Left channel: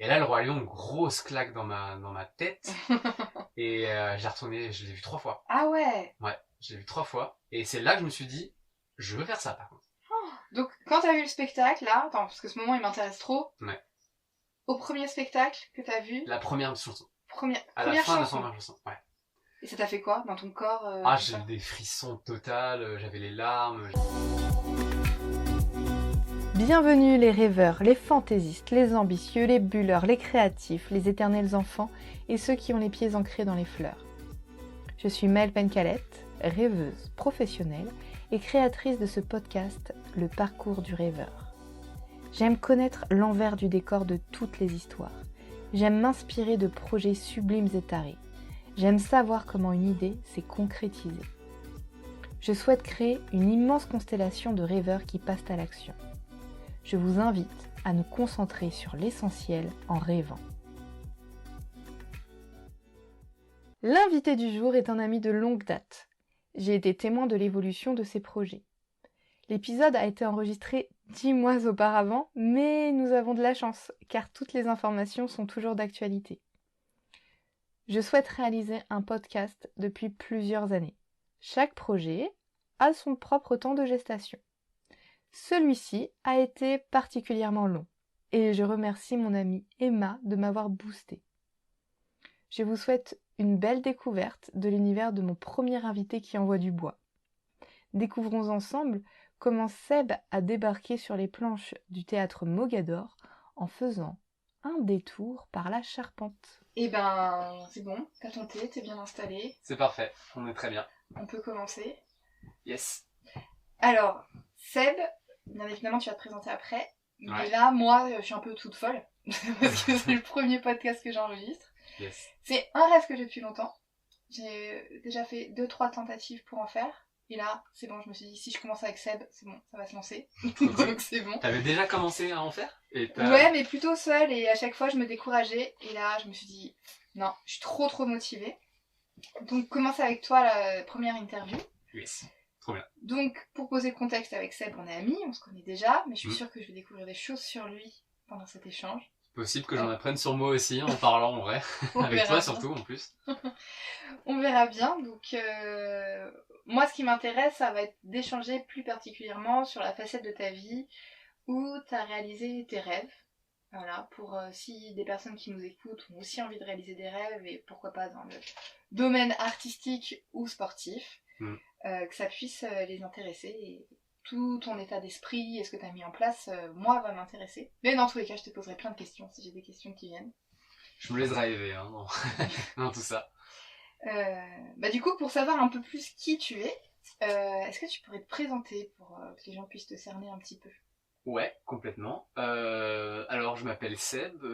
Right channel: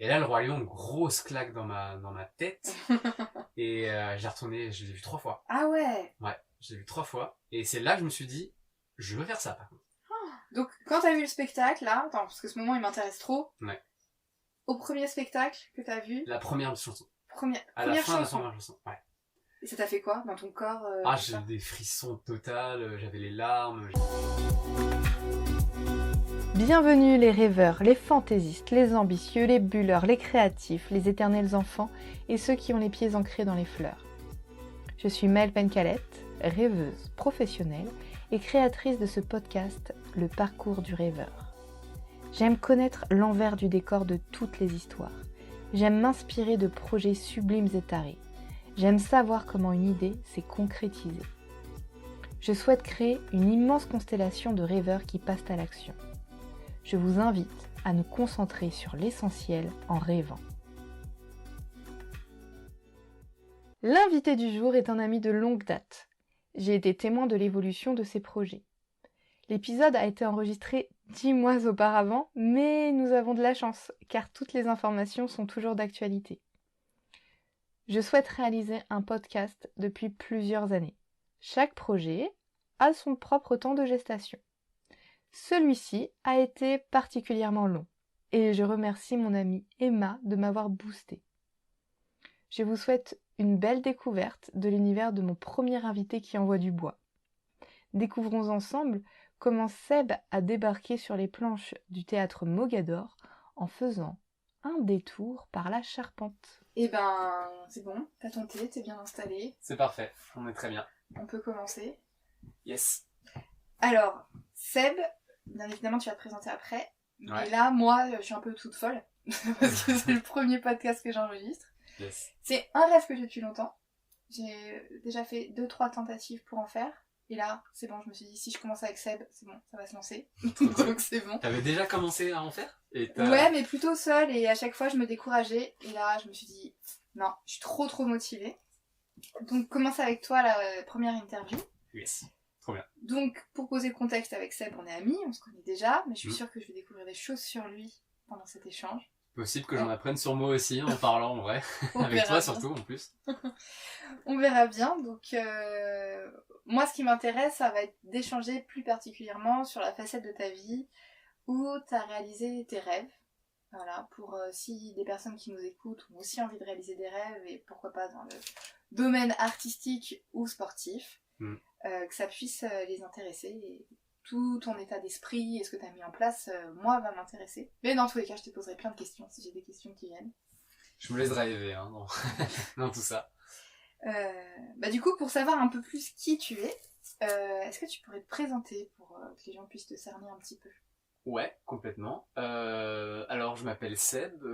Et là, le Roi Lion, grosse claque dans ma tête. Et j'ai retourné, je l'ai vu 3 fois. Ah ouais. Ouais, je l'ai vu 3 fois. Et c'est là que je me suis dit, je veux faire ça par contre. Donc quand t'as vu le spectacle là, attends, parce que ce moment il m'intéresse trop. Ouais. Au premier spectacle que t'as vu, La première chanson. À la première fin de la chanson. première chanson, ouais. Et ça t'a fait quoi dans ton corps J'ai eu des frissons totales, j'avais les larmes. Bienvenue les rêveurs, les fantaisistes, les ambitieux, les bulleurs, les créatifs, les éternels enfants et ceux qui ont les pieds ancrés dans les fleurs. Je suis Maëlle Pencalette, rêveuse professionnelle et créatrice de ce podcast, Le parcours du rêveur. J'aime connaître l'envers du décor de toutes les histoires. J'aime m'inspirer de projets sublimes et tarés. J'aime savoir comment une idée s'est concrétisée. Je souhaite créer une immense constellation de rêveurs qui passent à l'action. Je vous invite à nous concentrer sur l'essentiel en rêvant. L'invité du jour est un ami de longue date. J'ai été témoin de l'évolution de ses projets. L'épisode a été enregistré 10 mois auparavant, mais nous avons de la chance, car toutes les informations sont toujours d'actualité. Je souhaite réaliser un podcast depuis plusieurs années. Chaque projet a son propre temps de gestation. Celui-ci a été particulièrement long et je remercie mon amie Emma de m'avoir boosté. Je vous souhaite une belle découverte de l'univers de mon premier invité qui envoie du bois. Découvrons ensemble comment Seb a débarqué sur les planches du théâtre Mogador en faisant un détour par la charpente. Eh ben, c'est bon, t'as ton thé, t'es bien installé. C'est parfait, on est très bien. On peut commencer. Yes. Alors, Seb, bien évidemment tu vas te présenter après. Ouais. Et là, moi, je suis un peu toute folle, parce que c'est le premier podcast que j'enregistre. Yes. C'est un rêve que j'ai depuis longtemps. J'ai déjà fait 2-3 tentatives pour en faire. Et là, c'est bon, je me suis dit, si je commence avec Seb, c'est bon, ça va se lancer. Donc c'est bon. T'avais déjà commencé à en faire Ouais, mais plutôt seule, et à chaque fois, je me décourageais. Et là, je me suis dit, non, je suis trop motivée. Donc, commence avec toi la première interview. Yes, trop bien. Donc, pour poser le contexte avec Seb, on est amis, on se connaît déjà, mais je suis sûre que je vais découvrir des choses sur lui pendant cet échange. Possible que j'en apprenne sur moi aussi en parlant en vrai. Avec toi surtout en plus. On verra bien. Donc, moi, ce qui m'intéresse, ça va être d'échanger plus particulièrement sur la facette de ta vie où tu as réalisé tes rêves. Voilà, pour si des personnes qui nous écoutent ont aussi envie de réaliser des rêves, et pourquoi pas dans le domaine artistique ou sportif, que ça puisse les intéresser. Et tout ton état d'esprit et ce que tu as mis en place, moi, va m'intéresser. Mais dans tous les cas, je te poserai plein de questions si j'ai des questions qui viennent. Je me laisse driver dans tout ça. Du coup, pour savoir un peu plus qui tu es, est-ce que tu pourrais te présenter pour que les gens puissent te cerner un petit peu ? Ouais, complètement. Alors, je m'appelle Seb,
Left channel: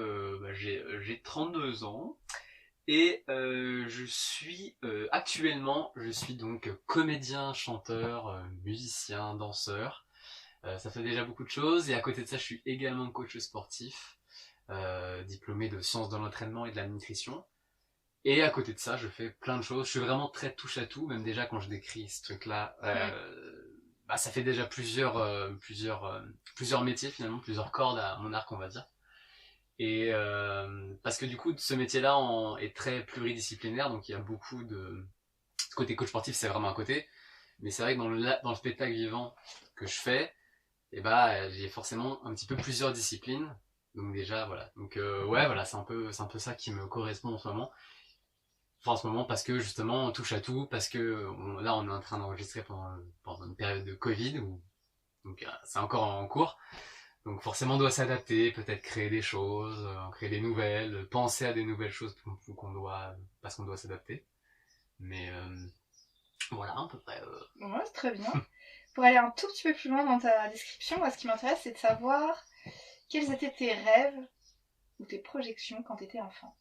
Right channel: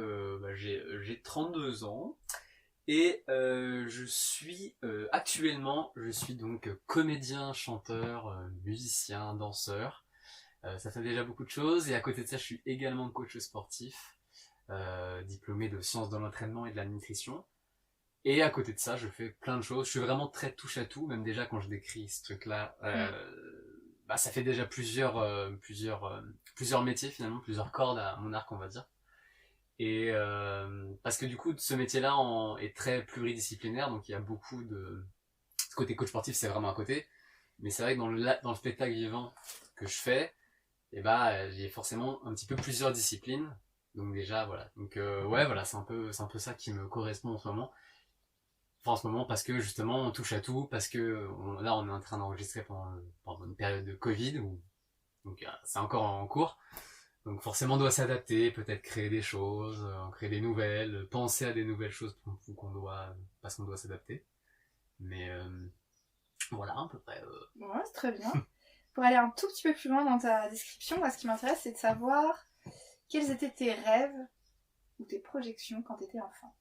j'ai 32 ans. Et je suis actuellement, je suis donc comédien, chanteur, musicien, danseur. Ça fait déjà beaucoup de choses. Et à côté de ça, je suis également coach sportif, diplômé de sciences de l'entraînement et de la nutrition. Et à côté de ça, je fais plein de choses. Je suis vraiment très touche à tout. Même déjà quand je décris ce truc-là, ça fait déjà plusieurs métiers finalement, plusieurs cordes à mon arc, on va dire. Et parce que du coup ce métier-là est très pluridisciplinaire, donc il y a beaucoup de ce côté coach sportif, c'est vraiment un côté, mais c'est vrai que dans le spectacle vivant que je fais, j'ai forcément un petit peu plusieurs disciplines, donc déjà voilà, donc ouais voilà, c'est un peu ça qui me correspond en ce moment. Enfin, en ce moment, parce que justement on touche à tout, parce que là on est en train d'enregistrer pendant une période de Covid, donc c'est encore en cours. Donc forcément on doit s'adapter, peut-être créer des choses, créer des nouvelles, penser à des nouvelles choses parce qu'on doit s'adapter. Mais voilà, à peu près. Ouais, c'est très bien. Pour aller un tout petit peu plus loin dans ta description, moi ce qui m'intéresse c'est de savoir quels étaient tes rêves ou tes projections quand tu étais enfant.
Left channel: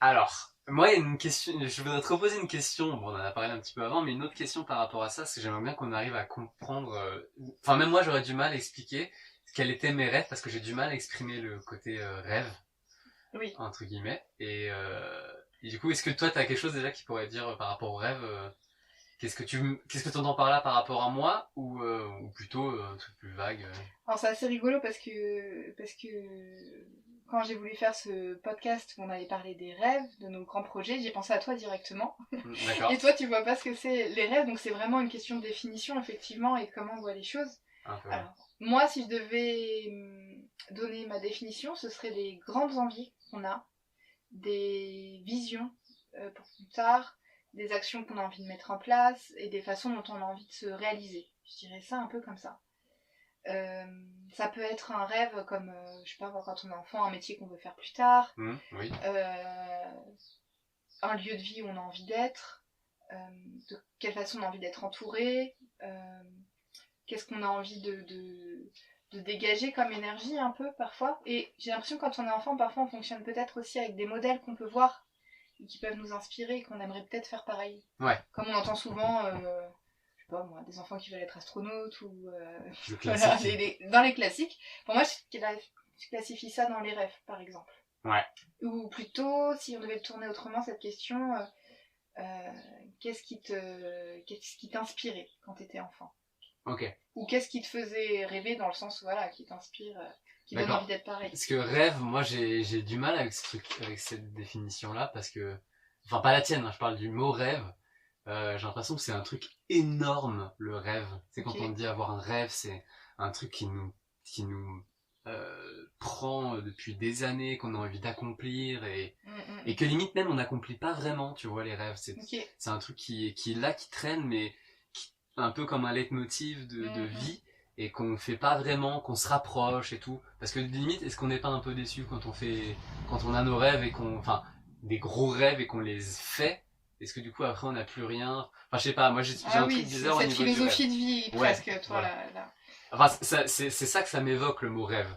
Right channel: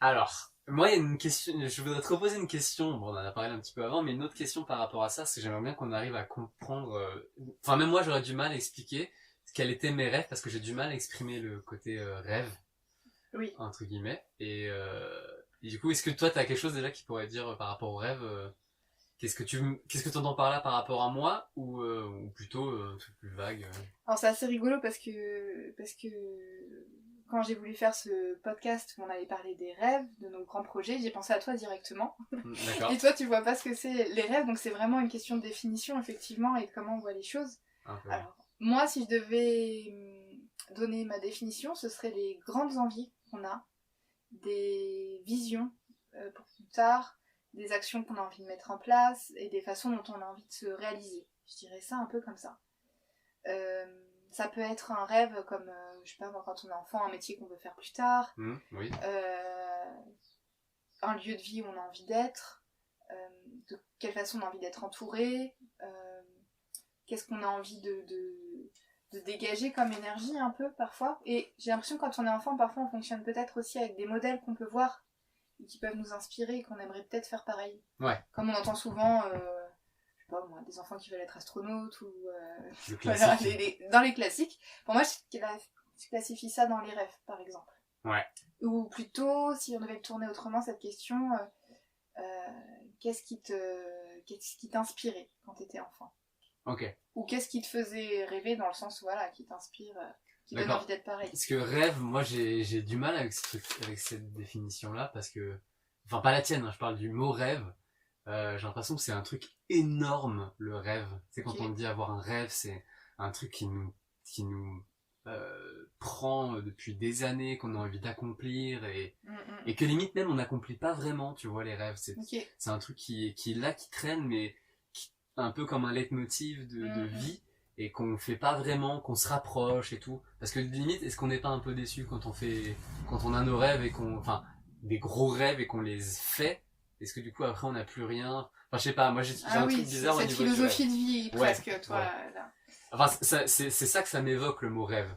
Alors, moi il y a une question, je voudrais te reposer une question, bon on en a parlé un petit peu avant, mais une autre question par rapport à ça, parce que j'aimerais bien qu'on arrive à comprendre, enfin même moi j'aurais du mal à expliquer quels étaient mes rêves, parce que j'ai du mal à exprimer le côté rêve, oui, entre guillemets, et du coup est-ce que toi t'as quelque chose déjà qui pourrait dire par rapport au rêve, qu'est-ce que t'entends par là par rapport à moi, ou plutôt un truc plus vague Alors c'est assez rigolo parce que quand j'ai voulu faire ce podcast où on allait parler des rêves, de nos grands projets, j'ai pensé à toi directement. D'accord. Et toi, tu vois pas ce que c'est les rêves, donc c'est vraiment une question de définition, effectivement, et de comment on voit les choses. Un peu. Alors, moi, si je devais donner ma définition, ce serait des grandes envies qu'on a, des visions pour plus tard, des actions qu'on a envie de mettre en place, et des façons dont on a envie de se réaliser. Je dirais ça un peu comme ça. Ça peut être un rêve comme, je sais pas, quand on est enfant, un métier qu'on veut faire plus tard, Oui. un lieu de vie où on a envie d'être, de quelle façon on a envie d'être entouré, qu'est-ce qu'on a envie de dégager comme énergie un peu parfois. Et j'ai l'impression que quand on est enfant, parfois on fonctionne peut-être aussi avec des modèles qu'on peut voir et qui peuvent nous inspirer et qu'on aimerait peut-être faire pareil. Ouais. Comme on entend souvent... je sais pas moi, des enfants qui veulent être astronautes ou Le classique. voilà, dans les classiques. Pour moi, je classifie ça dans les rêves, par exemple. Ouais. Ou plutôt, si on devait le tourner autrement, cette question, qu'est-ce qui t'inspirait quand t'étais enfant? Ok. Ou qu'est-ce qui te faisait rêver dans le sens où, voilà, qui t'inspire, qui donne D'accord. envie d'être pareil? Parce que rêve, moi j'ai du mal avec avec cette définition-là, parce que... Enfin, pas la tienne, hein, je parle du mot rêve. J'ai l'impression que c'est un truc énorme, le rêve. C'est quand Ok. on dit avoir un rêve, c'est un truc qui nous prend depuis des années, qu'on a envie d'accomplir, et que limite même on n'accomplit pas vraiment, tu vois, les rêves. Ok. C'est un truc qui est là, qui traîne, mais un peu comme un leitmotiv de vie, et qu'on fait pas vraiment, qu'on se rapproche et tout. Parce que limite, est-ce qu'on n'est pas un peu déçu quand on a nos rêves et enfin, des gros rêves et qu'on les fait? Est-ce que du coup après on n'a plus rien? Enfin, je sais pas, moi j'ai un truc bizarre au cette niveau du rêve. philosophie de vie, Ouais, presque, toi, voilà. là. Enfin, c'est ça que ça m'évoque, le mot rêve.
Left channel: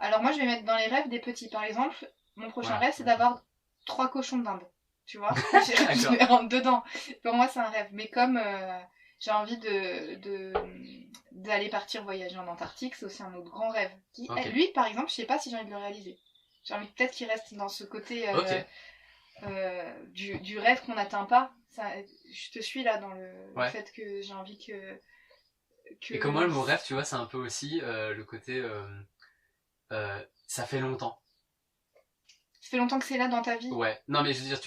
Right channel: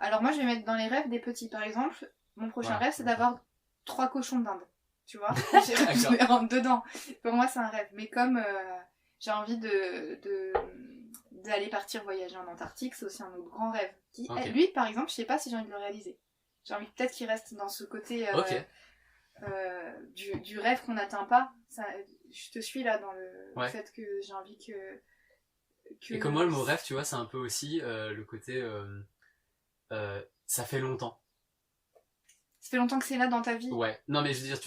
Alors moi, je vais mettre dans les rêves des petits. Par exemple, mon prochain Voilà. rêve, c'est d'avoir 3 cochons d'Inde. Tu vois? D'accord. Je les rentre dedans. Pour moi, c'est un rêve. Mais comme j'ai envie d'aller partir voyager en Antarctique, c'est aussi un autre grand rêve. Ok. Lui, par exemple, je sais pas si j'ai envie de le réaliser. J'ai envie peut-être qu'il reste dans ce côté Ok. Du rêve qu'on n'atteint pas. Ça, je te suis là dans le Ouais. fait que j'ai envie que... Et comme moi, le mot rêve, tu vois, c'est un peu aussi le côté... ça fait longtemps. Ça fait longtemps que c'est là dans ta vie. Ouais. Non, mais je veux dire,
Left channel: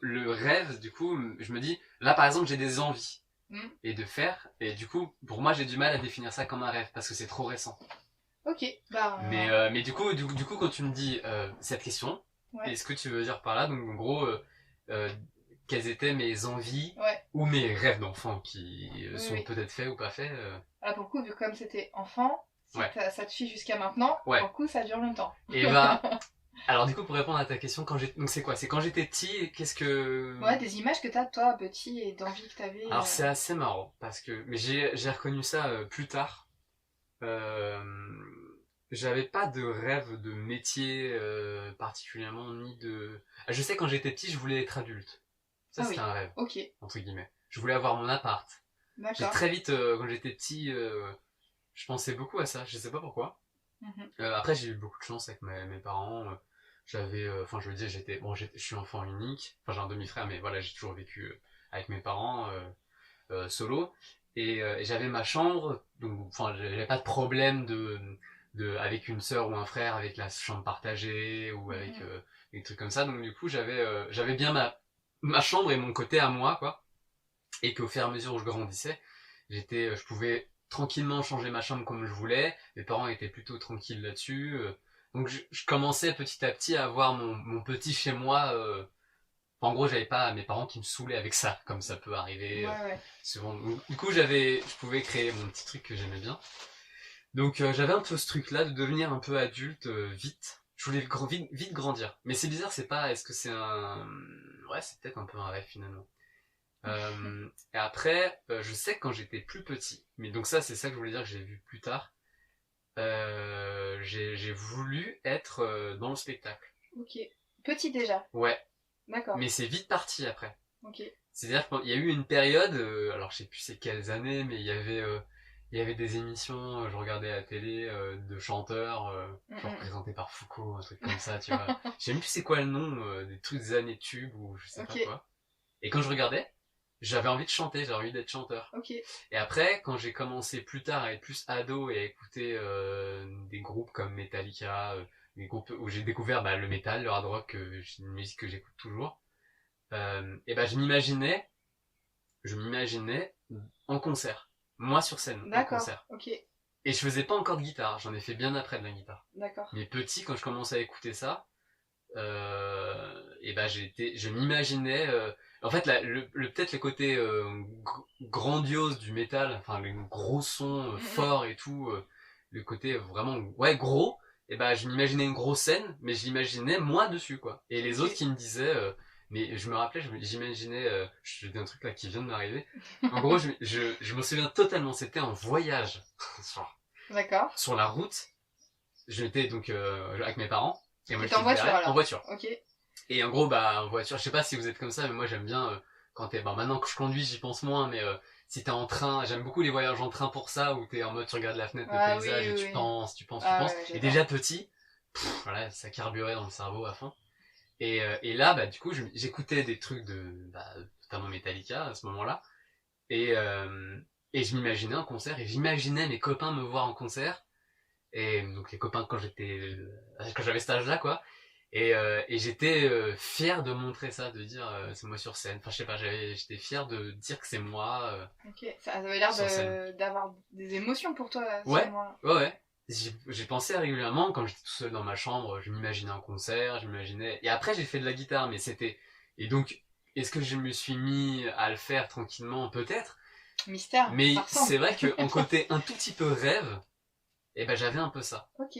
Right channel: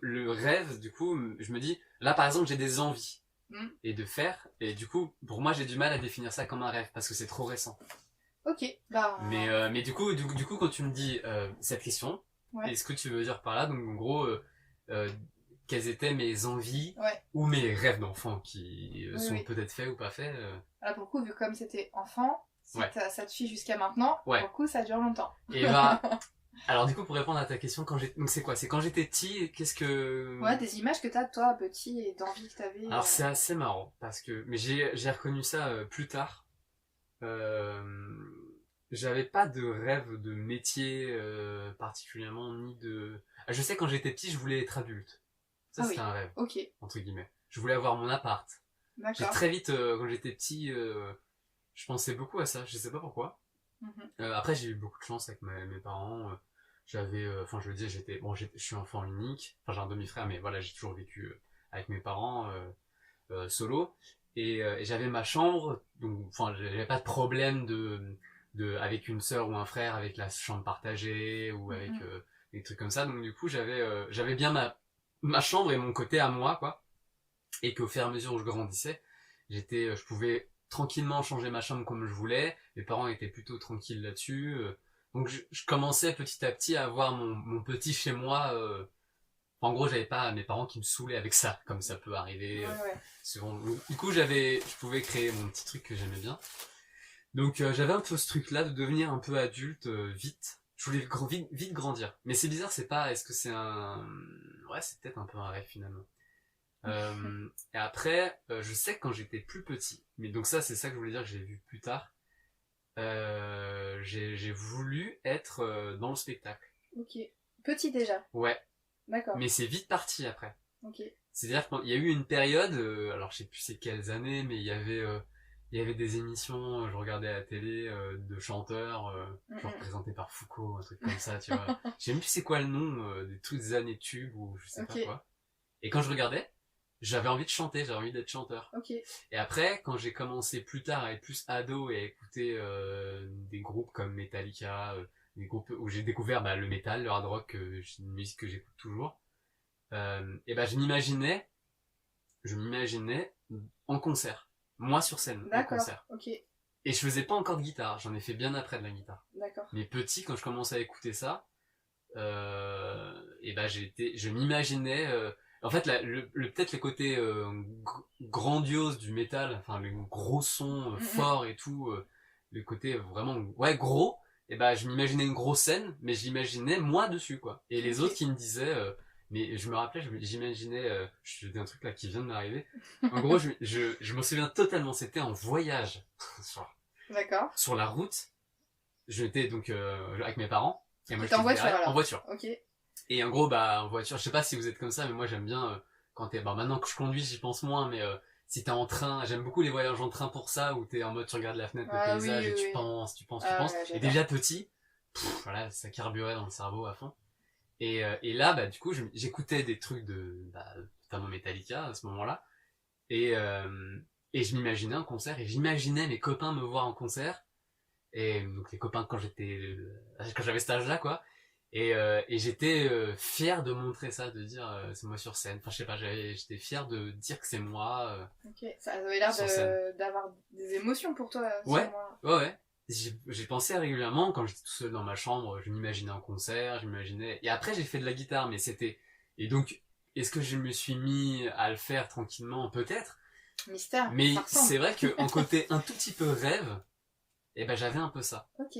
le rêve, du coup, je me dis... Là, par exemple, j'ai des envies. Et de faire. Et du coup, pour moi, j'ai du mal à définir ça comme un rêve, parce que c'est trop récent. Ok. Bah, Mais du coup, quand tu me dis cette question... ouais. Et ce que tu veux dire par là, donc en gros, quelles étaient mes envies Ouais. ou mes rêves d'enfant qui sont Oui. peut-être faits ou pas faits. Là, pour le coup, vu comme c'était enfant, si Ouais. ça te suit jusqu'à maintenant, Ouais. pour le coup, ça dure longtemps. Et bah, alors du coup, pour répondre à ta question, donc c'est quoi? C'est quand j'étais petit, qu'est-ce que... Ouais, des images que t'as de toi, petit, et d'envie que t'avais. Alors c'est assez marrant, parce que... Mais j'ai reconnu ça plus tard. J'avais pas de rêve de métier particulièrement, ni de... Je sais quand j'étais petit, je voulais être adulte. Ça, c'était un rêve, Ok, entre guillemets. Je voulais avoir mon appart. J'ai d'accord. très vite, quand j'étais petit, je pensais beaucoup à ça, je sais pas pourquoi. Après, j'ai eu beaucoup de chance avec mes parents. J'avais, enfin, je veux dire, je suis enfant unique. Enfin, j'ai un demi-frère, mais voilà, j'ai toujours vécu avec mes parents solo. Et j'avais ma chambre, donc, enfin, j'avais pas de problème avec une sœur ou un frère, avec la chambre partagée ou avec des trucs comme ça. Donc, du coup, j'avais bien ma chambre et mon côté à moi, quoi. Et qu'au fur et à mesure où je grandissais, je pouvais tranquillement changer ma chambre comme je voulais. Mes parents étaient plutôt tranquilles là-dessus. Donc je commençais petit à petit à avoir mon petit chez moi. En gros, j'avais pas mes parents qui me saoulaient avec ça, comme ça peut arriver Ouais. souvent. Donc, du coup, je pouvais créer mon petit truc que j'aimais bien. Donc j'avais un peu ce truc-là de devenir un peu adulte vite. Je voulais vite grandir. Mais c'est bizarre, est-ce que c'est ouais, c'est peut-être un peu un rêve finalement. Et après, je sais que quand j'étais plus petit, mais donc ça, c'est ça que je voulais dire que j'ai vu plus tard, j'ai voulu être dans le spectacle. Ok. Petit déjà. Ouais. D'accord. Mais c'est vite parti après. Ok. C'est-à-dire qu'il y a eu une période, alors je sais plus c'est quelles années, mais il y avait des émissions, je regardais à la télé, de chanteurs, genre présentés par Foucault, un truc comme ça, tu vois. Je sais même plus c'est quoi le nom, des trucs des années tubes ou je sais pas quoi. Et quand je regardais, j'avais envie de chanter, j'avais envie d'être chanteur. Ok. Et après, quand j'ai commencé plus tard à être plus ado et à écouter des groupes comme Metallica, des groupes où j'ai découvert le métal, le hard rock, c'est une musique que j'écoute toujours. Et je m'imaginais en concert, moi sur scène, en D'accord, concert. ok, Et je faisais pas encore de guitare, j'en ai fait bien après de la guitare. d'accord. Mais petit, quand je commençais à écouter ça, je m'imaginais. En fait, peut-être le côté grandiose du métal, enfin le gros son fort et tout, le côté vraiment gros. Je m'imaginais une grosse scène, mais je l'imaginais moi dessus quoi. Et les autres qui me disaient, mais je me rappelais, j'imaginais, je dis un truc là qui vient de m'arriver. En gros, je me souviens totalement, c'était en voyage D'accord. sur la route. J'étais donc avec mes parents. Et moi, j'étais en voiture derrière, alors. en voiture. Ok. Et en gros, en voiture, je sais pas si vous êtes comme ça, mais moi j'aime bien quand t'es. Maintenant que je conduis, j'y pense moins, mais si t'es en train, j'aime beaucoup les voyages en train pour ça, où t'es en mode tu regardes la fenêtre, le paysage, et tu penses. Ouais, et déjà petit, voilà, ça carburait dans le cerveau à fond. Et là, du coup, j'écoutais des trucs notamment Metallica à ce moment-là, et je m'imaginais en concert, et j'imaginais mes copains me voir en concert. Et donc les copains quand j'avais cet âge là quoi, et j'étais fier de montrer ça, de dire c'est moi sur scène, enfin je sais pas, j'étais fier de dire que c'est moi ok, ça avait l'air d'avoir des émotions pour toi à ce moment-là. Ouais j'ai pensé régulièrement quand j'étais tout seul dans ma chambre, je m'imaginais en concert, et après j'ai fait de la guitare, mais c'était, et donc est-ce que je me suis mis à le faire tranquillement, peut-être, mystère, mais c'est vrai qu'en côté un tout petit peu rêve, et j'avais un peu ça. Ok.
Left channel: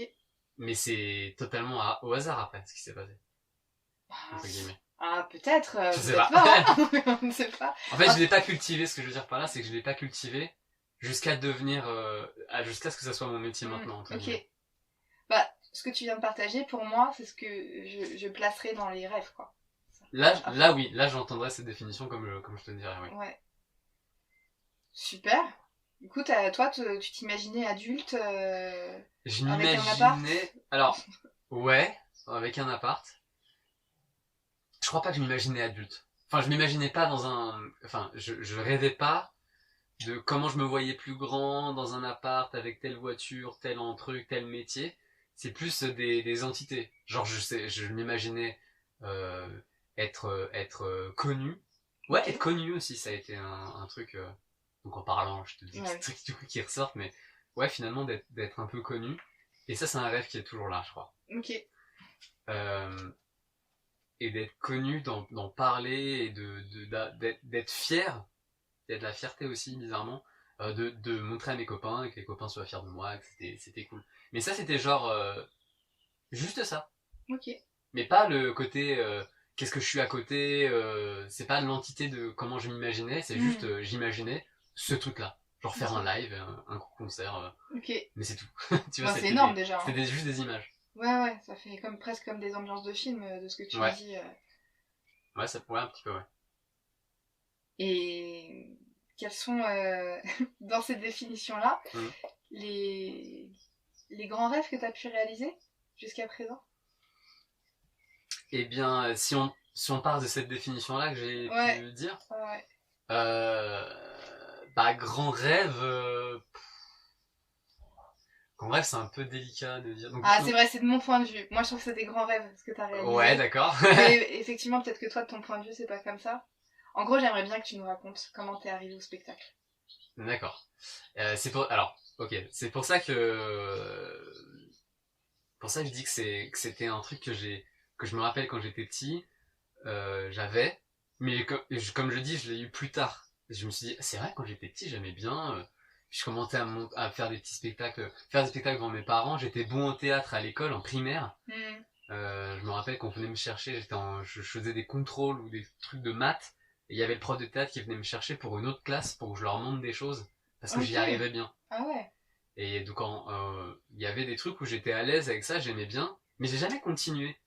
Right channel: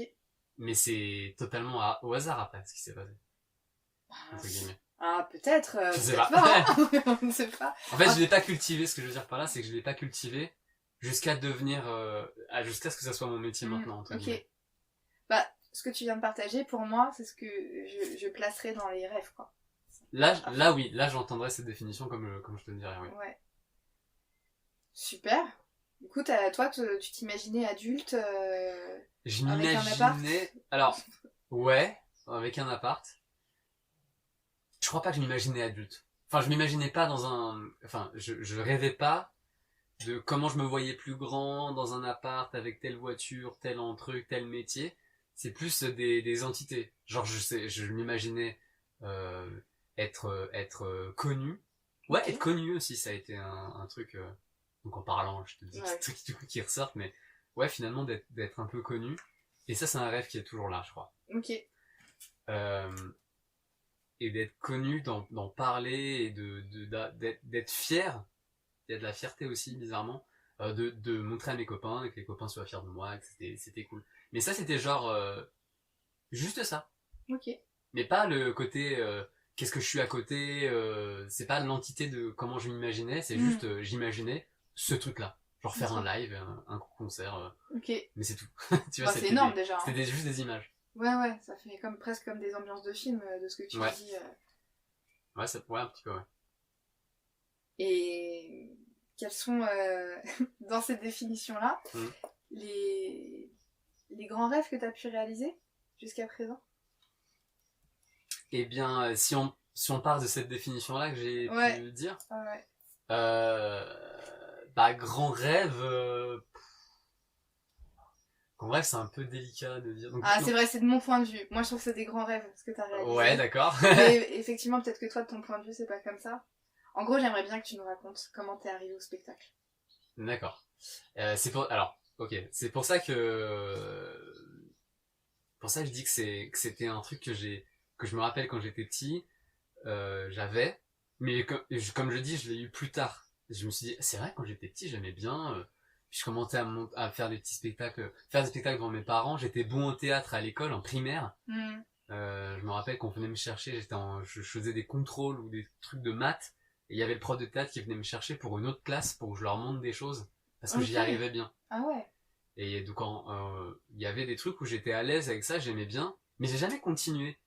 Mais c'est totalement au hasard après ce qui s'est passé. Entre guillemets. Ah, peut-être. Je sais pas. On ne sait pas. En fait, je l'ai pas cultivé. Ce que je veux dire par là, c'est que je l'ai pas cultivé jusqu'à devenir, jusqu'à ce que ça soit mon métier maintenant. Entre guillemets. Ce que tu viens de partager, pour moi, c'est ce que je placerais dans les rêves, quoi. Là, oui, là, j'entendrais cette définition comme je te dirais, oui. Ouais. Super. Écoute, toi, tu t'imaginais adulte Je m'imaginais. Alors, ouais, avec un appart. Je crois pas que je m'imaginais adulte. Enfin, je m'imaginais pas dans un. Enfin, je rêvais pas de comment je me voyais plus grand dans un appart avec telle voiture, tel truc, tel métier. C'est plus des entités. Genre, je m'imaginais être connu. Ouais, être connu aussi, ça a été un truc. Donc en parlant, je te dis des trucs du coup qui ressortent, mais ouais, finalement d'être un peu connu. Et ça, c'est un rêve qui est toujours là, je crois. Ok. Et d'être connu, d'en parler, et d'être fier. Il y a de la fierté aussi, bizarrement, de montrer à mes copains, et que les copains soient fiers de moi, que c'était cool. Mais ça, c'était genre juste ça. Ok. Mais pas le côté qu'est-ce que je suis à côté, c'est pas l'entité de comment je m'imaginais, c'est juste j'imaginais ce truc-là. Genre faire un live, un concert. Ok. Mais c'est tout. Tu vois, c'est énorme déjà. C'était juste des images. Ouais, ça fait presque comme des ambiances de film de ce que tu me dis. Ouais, ça pourrait un petit peu, ouais. Et quelles sont, dans cette définition-là, les grands rêves que tu as pu réaliser jusqu'à présent? Eh bien, si on part de cette définition-là que j'ai pu dire, grand rêve... Grand rêve, c'est un peu délicat de dire. Donc, c'est vrai, c'est de mon point de vue. Moi, je trouve que c'est des grands rêves, ce que tu as réalisé. Ouais, d'accord. Mais effectivement, peut-être que toi, de ton point de vue, c'est pas comme ça. En gros, j'aimerais bien que tu nous racontes comment t'es arrivé au spectacle. D'accord. C'est pour ça que... Pour ça que je dis que c'était un truc que je me rappelle quand j'étais petit, j'avais, mais comme je dis, je l'ai eu plus tard. Je me suis dit, c'est vrai, quand j'étais petit, j'aimais bien... Puis je commençais à faire des petits spectacles, devant mes parents. J'étais bon au théâtre à l'école, en primaire. Je me rappelle qu'on venait me chercher, je faisais des contrôles ou des trucs de maths. Et il y avait le prof de théâtre qui venait me chercher pour une autre classe, pour que je leur montre des choses. Parce que j'y arrivais bien. Ah ouais. Et donc il y avait des trucs où j'étais à l'aise avec ça, j'aimais bien. Mais j'ai jamais continué.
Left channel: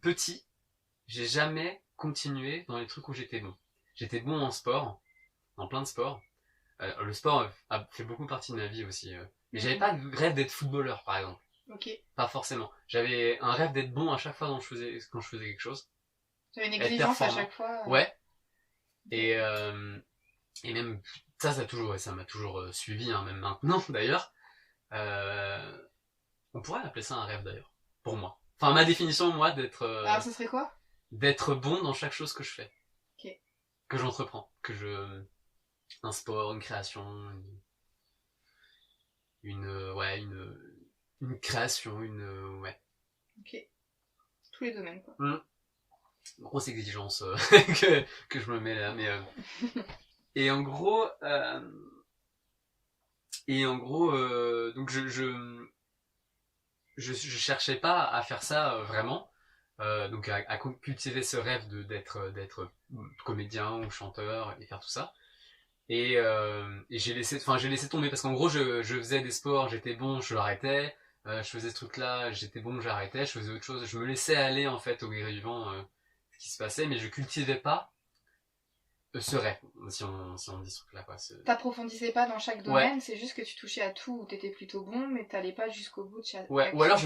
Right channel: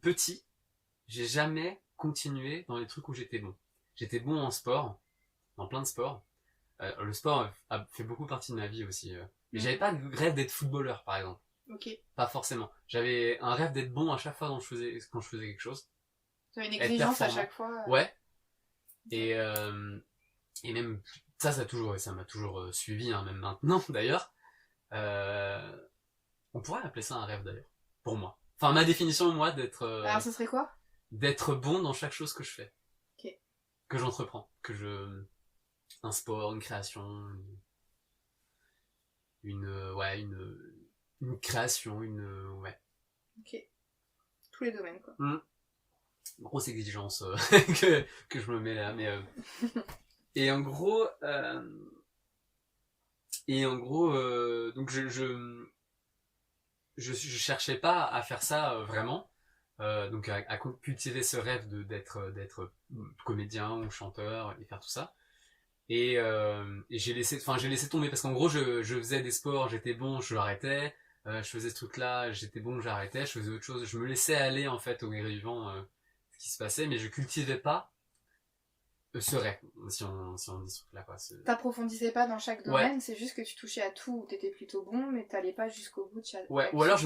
Petit, j'ai jamais continué dans les trucs où j'étais bon. J'étais bon en sport, dans plein de sports. Le sport a fait beaucoup partie de ma vie aussi. Mais j'avais pas de rêve d'être footballeur, par exemple. Ok. Pas forcément. J'avais un rêve d'être bon à chaque fois quand je faisais quelque chose. Tu avais une exigence à chaque fois. Ouais. Et même ça m'a toujours suivi, hein, même maintenant d'ailleurs. On pourrait appeler ça un rêve d'ailleurs, pour moi. Enfin, ma définition, moi, Alors, ce serait quoi? d'être bon dans chaque chose que je fais. Ok. Que j'entreprends. Un sport, une création, une création, ouais. Ok. Tous les domaines, quoi. Grosse exigence que je me mets là, mais et en gros donc je cherchais pas à faire ça vraiment, donc à cultiver ce rêve d'être comédien ou chanteur et faire tout ça. Et j'ai laissé tomber parce qu'en gros je faisais des sports, j'étais bon, je l'arrêtais, je faisais ce truc là, j'étais bon, j'arrêtais, je faisais autre chose, je me laissais aller en fait au gré du vent, ce qui se passait, mais je cultivais pas ce rêve, si on dit ce truc là quoi. T'approfondissais pas dans chaque domaine, c'est juste que tu touchais à tout où t'étais plutôt bon, mais t'allais pas jusqu'au bout de chaque. Ouais, ou alors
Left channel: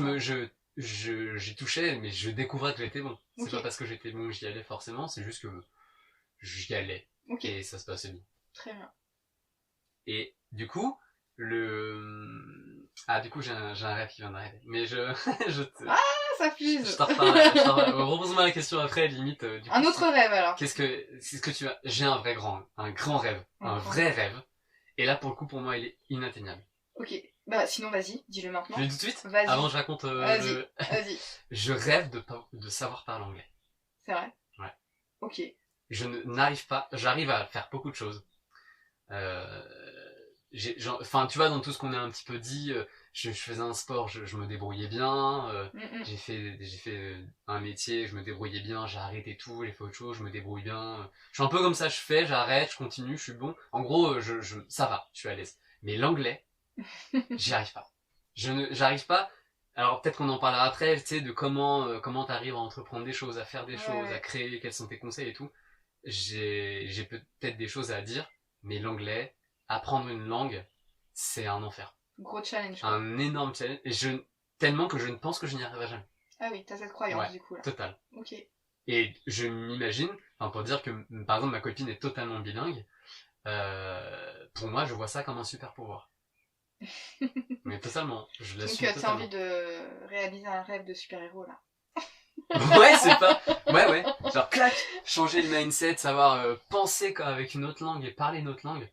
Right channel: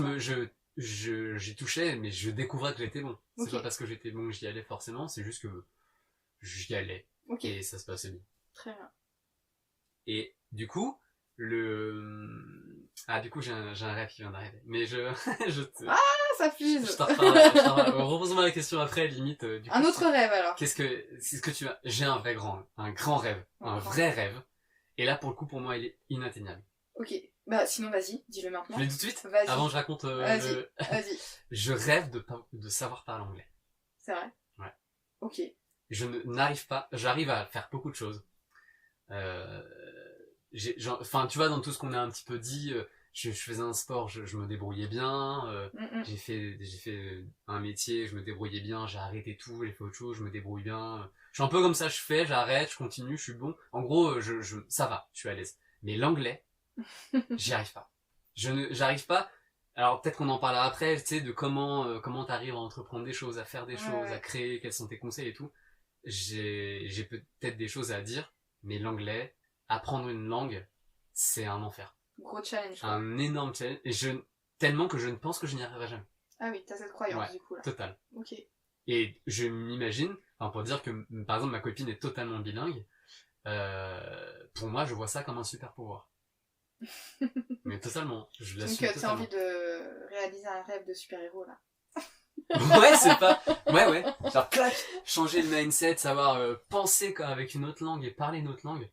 j'y touchais, mais je découvrais que j'étais bon. C'est pas parce que j'étais bon que j'y allais forcément, c'est juste que j'y allais. Et ça se passait bien. Très bien. Et du coup, du coup, j'ai un rêve qui vient d'arriver. Mais Ah, ça fuse! Je t'en reparlerai. Repose-moi la question après, limite. Du coup, un autre rêve alors. C'est ce que tu as? J'ai un grand rêve. Un vrai rêve. Et là, pour le coup, pour moi, il est inatteignable. Ok. Bah, sinon, vas-y, dis-le maintenant. Je le dis tout de suite? Vas-y. Avant, je raconte Vas-y. Je rêve de savoir parler anglais. C'est vrai? Ouais. Ok. N'arrive pas, j'arrive à faire beaucoup de choses. Enfin, tu vois, dans tout ce qu'on a un petit peu dit, je faisais un sport, je me débrouillais bien, j'ai fait un métier, je me débrouillais bien, j'ai arrêté tout, j'ai fait autre chose, je me débrouille bien. Je suis un peu comme ça, j'arrête, je continue, je suis bon. En gros, ça va, je suis à l'aise. Mais l'anglais, j'y arrive pas. J'arrive pas. Alors peut-être qu'on en parlera après, tu sais, de comment t'arrives à entreprendre des choses, à faire des choses, à créer, quels sont tes conseils et tout. J'ai peut-être des choses à dire, mais l'anglais, apprendre une langue, c'est un enfer. Gros challenge. Un énorme challenge. Et tellement que je ne pense que je n'y arriverai jamais. Ah oui, t'as cette croyance du coup là. Total. Ok. Et je m'imagine, pour dire que par exemple ma copine est totalement bilingue, pour moi je vois ça comme un super pouvoir. Mais totalement, je l'assume totalement. Donc tu as envie de réaliser un rêve de super-héros là. Ouais, c'est pas... Ouais. Genre, clac, changer le mindset, savoir penser avec une autre langue et parler une autre langue.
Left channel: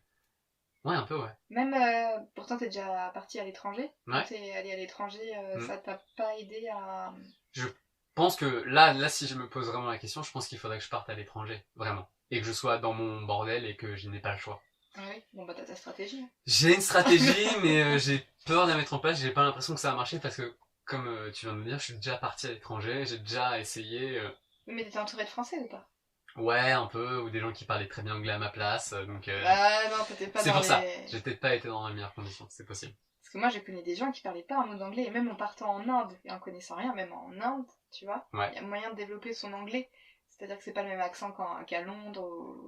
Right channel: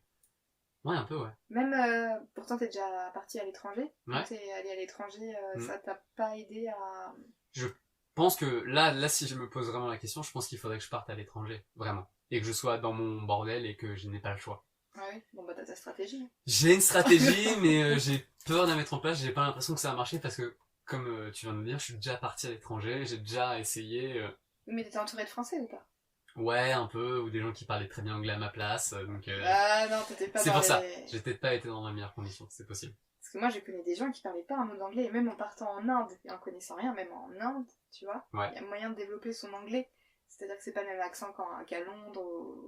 Ouais, un peu, ouais. Même, pourtant t'es déjà parti à l'étranger. Ouais. Quand t'es allé à l'étranger, ça t'a pas aidé à... Je pense que là, si je me pose vraiment la question, je pense qu'il faudrait que je parte à l'étranger, vraiment. Et que je sois dans mon bordel et que je n'ai pas le choix. Ah oui, bon bah t'as ta stratégie. J'ai une stratégie, mais j'ai peur de la mettre en place, j'ai pas l'impression que ça va marcher parce que, comme tu viens de me dire, je suis déjà parti à l'étranger, j'ai déjà essayé... Mais t'étais entouré de Français ou pas? Ouais, un peu, ou des gens qui parlaient très bien anglais à ma place, donc... Ah non, t'étais pas c'est pour ça, j'ai peut-être pas été dans les meilleures conditions, c'est possible. Parce que moi, je connais des gens qui parlaient pas un mot d'anglais, et même en partant en Inde, et en connaissant rien, même en Inde, tu vois, il y a moyen de développer son anglais. C'est-à-dire que c'est pas le même accent qu'à Londres.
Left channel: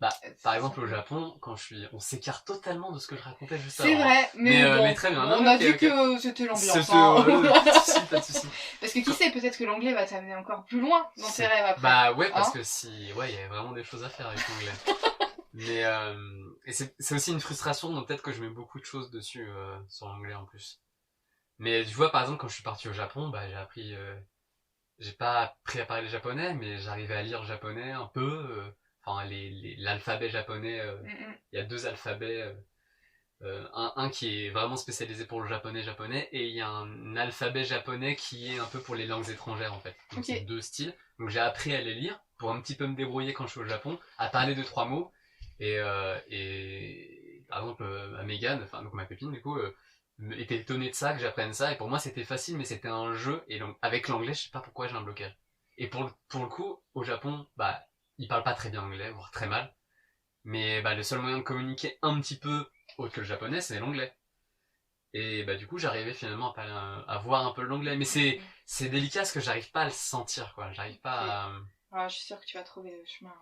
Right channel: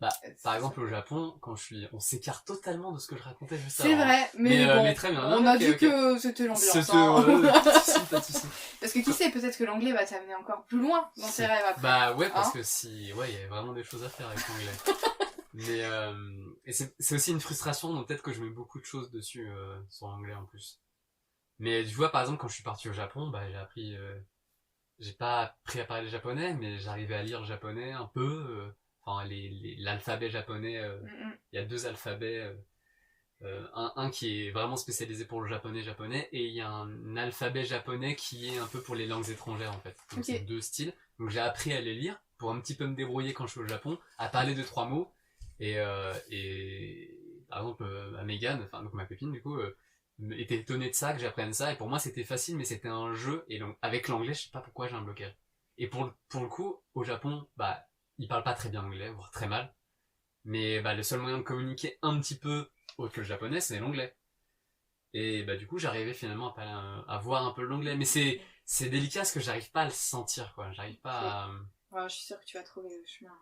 Bah, par exemple, au Japon, on s'écarte totalement de ce que je racontais juste avant. C'est vrai, mais très bien. On a dit que c'était l'ambiance. Pas de soucis. Parce que qui sait, peut-être que l'anglais va t'amener encore plus loin dans tes rêves après. Bah ouais, parce que il y a vraiment des choses à faire avec l'anglais. Mais et c'est aussi une frustration, donc peut-être que je mets beaucoup de choses dessus sur l'anglais en plus. Mais tu vois, par exemple, quand je suis parti au Japon, bah j'ai pas appris à parler le japonais, mais j'arrivais à lire le japonais un peu. Enfin, l'alphabet japonais, il y a 2 alphabets, un qui est vraiment spécialisé pour le japonais, et il y a un alphabet japonais qui est un peu pour les langues étrangères en fait. Donc c'est 2 styles. Donc j'ai appris à les lire pour un petit peu me débrouiller quand je suis au Japon, à parler 2-3 mots, et par exemple à Megan, donc ma copine du coup, était étonnée de ça, que j'apprenne ça, et pour moi c'était facile, mais c'était un jeu, et donc avec l'anglais je sais pas pourquoi j'ai un blocage. Et pour le coup, au Japon, bah ils parlent pas très bien anglais, voire très mal. Mais le seul moyen de communiquer un petit peu autre que le japonais, c'est l'anglais. Et du coup, j'arrivais finalement à voir un peu l'anglais. Mais c'est délicat parce que j'arrive pas à le sentir, quoi. J'arrive pas à... Ouais, je suis sûre que tu vas trouver le chemin.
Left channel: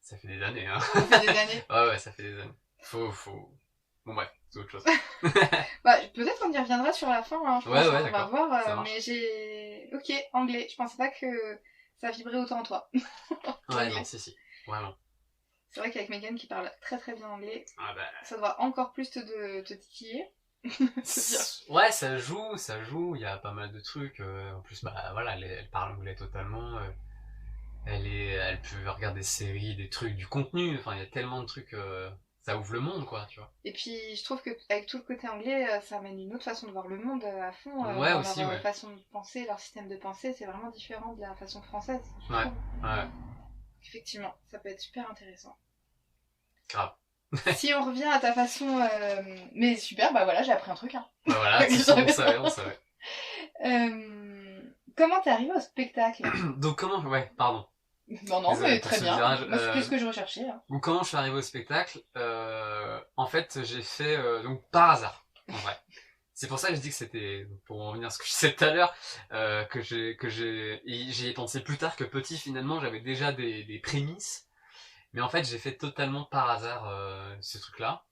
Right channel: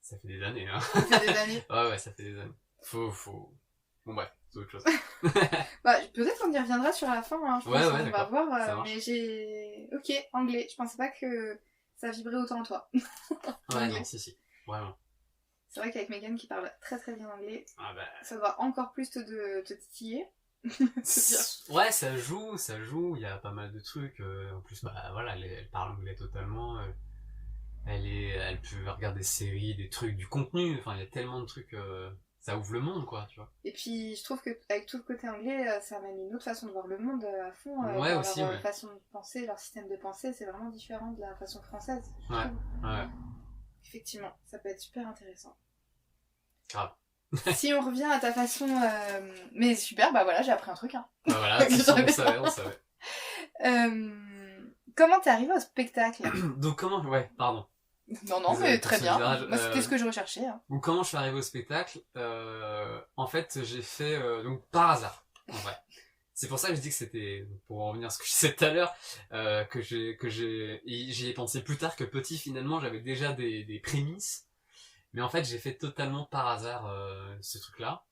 Ça fait des années, hein. Ça fait des années. Ouais, ça fait des années. Faut... Bon bref, c'est autre chose. Peut-être on y reviendra sur la fin, hein. Ouais, on d'accord. va voir, mais j'ai... Ok, anglais. Je pensais pas que ça vibrait autant en toi. Ouais, non, si, vraiment. C'est vrai qu'avec Megan qui parle très très bien anglais, ça doit encore plus te titiller. Ouais, ça joue, il y a pas mal de trucs. En plus, bah voilà, elle parle anglais totalement. Elle peut regarder des séries, des trucs, du contenu. Enfin, il y a tellement de trucs. Ça ouvre le monde, quoi, tu vois. Et puis je trouve qu'avec tout le côté anglais, ça amène une autre façon de voir le monde à fond. Ouais, aussi, leur ouais. façon de penser, leur système de pensée, c'est vraiment différent de la façon française, je Ouais, trouve. ouais, Effectivement, ça peut être super intéressant. grave. Si on revient à ta façon... Mais super, bah voilà, j'ai appris un truc. Hein. Bah voilà, c'est sûr, on savait. Comment t'es arrivé au spectacle? Donc comment... Ouais, pardon. Non, Désolé mais pour très ce bien. virage, C'était ce que je recherchais. Hein. Donc comment je suis arrivé au spectacle En fait, j'ai fait... donc par hasard, en vrai. C'est pour ça que je dis que c'était... Pour en revenir à ce que je disais tout à l'heure, j'y ai pensé plus tard que petit, finalement, j'avais déjà des prémices. Mais en fait, j'ai fait totalement par hasard ce truc-là.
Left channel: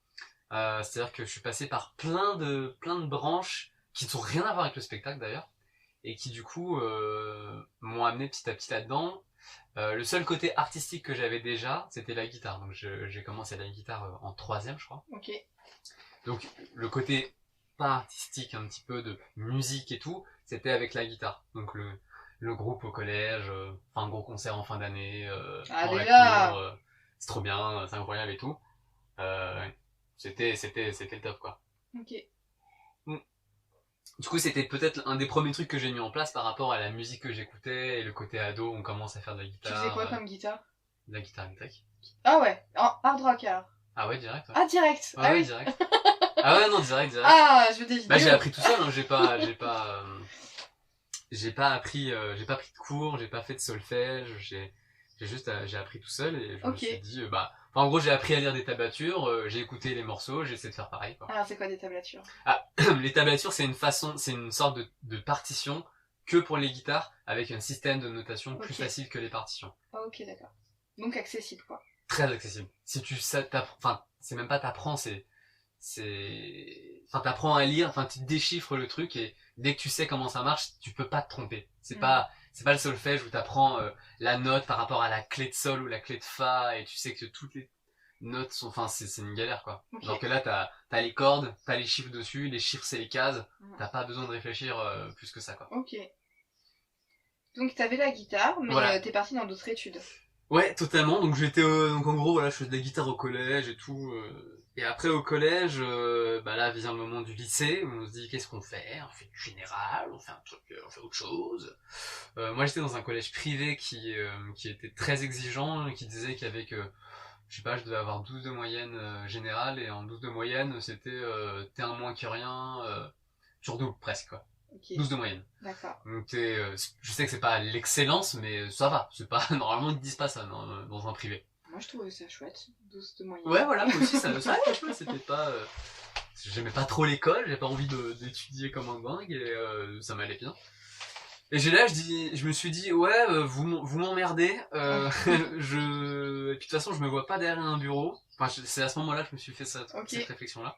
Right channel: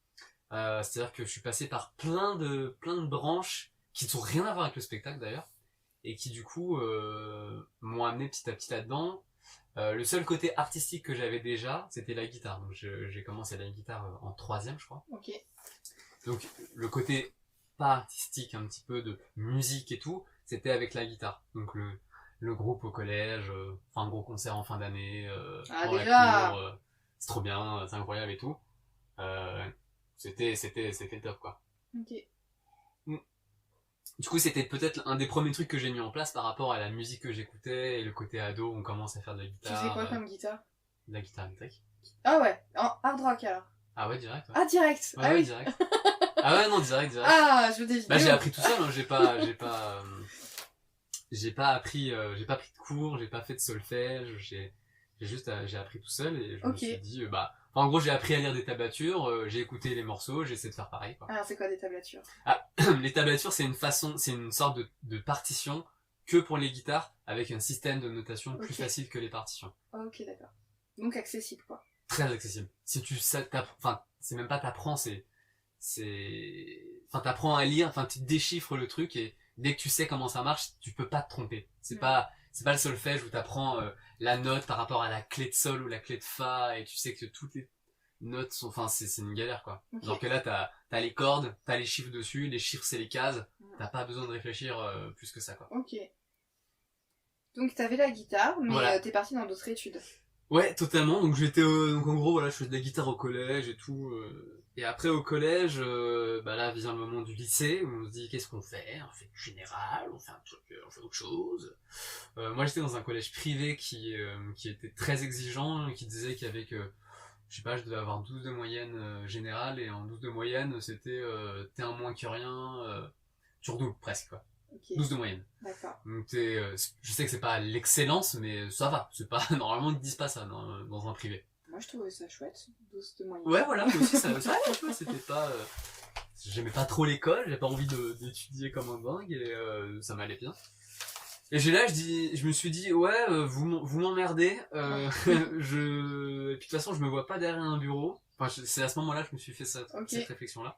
C'est-à-dire que je suis passé par plein de branches qui n'ont rien à voir avec le spectacle d'ailleurs, et qui du coup m'ont amené petit à petit là-dedans. Le seul côté artistique que j'avais déjà, c'était la guitare. Donc j'ai commencé la guitare en 3e, je crois. Ok. Donc le côté pas artistique, un petit peu de musique et tout, c'était avec la guitare. Donc le groupe au collège, un gros concert en fin d'année, dans déjà. la cour, c'est trop bien, c'est incroyable et tout. C'était le top, quoi. Ok. Du coup, c'était peut-être un des premiers trucs que j'ai mis en place par rapport à la musique que j'écoutais et le côté ado, on commence à faire de la Tu guitare. fais quoi comme guitare? De la guitare électrique. Ah ouais, hard rock alors. Ah ouais, direct, ouais. Ah, direct. Ouais, ah ouais, oui. direct. Ah ouais, non, direct. Ah, je veux des vidéos. Bah, j'ai appris tout seul, hein. J'ai pas appris de cours, j'ai pas fait de solfège, j'ai appris tout seul et je me suis dit, en gros, j'ai appris à lire des tablatures, j'ai écouté les morceaux, j'ai essayé de faire pareil, quoi. Alors, c'est quoi des tablatures? Ah, les tablatures, c'est une sorte de partition que pour les guitares, avec un système de notation plus facile que les partitions. Ok, d'accord. Donc accessible, quoi. Très accessible. Si tu sais, c'est même pas t'apprends, t'apprends à lire, tu déchiffres le truc et dès que tu sais comment ça marche, tu peux pas te tromper. C'est pas le solfège où t'apprends la note par rapport à la clé de sol ou la clé de fa et tu sais que toutes les notes sont, c'est une galère, quoi. Okay. Alors que là, t'as les cordes, t'as les chiffres dessus, les chiffres c'est les cases, t'as pas besoin de réfléchir plus que ça, quoi. Ok. Donc t'avais la guitare, mais voilà. T'es parti dans d'autres études. Ouais, totalement. Donc j'étais, donc en gros, voilà, je faisais de la guitare au collège et tout. Et après au collège, là vient le moment du lycée où on se dit qu'est-ce qu'on fait? On fait du général, on fait un truc, on fait autre chose. Moi j'étais dans un collège privé qui était très exigeant et qui disait qu'avec, je sais pas, je devais avoir 12 de moyenne générale et en 12 de moyenne c'était t'es un moins que rien, tu redoubles presque, quoi. Okay. 12 de moyenne. D'accord. Donc je sais que c'est pas l'excellence, mais ça va. C'est pas normalement ils disent pas ça dans un privé. Moi je trouvais ça chouette, 12 de moyenne. Ouais, voilà, moi aussi ça allait, c'était pas. J'aimais pas trop l'école, j'avais pas envie d'étudier comme un dingue et ça m'allait bien. Et je me suis dit ouais, vous m'emmerdez. Et puis de toute façon je me vois pas derrière un bureau. Enfin c'est à ce moment-là que je me suis fait cette réflexion là.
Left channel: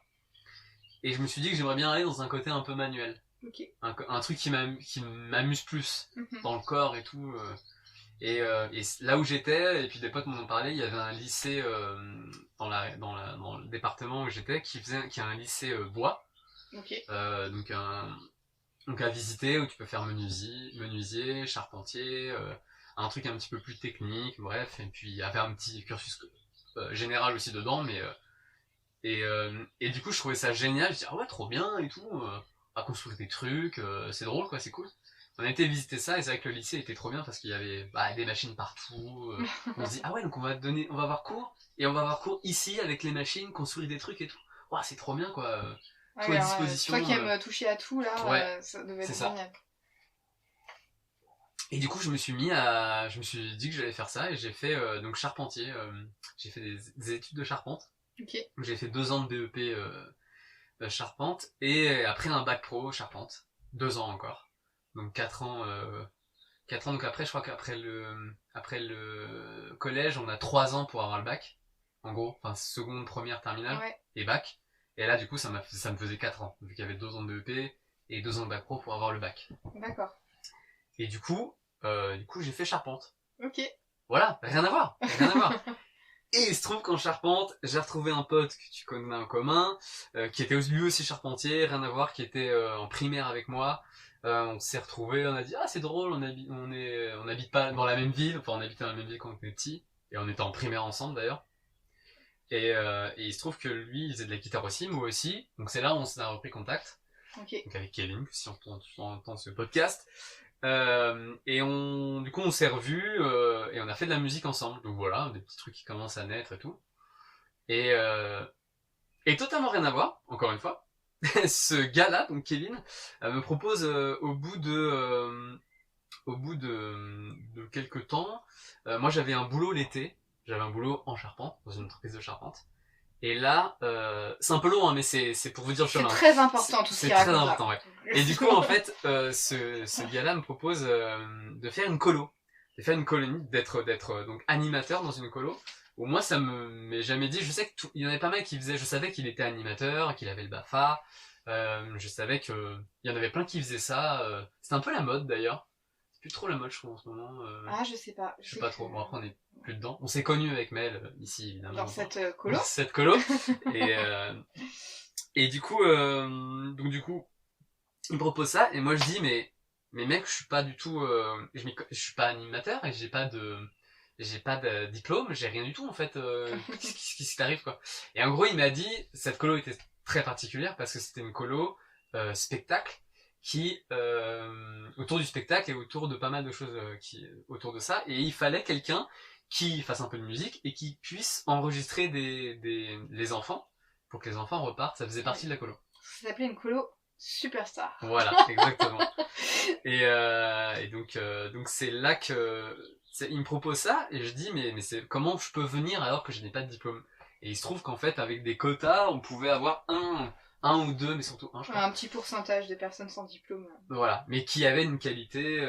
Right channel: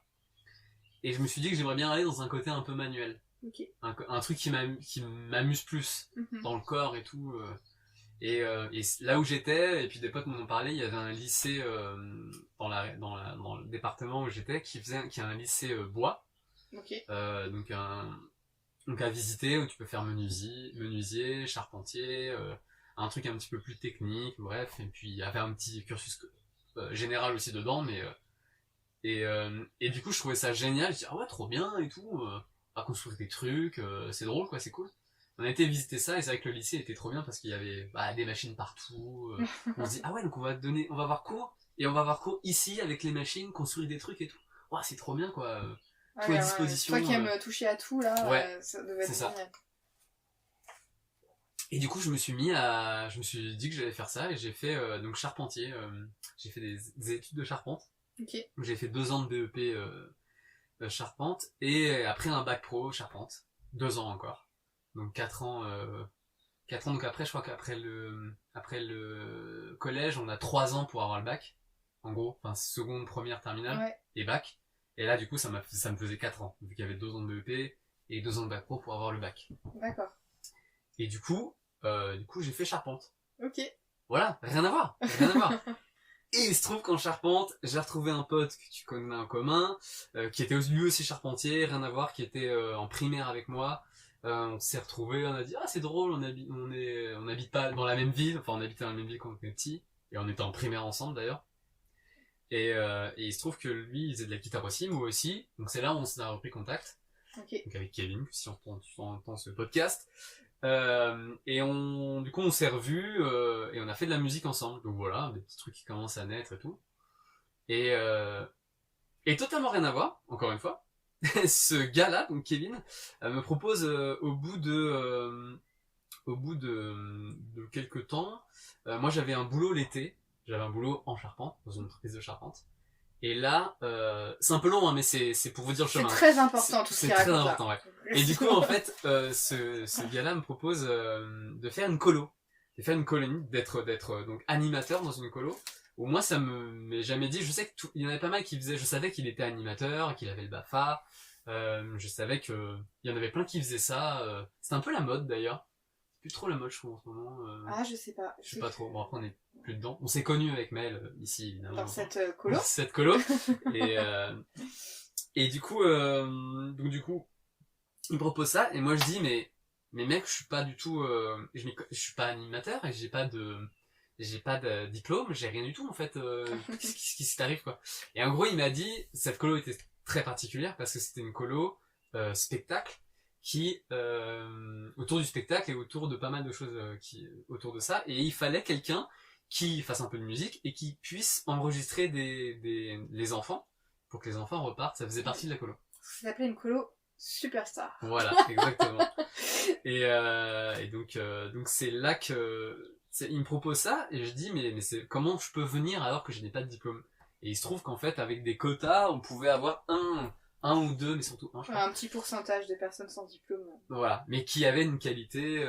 Et je me suis dit que j'aimerais bien aller dans un côté un peu manuel. Okay. Un truc qui m'amuse plus dans le corps et tout. Et là où j'étais, et puis des potes m'en ont parlé, il y avait un lycée dans le département où j'étais qui a un lycée bois. Okay. Donc à visiter où tu peux faire menuisier, charpentier, un truc un petit peu plus technique, bref. Et puis il y avait un petit cursus général aussi dedans, mais et du coup je trouvais ça génial. Je me dis ah ouais trop bien et tout. À construire des trucs, c'est drôle quoi, c'est cool. On a été visiter ça et c'est vrai que le lycée était trop bien parce qu'il y avait des machines partout. On se dit ah ouais donc on va avoir cours et on va avoir cours ici avec les machines, construire des trucs et tout. Wow, c'est trop bien quoi. Tout à disposition. Toi qui aimes toucher à tout là, ça devait être génial. Et du coup je me suis dit que j'allais faire ça et j'ai fait donc charpentier. J'ai fait des études de charpente. Okay. Donc j'ai fait 2 ans de BEP charpente et après un bac pro charpente 2 ans encore donc 4 ans donc après je crois qu'après le collège on a 3 ans pour avoir le bac en gros seconde, première, terminale et bac et là du coup ça me faisait 4 ans vu qu'il y avait 2 ans de BEP et 2 ans de bac pro pour avoir le bac. D'accord. Et du coup j'ai fait charpente. Ok. Voilà, rien à voir Et il se trouve qu'en Charpente, j'ai retrouvé un pote que tu connais en commun, qui était lui aussi charpentier, rien à voir, qui était en primaire avec moi. On s'est retrouvés, on a dit ah c'est drôle, on habite pas dans la même ville, enfin on habitait dans la même ville quand on était petit, et on était en primaire ensemble d'ailleurs. Et il se trouve que lui il faisait de la guitare aussi, moi aussi, donc c'est là où on s'est repris contact. Ok. Donc avec Kevin, si on entend ce podcast. Du coup on s'est revus et on a fait de la musique ensemble. Donc voilà, des petits trucs qui commencent à naître et tout. Et totalement rien à voir, encore une fois. Ce gars-là, donc Kevin, me propose au bout de quelques temps, moi j'avais un boulot l'été, j'avais un boulot en Charpente, dans une entreprise de Charpente. Et là, c'est un peu long, hein, mais c'est pour vous dire le C'est chemin. très important tout ce C'est qu'il très raconte, là. important, ouais. Et du coup, en fait, ce gars-là me propose de faire une colo, de faire une colonie, d'être donc animateur dans une colo. Où moi, ça m'est jamais dit. Je sais que il y en avait pas mal qui faisaient. Je savais qu'il était animateur, qu'il avait le Bafa. Je savais que il y en avait plein qui faisaient ça. C'était un peu la mode d'ailleurs. C'est plus trop la mode, je trouve en ce moment. Ah, je sais pas. Je sais pas trop. Bon, après, on est plus dedans. On s'est connus avec Mel ici, évidemment. Dans cette colo. Dans cette colo. Et du coup, il me propose ça et moi je dis mais mec, je suis pas du tout, je suis pas animateur et j'ai pas de diplôme, j'ai rien du tout en fait. Qu'est-ce qui t'arrive quoi? Et en gros, il m'a dit cette colo était très particulière parce que c'était une colo spectacle qui autour du spectacle et autour de pas mal de choses autour de ça, et il fallait quelqu'un qui fasse un peu de musique et qui puisse enregistrer les enfants pour que les enfants repartent. Ça faisait partie de la colo. Ça s'appelait une colo superstar. Voilà, exactement. Et donc c'est là que il me propose ça et je dis mais c'est comment je peux venir alors que je n'ai pas de diplôme. Et il se trouve qu'en fait avec des quotas on pouvait avoir un ou deux, mais surtout un, je crois. Un petit pourcentage de personnes sans diplôme. Voilà, mais qui avait une qualité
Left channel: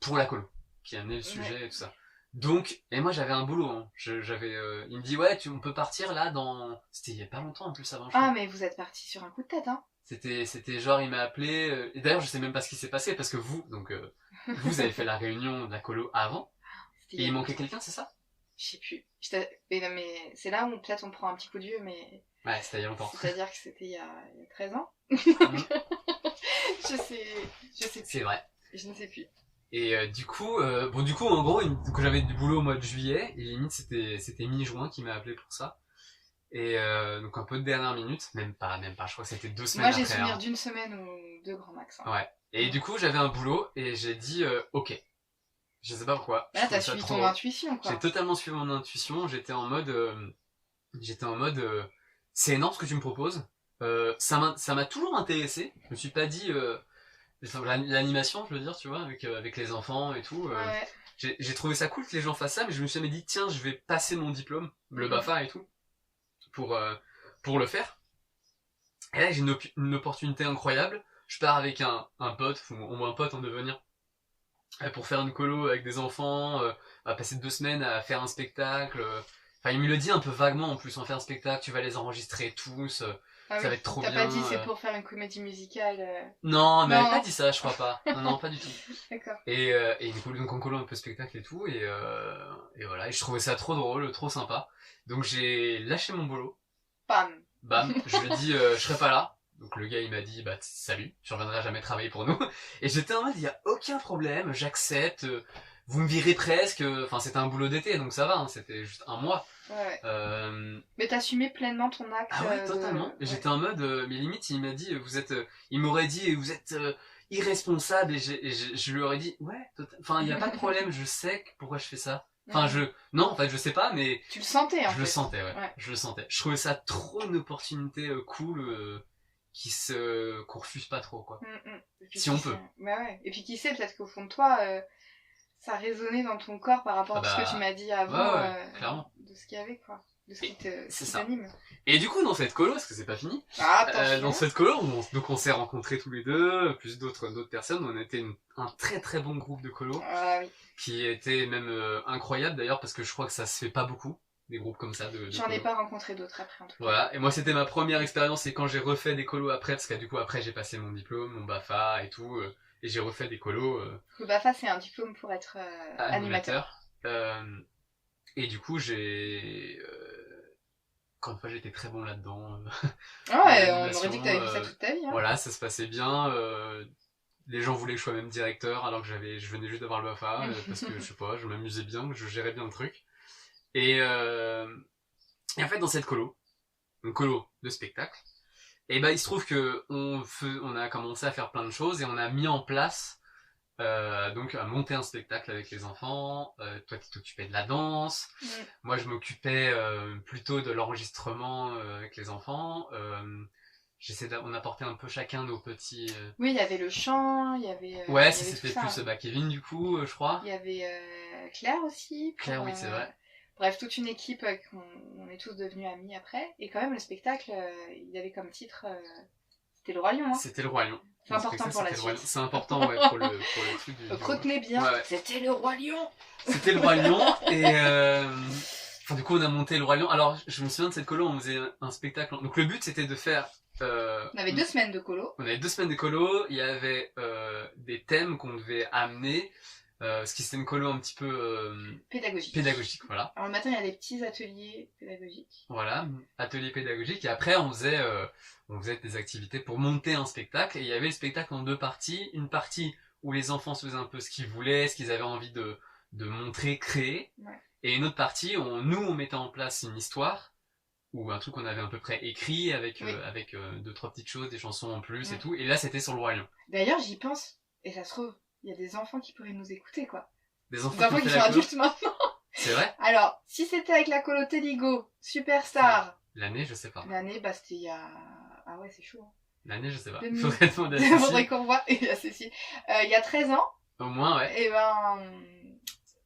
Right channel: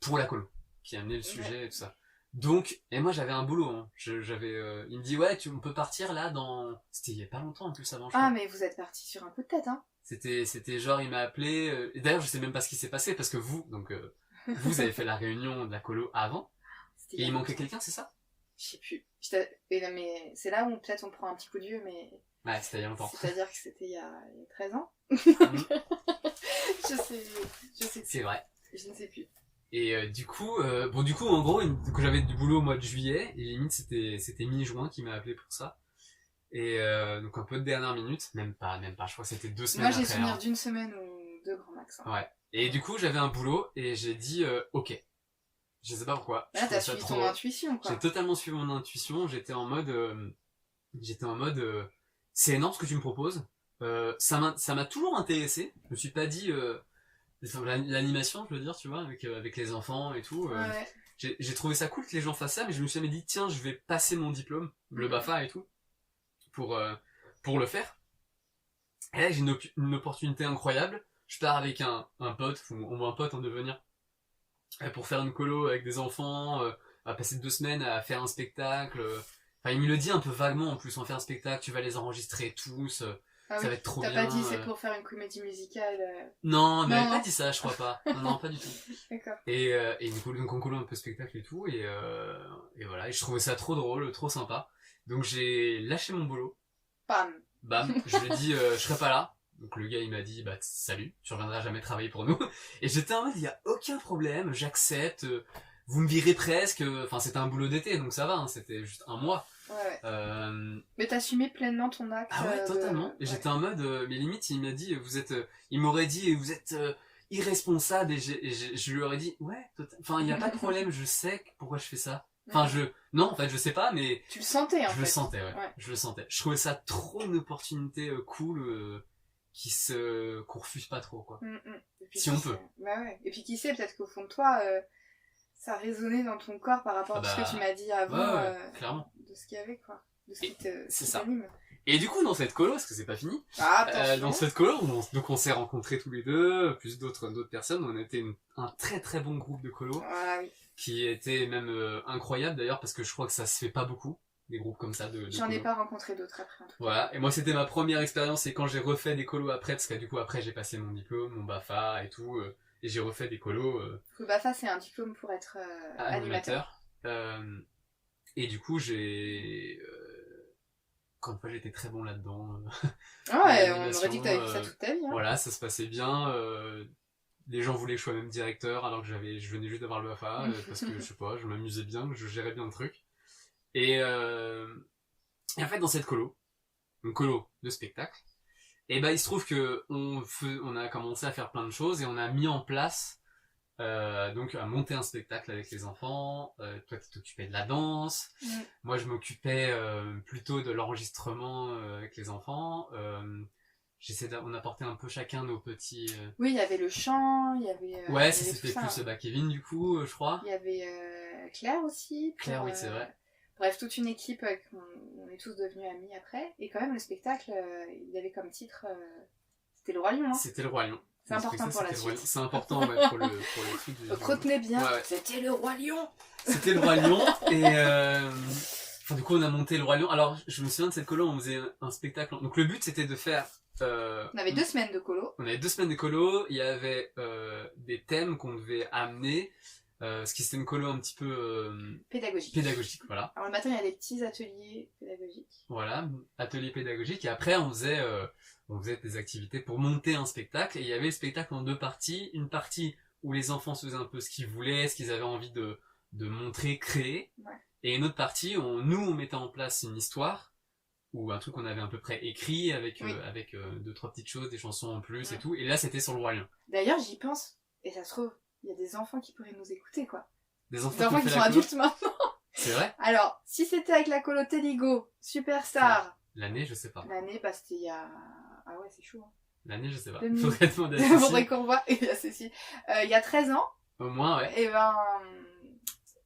pour la colo, qui amenait le sujet et tout ça. Donc, et moi j'avais un boulot. Hein. Il me dit ouais, on peut partir là dans. C'était il y a pas longtemps en plus avant. Ah mais vous êtes parti sur un coup de tête, hein. C'était genre il m'a appelé. Et d'ailleurs je sais même pas ce qui s'est passé parce que vous vous avez fait la réunion de la colo avant. Et il manquait quelqu'un, c'est ça? Je sais plus. Mais c'est là où peut-être on prend un petit coup de vieux, mais. Ouais, c'était il y a longtemps. C'est-à-dire que c'était il y a 13 ans. Je sais plus. C'est vrai. Je ne sais plus. Et du coup, en gros, que j'avais du boulot au mois de juillet, et limite c'était mi-juin qui m'a appelé pour ça. Et donc un peu de dernière minute, même pas, je crois que c'était 2 semaines après. Moi j'ai souvenir d'une semaine ou 2 grand max. Hein. Ouais. Et du coup j'avais un boulot et j'ai dit ok. Je sais pas pourquoi. Là t'as suivi ton intuition quoi. J'ai totalement suivi mon intuition, j'étais en mode c'est énorme ce que tu me proposes. Ça m'a toujours intéressé. Je me suis pas dit l'animation, je veux dire, tu vois, avec les enfants et tout. Ouais. J'ai trouvé ça cool que les gens fassent ça, mais je me suis jamais dit tiens, je vais passer mon diplôme, le Bafa et tout, pour le faire. Et là j'ai une opportunité incroyable. Je pars avec un pote, ou au moins un pote en devenir, pour faire une colo avec des enfants, à passer 2 semaines à faire un spectacle. Enfin, il me le dit un peu vaguement en plus, on fait un spectacle, tu vas les enregistrer tous, ça va être trop bien. T'as pas dit c'est pour faire une comédie musicale Non, mais elle a pas dit ça, je crois pas. Non, pas du tout. D'accord. Et donc on colo un peu spectacle et tout, et voilà, et je trouvais ça trop drôle, trop sympa. Donc j'ai lâché mon boulot. Bam, je lui ai dit je serai pas là. Donc le gars il m'a dit bah salut, tu reviendras jamais travailler pour nous. Et j'étais en mode il y a aucun problème, j'accepte, vous me virez presque, enfin c'était un boulot d'été donc ça va, hein, c'était juste un mois. Ouais. Mais t'assumais pleinement ton acte. Ah ouais, totalement. Et j'étais en mode mais limite il m'a dit il m'aurait dit vous êtes irresponsable et je lui aurais dit ouais, enfin il y a pas de problème, je sais pourquoi je fais ça. Enfin non en fait je sais pas mais tu le sentais en fait. Je le sentais ouais. Je le sentais. Je trouvais ça trop une opportunité cool qu'on refuse pas trop quoi. Si on peut. Bah ouais. Et puis qui sait, peut-être qu'au fond de toi ça résonnait dans ton corps par rapport à ce que tu m'as dit avant clairement. de ce qu'il y avait quoi, de ce qui ça. t'anime. Et du coup dans cette colo, parce que c'est pas fini, dans cette colo on s'est rencontrés tous les deux, plus d'autres personnes, on était un très très bon groupe de colo. Ah oui. Qui était même incroyable d'ailleurs parce que je crois que ça se fait pas beaucoup des groupes comme ça j'en ai pas rencontré d'autres après en tout cas. Voilà, et moi c'était ma première expérience et quand j'ai refait des colos après, parce que du coup après j'ai passé mon diplôme, mon Bafa et tout, et j'ai refait des colos. Le Bafa c'est un diplôme pour être animateur. Et du coup, encore une fois, j'étais très bon là-dedans. Ah ouais, on L'animation, aurait dit que t'avais fait ça toute ta vie. Hein. Voilà, ça se passait bien. Les gens voulaient que je sois même directeur, alors que je venais juste d'avoir le BAFA, parce que, je sais pas, je m'amusais bien, je gérais bien le truc. Et en fait, dans cette une colo de spectacle, et ben il se trouve que on a commencé à faire plein de choses et on a mis en place donc à monter un spectacle avec les enfants. Toi tu t'occupais de la danse, moi je m'occupais plutôt de l'enregistrement avec les enfants. On apportait un peu chacun nos petits. Oui, il y avait le chant, il y avait. Ouais, il y ça avait c'était tout ça. plus Kevin du coup, je crois. Il y avait Claire aussi. Claire, oui, c'est vrai. Bref, toute une équipe on est tous devenus amis après. Et quand même, le spectacle, il avait comme titre. C'était le Roi Lion. Hein. C'était le Roi Lion. C'est important pour la suite. C'est important, ouais, pour le truc du. Donc retenez bien, ouais. C'était le Roi Lion. C'était le Roi Lion et du coup on a monté le Roi Lion. Alors je me souviens de cette colo, on faisait un spectacle. Donc le but c'était de faire. On avait 2 semaines de colo. On avait 2 semaines de colo. Il y avait des thèmes qu'on devait amener. Parce que c'était une colo un petit peu pédagogique, voilà. Alors le matin il y a des petits ateliers pédagogiques. Voilà, atelier pédagogique. Et après on faisait des activités pour monter un spectacle. Et il y avait le spectacle en 2 parties. Une partie où les enfants se faisaient un peu ce qu'ils voulaient, ce qu'ils avaient envie de montrer, créer. Ouais. Et une autre partie où on mettait en place une histoire ou un truc qu'on avait à peu près écrit avec 2-3 petites choses, des chansons en plus et tout. Et là c'était sur le Roi Lion. D'ailleurs j'y pense et ça se trouve il y a des enfants qui pourraient nous écouter quoi. Des enfants qui sont adultes maintenant. C'est vrai. Alors si c'était avec la colo Téligo Superstar. L'année je sais pas. L'année c'était il y a. Ah ouais c'est chaud. Hein. L'année je sais pas. Il faudrait demander à Cécile. Faudrait qu'on voit et à Cécile. Il y a 13 ans. Au moins ouais.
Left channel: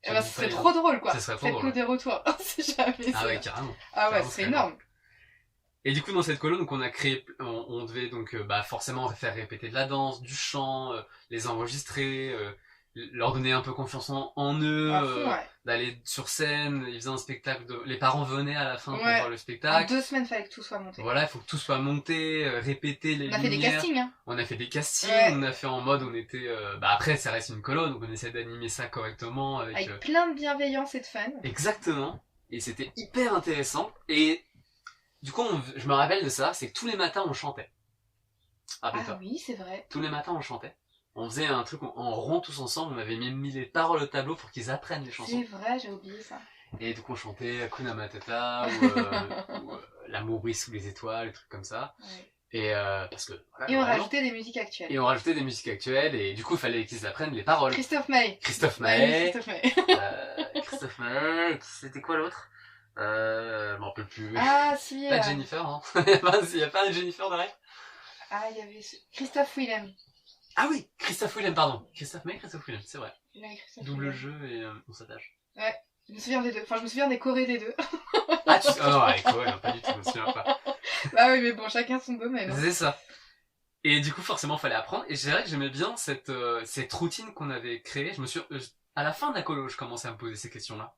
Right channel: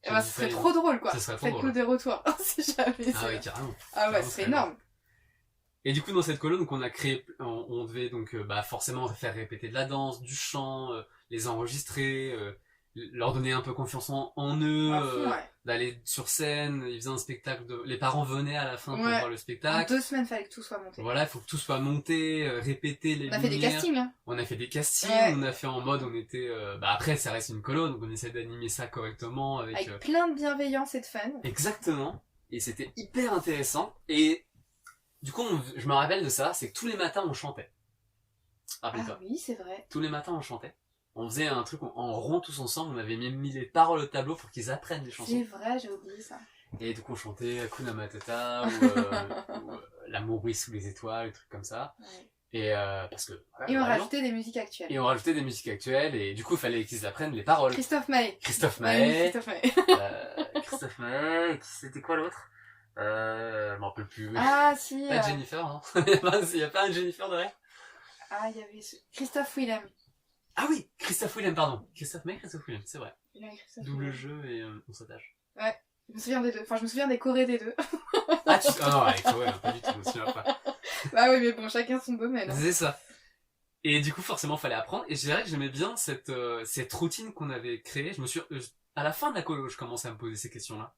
Et ce serait trop drôle quoi. Ce serait trop Faites-nous drôle. des retours si jamais. Ah ouais carrément. Ah ouais c'est énorme. Et du coup dans cette colo donc on a créé, on devait donc forcément faire répéter de la danse, du chant, les enregistrer, leur donner un peu confiance en eux, d'aller sur scène. Ils faisaient un spectacle, les parents venaient à la fin pour voir le spectacle. En 2 semaines fallait que tout soit monté. Voilà, il faut que tout soit monté, répéter les lumières. On a fait des castings. Hein. On a fait des castings, on a fait en mode on était après ça reste une colo donc on essaie d'animer ça correctement avec plein de bienveillance et de fun. Exactement. Et c'était hyper intéressant et du coup, je me rappelle de ça, c'est que tous les matins on chantait. Rappelle-toi. Ah oui, c'est vrai. Tous les matins on chantait. On faisait un truc en rond tous ensemble, on avait mis les paroles au tableau pour qu'ils apprennent les chansons. C'est vrai, j'ai oublié ça. Et du coup on chantait Hakuna Matata ou L'amour brille sous les étoiles, des trucs comme ça. Ouais. Et parce que voilà, et on rajoutait des musiques actuelles. Et on rajoutait des musiques actuelles et du coup il fallait qu'ils apprennent les paroles. Christophe Maé. Christophe Maé. Christophe Maé. C'était quoi l'autre? Je m'en rappelle plus. Ah si. Pas Jennifer, hein. Il n'y a pas un Jennifer derrière. Ah, il y avait Christophe Willem. Ah oui, Christophe Willem, pardon. Christophe Maé, Christophe Willem, c'est vrai. Double Willem. jeu et on s'attache. Ouais, je me souviens des deux. Enfin, je me souviens des chorés des deux. Ah, non, avec Corée, pas du tout, je me souviens pas. Bah oui, mais bon, chacun son domaine. Hein. C'est ça. Et du coup, forcément, il fallait apprendre. Et c'est vrai que j'aimais bien cette routine qu'on avait créée. À la fin de la colo, je commençais à me poser ces questions-là.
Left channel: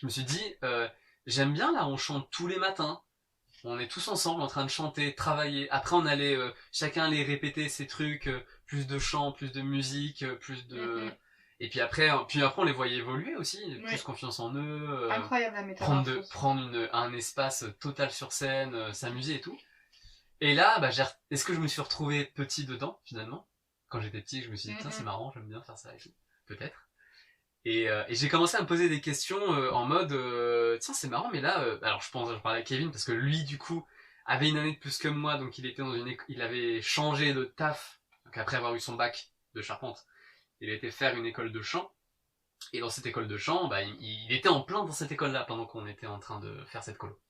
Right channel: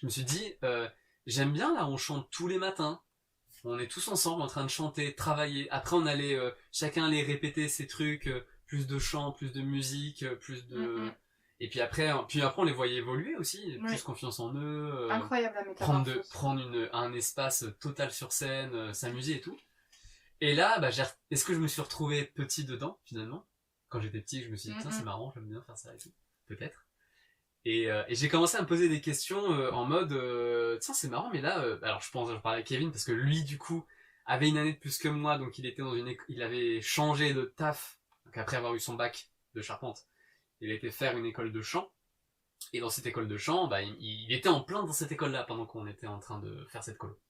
Je me suis dit, j'aime bien là, on chante tous les matins. On est tous ensemble en train de chanter, travailler. Après, on allait chacun aller répéter ses trucs, plus de chant, plus de musique, plus de. Et puis après, on les voyait évoluer aussi, plus confiance en eux. Incroyable la méthode. Prendre un espace total sur scène, s'amuser et tout. Et là, est-ce que je me suis retrouvé petit dedans finalement? Quand j'étais petit, je me suis dit, putain, c'est marrant, j'aime bien faire ça et tout. Peut-être. Et j'ai commencé à me poser des questions en mode tiens c'est marrant mais là alors je parlais à Kevin parce que lui du coup avait une année de plus que moi donc il était il avait changé de taf donc après avoir eu son bac de charpente il était faire une école de chant et dans cette école de chant il était en plein dans cette école là pendant qu'on était en train de faire cette colo.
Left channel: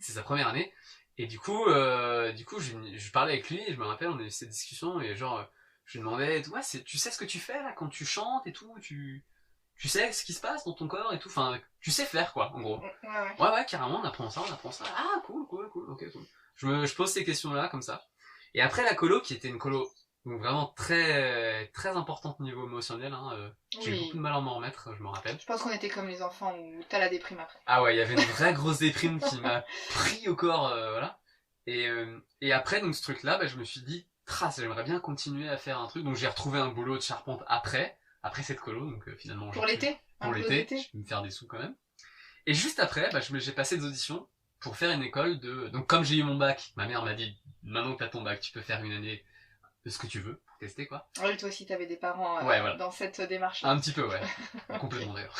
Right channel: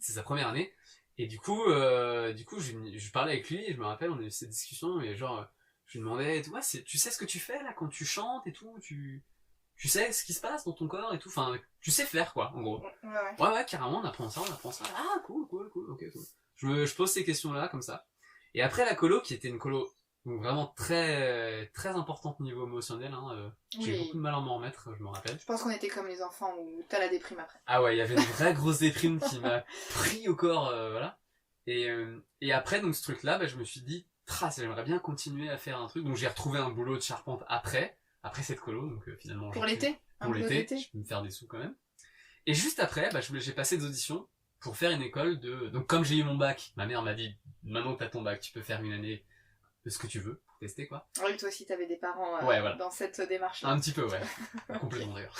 C'est sa première année et du coup je parlais avec lui et je me rappelle on a eu cette discussion et genre je lui demandais ouais, tu sais ce que tu fais là quand tu chantes et tout tu sais ce qui se passe dans ton corps et tout, enfin, tu sais faire quoi, en gros. Ouais, carrément, on apprend ça. Ah, cool, ok, cool. Je pose ces questions-là, comme ça. Et après la colo, qui était une colo donc vraiment très, très importante niveau émotionnel, hein, j'ai eu beaucoup de mal à m'en remettre, je me rappelle. Je pense qu'on était comme les enfants où t'as la déprime après. Ah ouais, il y avait une vraie grosse déprime qui m'a pris au corps, voilà. Et après, donc, ce truc-là, je me suis dit, j'aimerais bien continuer à faire un truc. Donc, j'ai retrouvé un boulot de charpente après cette colo, donc finalement pour l'été je peux me faire des sous quand même. Et juste après, j'ai passé des auditions pour faire une école de... Donc comme j'ai eu mon bac, ma mère m'a dit, maintenant que t'as ton bac, tu peux faire une année de ce que tu veux, pour tester quoi. Oui, toi aussi t'avais des parents Ouais, voilà. dans cette démarche-là. Un petit peu, ouais. Complètement d'ailleurs.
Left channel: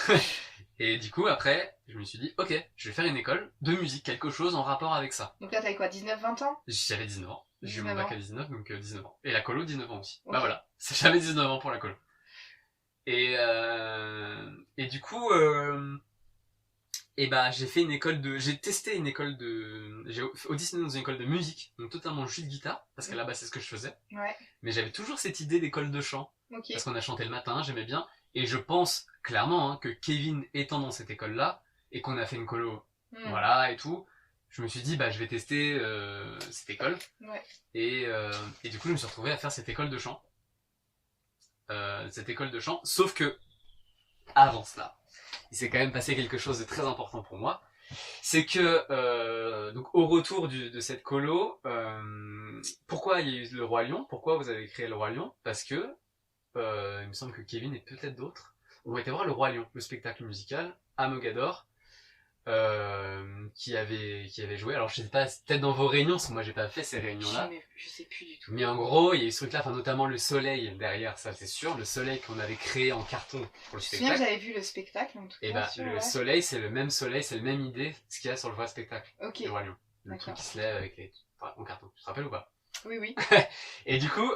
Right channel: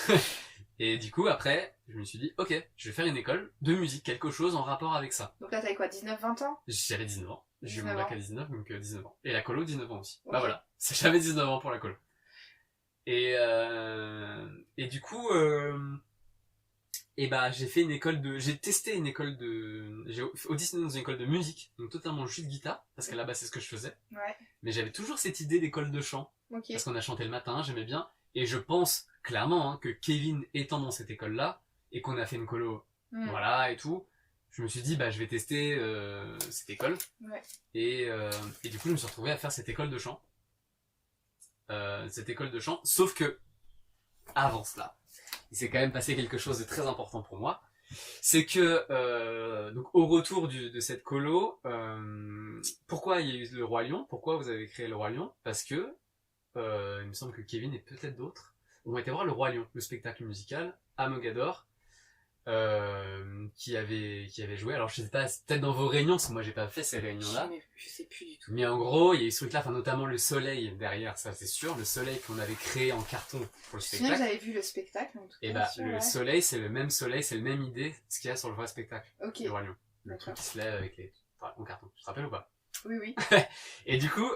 Et du coup, après, je me suis dit, ok, je vais faire une école de musique, quelque chose en rapport avec ça. Donc là, t'avais quoi, 19-20 ans? J'avais 19 ans. J'ai eu mon 19 bac à 19, donc 19 ans. Et la colo, 19 ans aussi. Ok. Bah voilà, j'avais 19 ans pour la colo. Et du coup, j'ai fait une école de... J'ai testé une école de... J'ai auditionné dans une école de musique, donc totalement juste guitare, parce qu'à la base c'est ce que je faisais. Ouais, Mais j'avais toujours cette idée d'école de chant, ok. parce qu'on a chanté le matin, j'aimais bien. Et je pense clairement que Kevin étant dans cette école-là, et qu'on a fait une colo, voilà, et tout, je me suis dit, je vais tester cette école. Ouais. Et du coup, je me suis retrouvé à faire cette école de chant. Sauf que, avant cela, il s'est quand même passé quelque chose de très important pour moi. C'est que, donc au retour de cette colo, pourquoi il y a eu le Roi Lion? Pourquoi vous avez créé le Roi Lion? Parce que, il me semble que Kevin et peut-être d'autres ont été voir le Roi Lion, le spectacle musical à Mogador, qui avait joué. Alors je sais pas, peut-être dans vos réunions, parce que moi j'ai pas fait ces réunions-là. Je sais plus du tout. Mais en gros, il y a eu ce truc-là, notamment le soleil derrière, ça c'est sûr, le soleil qu'on avait créé en carton pour le Je me souviens spectacle. que j'avais vu le spectacle en tout cas. Et le soleil, c'est le même idée, ce qu'il y a sur le vrai spectacle. Ok. Le Roi Lion. Le D'accord. truc qui se lève avec les... en carton. Tu te rappelles ou pas? Oui, oui. Et du coup,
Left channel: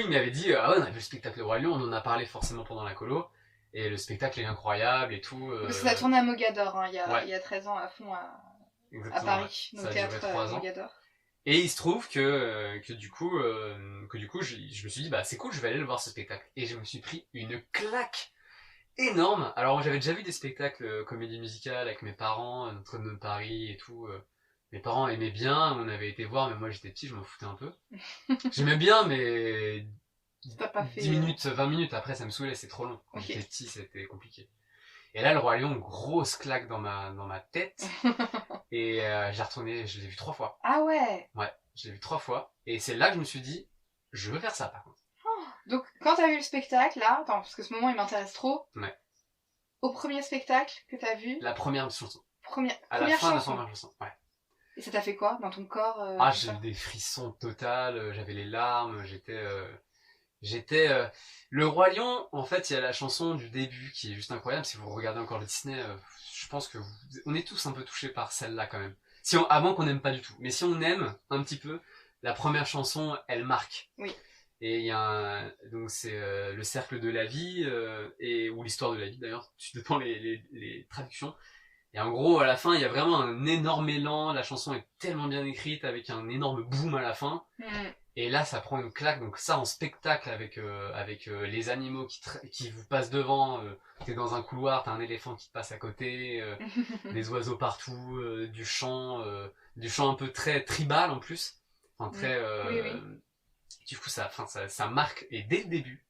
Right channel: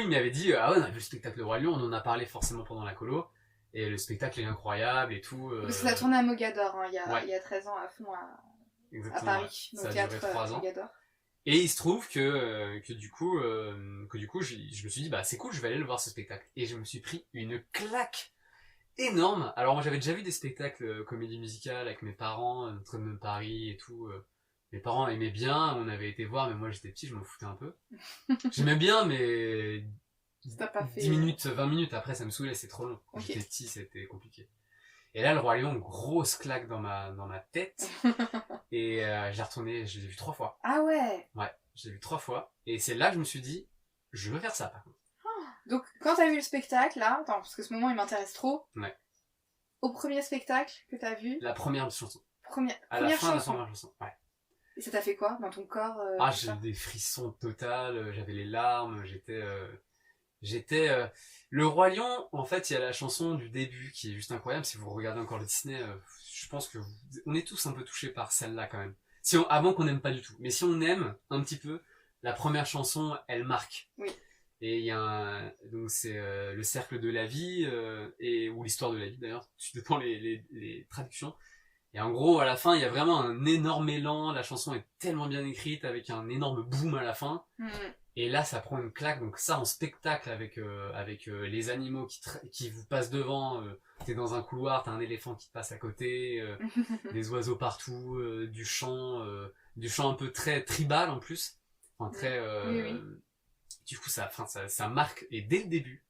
il m'avait dit, ah ouais, on a vu le spectacle Le Roi Lion, on en a parlé forcément pendant la colo, et le spectacle est incroyable et tout. Parce que ça tourne à Mogador, hein, il y a 13 ans à fond à Paris, ouais. Ça au a théâtre duré 3 ans. Mogador. Et il se trouve que du coup, je me suis dit, c'est cool, je vais aller le voir ce spectacle. Et je me suis pris une claque énorme. Alors, moi, j'avais déjà vu des spectacles comédie musicale avec mes parents, Notre-Dame de Paris et tout. Mes parents aimaient bien, on avait été voir, mais moi j'étais petit, je m'en foutais un peu. J'aimais bien, mais 10 minutes, 20 minutes après, ça me saoulait, c'est trop long. Quand j'étais petit, c'était compliqué. Et là, le Roi Lion, grosse claque dans ma tête. Et j'ai retourné, je l'ai vu 3 fois. Ah ouais. Ouais, je l'ai vu 3 fois. Et c'est là que je me suis dit, je veux faire ça par contre. Donc, quand t'as vu le spectacle, là, attends, parce que ce moment il m'intéresse trop. Ouais. Au premier spectacle que t'as vu. La première chanson. À la fin de la première chanson, ouais. Et ça t'a fait quoi dans ton corps j'ai eu des frissons total, j'avais les larmes, j'étais le Roi Lion, en fait, il y a la chanson du début qui est juste incroyable. Si vous regardez encore le Disney, je pense que on est tous un peu touchés par celle-là quand même. Avant qu'on n'aime pas du tout. Mais si on aime un petit peu, la première chanson, elle marque. Oui. Et il y a donc c'est le cercle de la vie, ou l'histoire de la vie d'ailleurs, tout dépend les traductions. Et en gros, à la fin, il y a vraiment un énorme élan, la chanson est tellement bien écrite, avec un énorme boom à la fin. Et là, ça prend une claque, donc ça en spectacle avec les animaux qui vous passent devant, t'es dans un couloir, t'as un éléphant qui te passe à côté, des oiseaux partout, du chant un peu très tribal en plus, enfin très... Oui. Du coup, ça marque, et dès le début,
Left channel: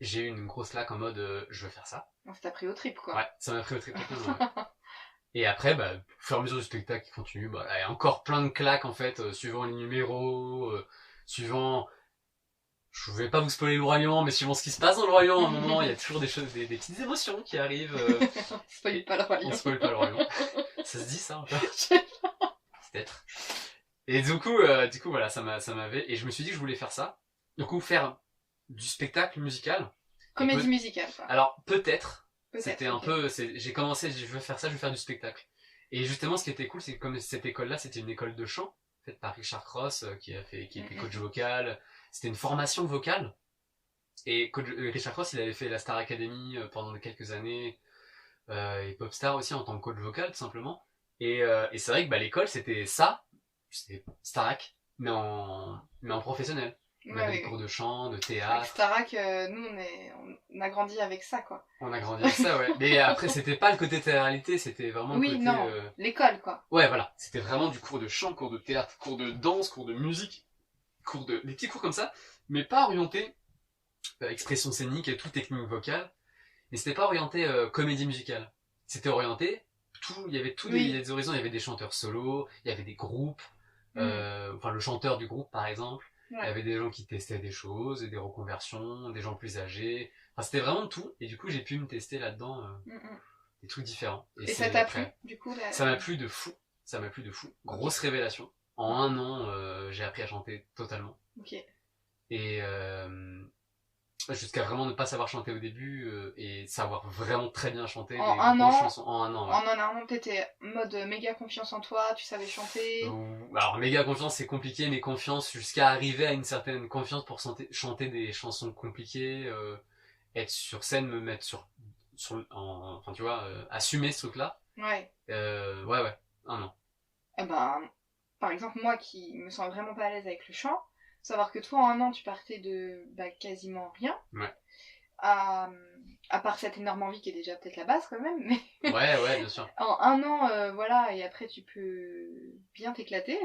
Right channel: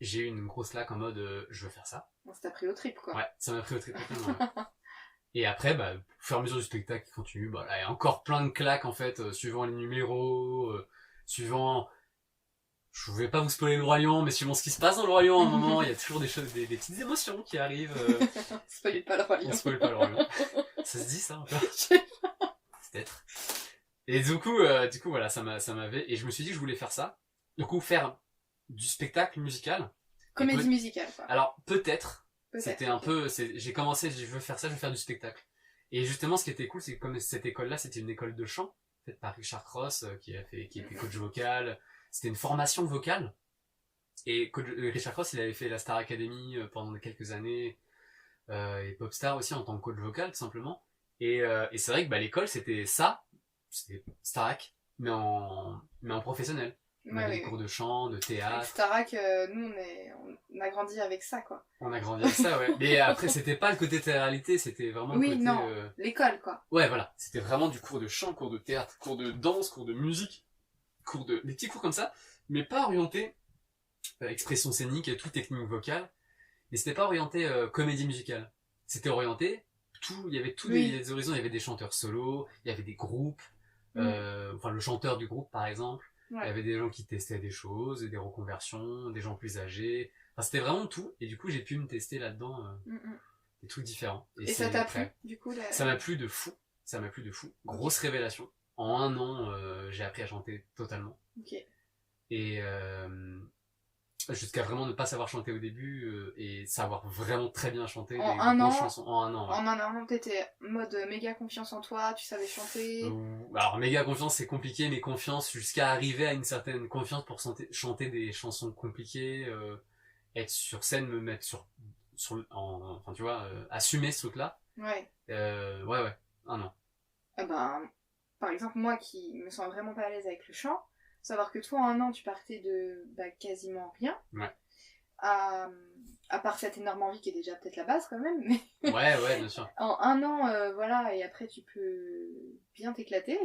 j'ai eu une grosse claque en mode, je veux faire ça. Ça t'a pris au trip, quoi. Ouais, ça m'a pris au trip, totalement, ouais. Et après, au fur et à mesure du spectacle qui continue, il y a encore plein de claques en fait, suivant les numéros, suivant... Je vais pas vous spoiler le Roi Lion, mais suivant ce qui se passe dans le Roi Lion, à un moment, il y a toujours des petites émotions qui arrivent. Spoil pas le Roi Lion. On spoil pas le Roi Lion. Ça se dit ça encore? Peut-être. Et du coup, voilà, ça m'avait... Et je me suis dit que je voulais faire ça. Du coup, faire du spectacle musical. Comédie musicale, quoi. Alors, peut-être. C'était un peu, j'ai commencé, je veux faire ça, je veux faire du spectacle. Et justement, ce qui était cool, c'est que comme cette école-là, c'était une école de chant, faite par Richard Cross, qui était coach vocal. C'était une formation vocale. Et Richard Cross, il avait fait la Star Academy pendant quelques années, et Popstar aussi en tant que coach vocal, tout simplement. Et c'est vrai que l'école, c'était ça, c'était Starac, mais en professionnel. On avait des cours de chant, de théâtre. Starac, nous, on a grandi avec ça, quoi. On a grandi avec ça, ouais. Mais après, c'était pas le côté théâtralité, c'était vraiment le côté... Oui, non, l'école, quoi. Ouais, voilà. C'était vraiment du cours de chant, cours de théâtre, cours de danse, cours de musique, des petits cours comme ça, mais pas orienté expression scénique et tout, technique vocale. Mais c'était pas orienté comédie musicale. C'était orienté, il y avait des horizons, il y avait des chanteurs solos, il y avait des groupes, enfin le chanteur du groupe, par exemple. Ouais. Il y avait des gens qui testaient des choses, des reconversions, des gens plus âgés. Enfin, c'était vraiment tout. Et du coup, j'ai pu me tester là-dedans des trucs différents. Et ça t'a plu, du coup Ça m'a plu de fou. Ça m'a plu de fou. Grosse révélation. En 1 an, j'ai appris à chanter totalement. Ok. Et jusqu'à vraiment ne pas savoir chanter au début et savoir vraiment très bien chanter En les un grosses an, chansons en 1 an. Ouais. En un an, t'étais mode méga confiance en toi, tu savais chanter. Alors méga confiance c'est compliqué, mais confiance jusqu'à arriver à une certaine confiance pour chanter des chansons compliquées, être sur scène, me mettre enfin tu vois, assumer ce truc-là. Ouais. Ouais, 1 an. Eh ben, par exemple, moi qui me sens vraiment pas à l'aise avec le chant, savoir que toi en 1 an tu partais de quasiment rien. Ouais. À part cette énorme envie qui est déjà peut-être la base quand même, mais Ouais, bien sûr. en 1 an, voilà, et après tu peux bien t'éclater,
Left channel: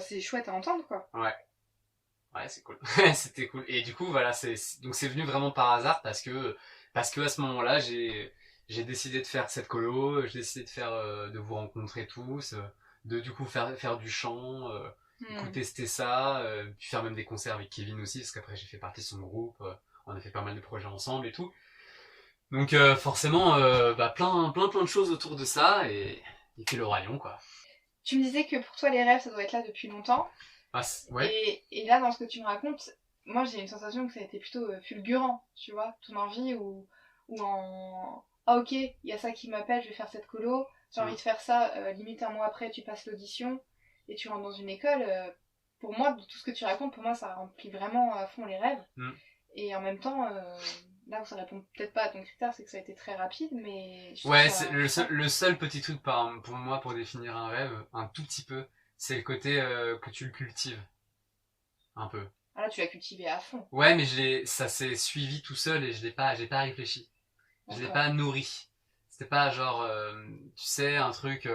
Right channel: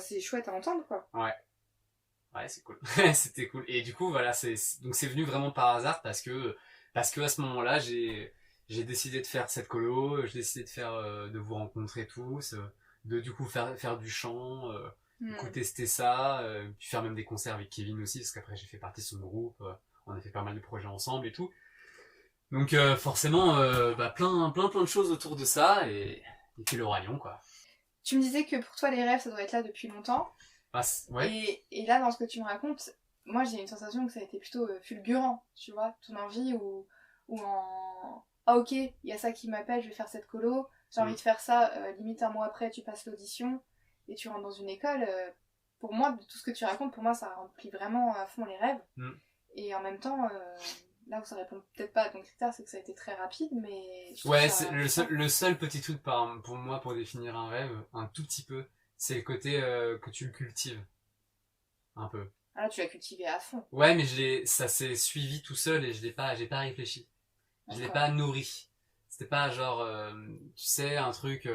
c'est chouette à entendre quoi. Ouais, c'est cool. C'était cool. Et du coup, voilà, donc c'est venu vraiment par hasard parce que à ce moment-là, j'ai décidé de faire cette colo, j'ai décidé de vous rencontrer tous, de du coup faire du chant, du coup tester ça, puis faire même des concerts avec Kevin aussi, parce qu'après j'ai fait partie de son groupe, on a fait pas mal de projets ensemble et tout. Donc forcément, plein de choses autour de ça, et puis le rayon, quoi. Tu me disais que pour toi les rêves ça doit être là depuis longtemps. Ah, ouais. Et là, dans ce que tu me racontes, moi j'ai une sensation que ça a été plutôt fulgurant, tu vois, ton envie ou en... Ah ok, il y a ça qui m'appelle, je vais faire cette colo, j'ai envie de faire ça, limite 1 mois après tu passes l'audition et tu rentres dans une école. Pour moi, de tout ce que tu racontes, pour moi ça remplit vraiment à fond les rêves. Et en même temps, là où ça répond peut-être pas à ton critère, c'est que ça a été très rapide, mais... Ouais, c'est le seul petit truc pour moi pour définir un rêve, un tout petit peu, c'est le côté que tu le cultives. Un peu. Ah là, tu l'as cultivé à fond. Ouais, mais ça s'est suivi tout seul et j'ai pas réfléchi. Je l'ai pas nourri. C'était pas genre, tu sais, un truc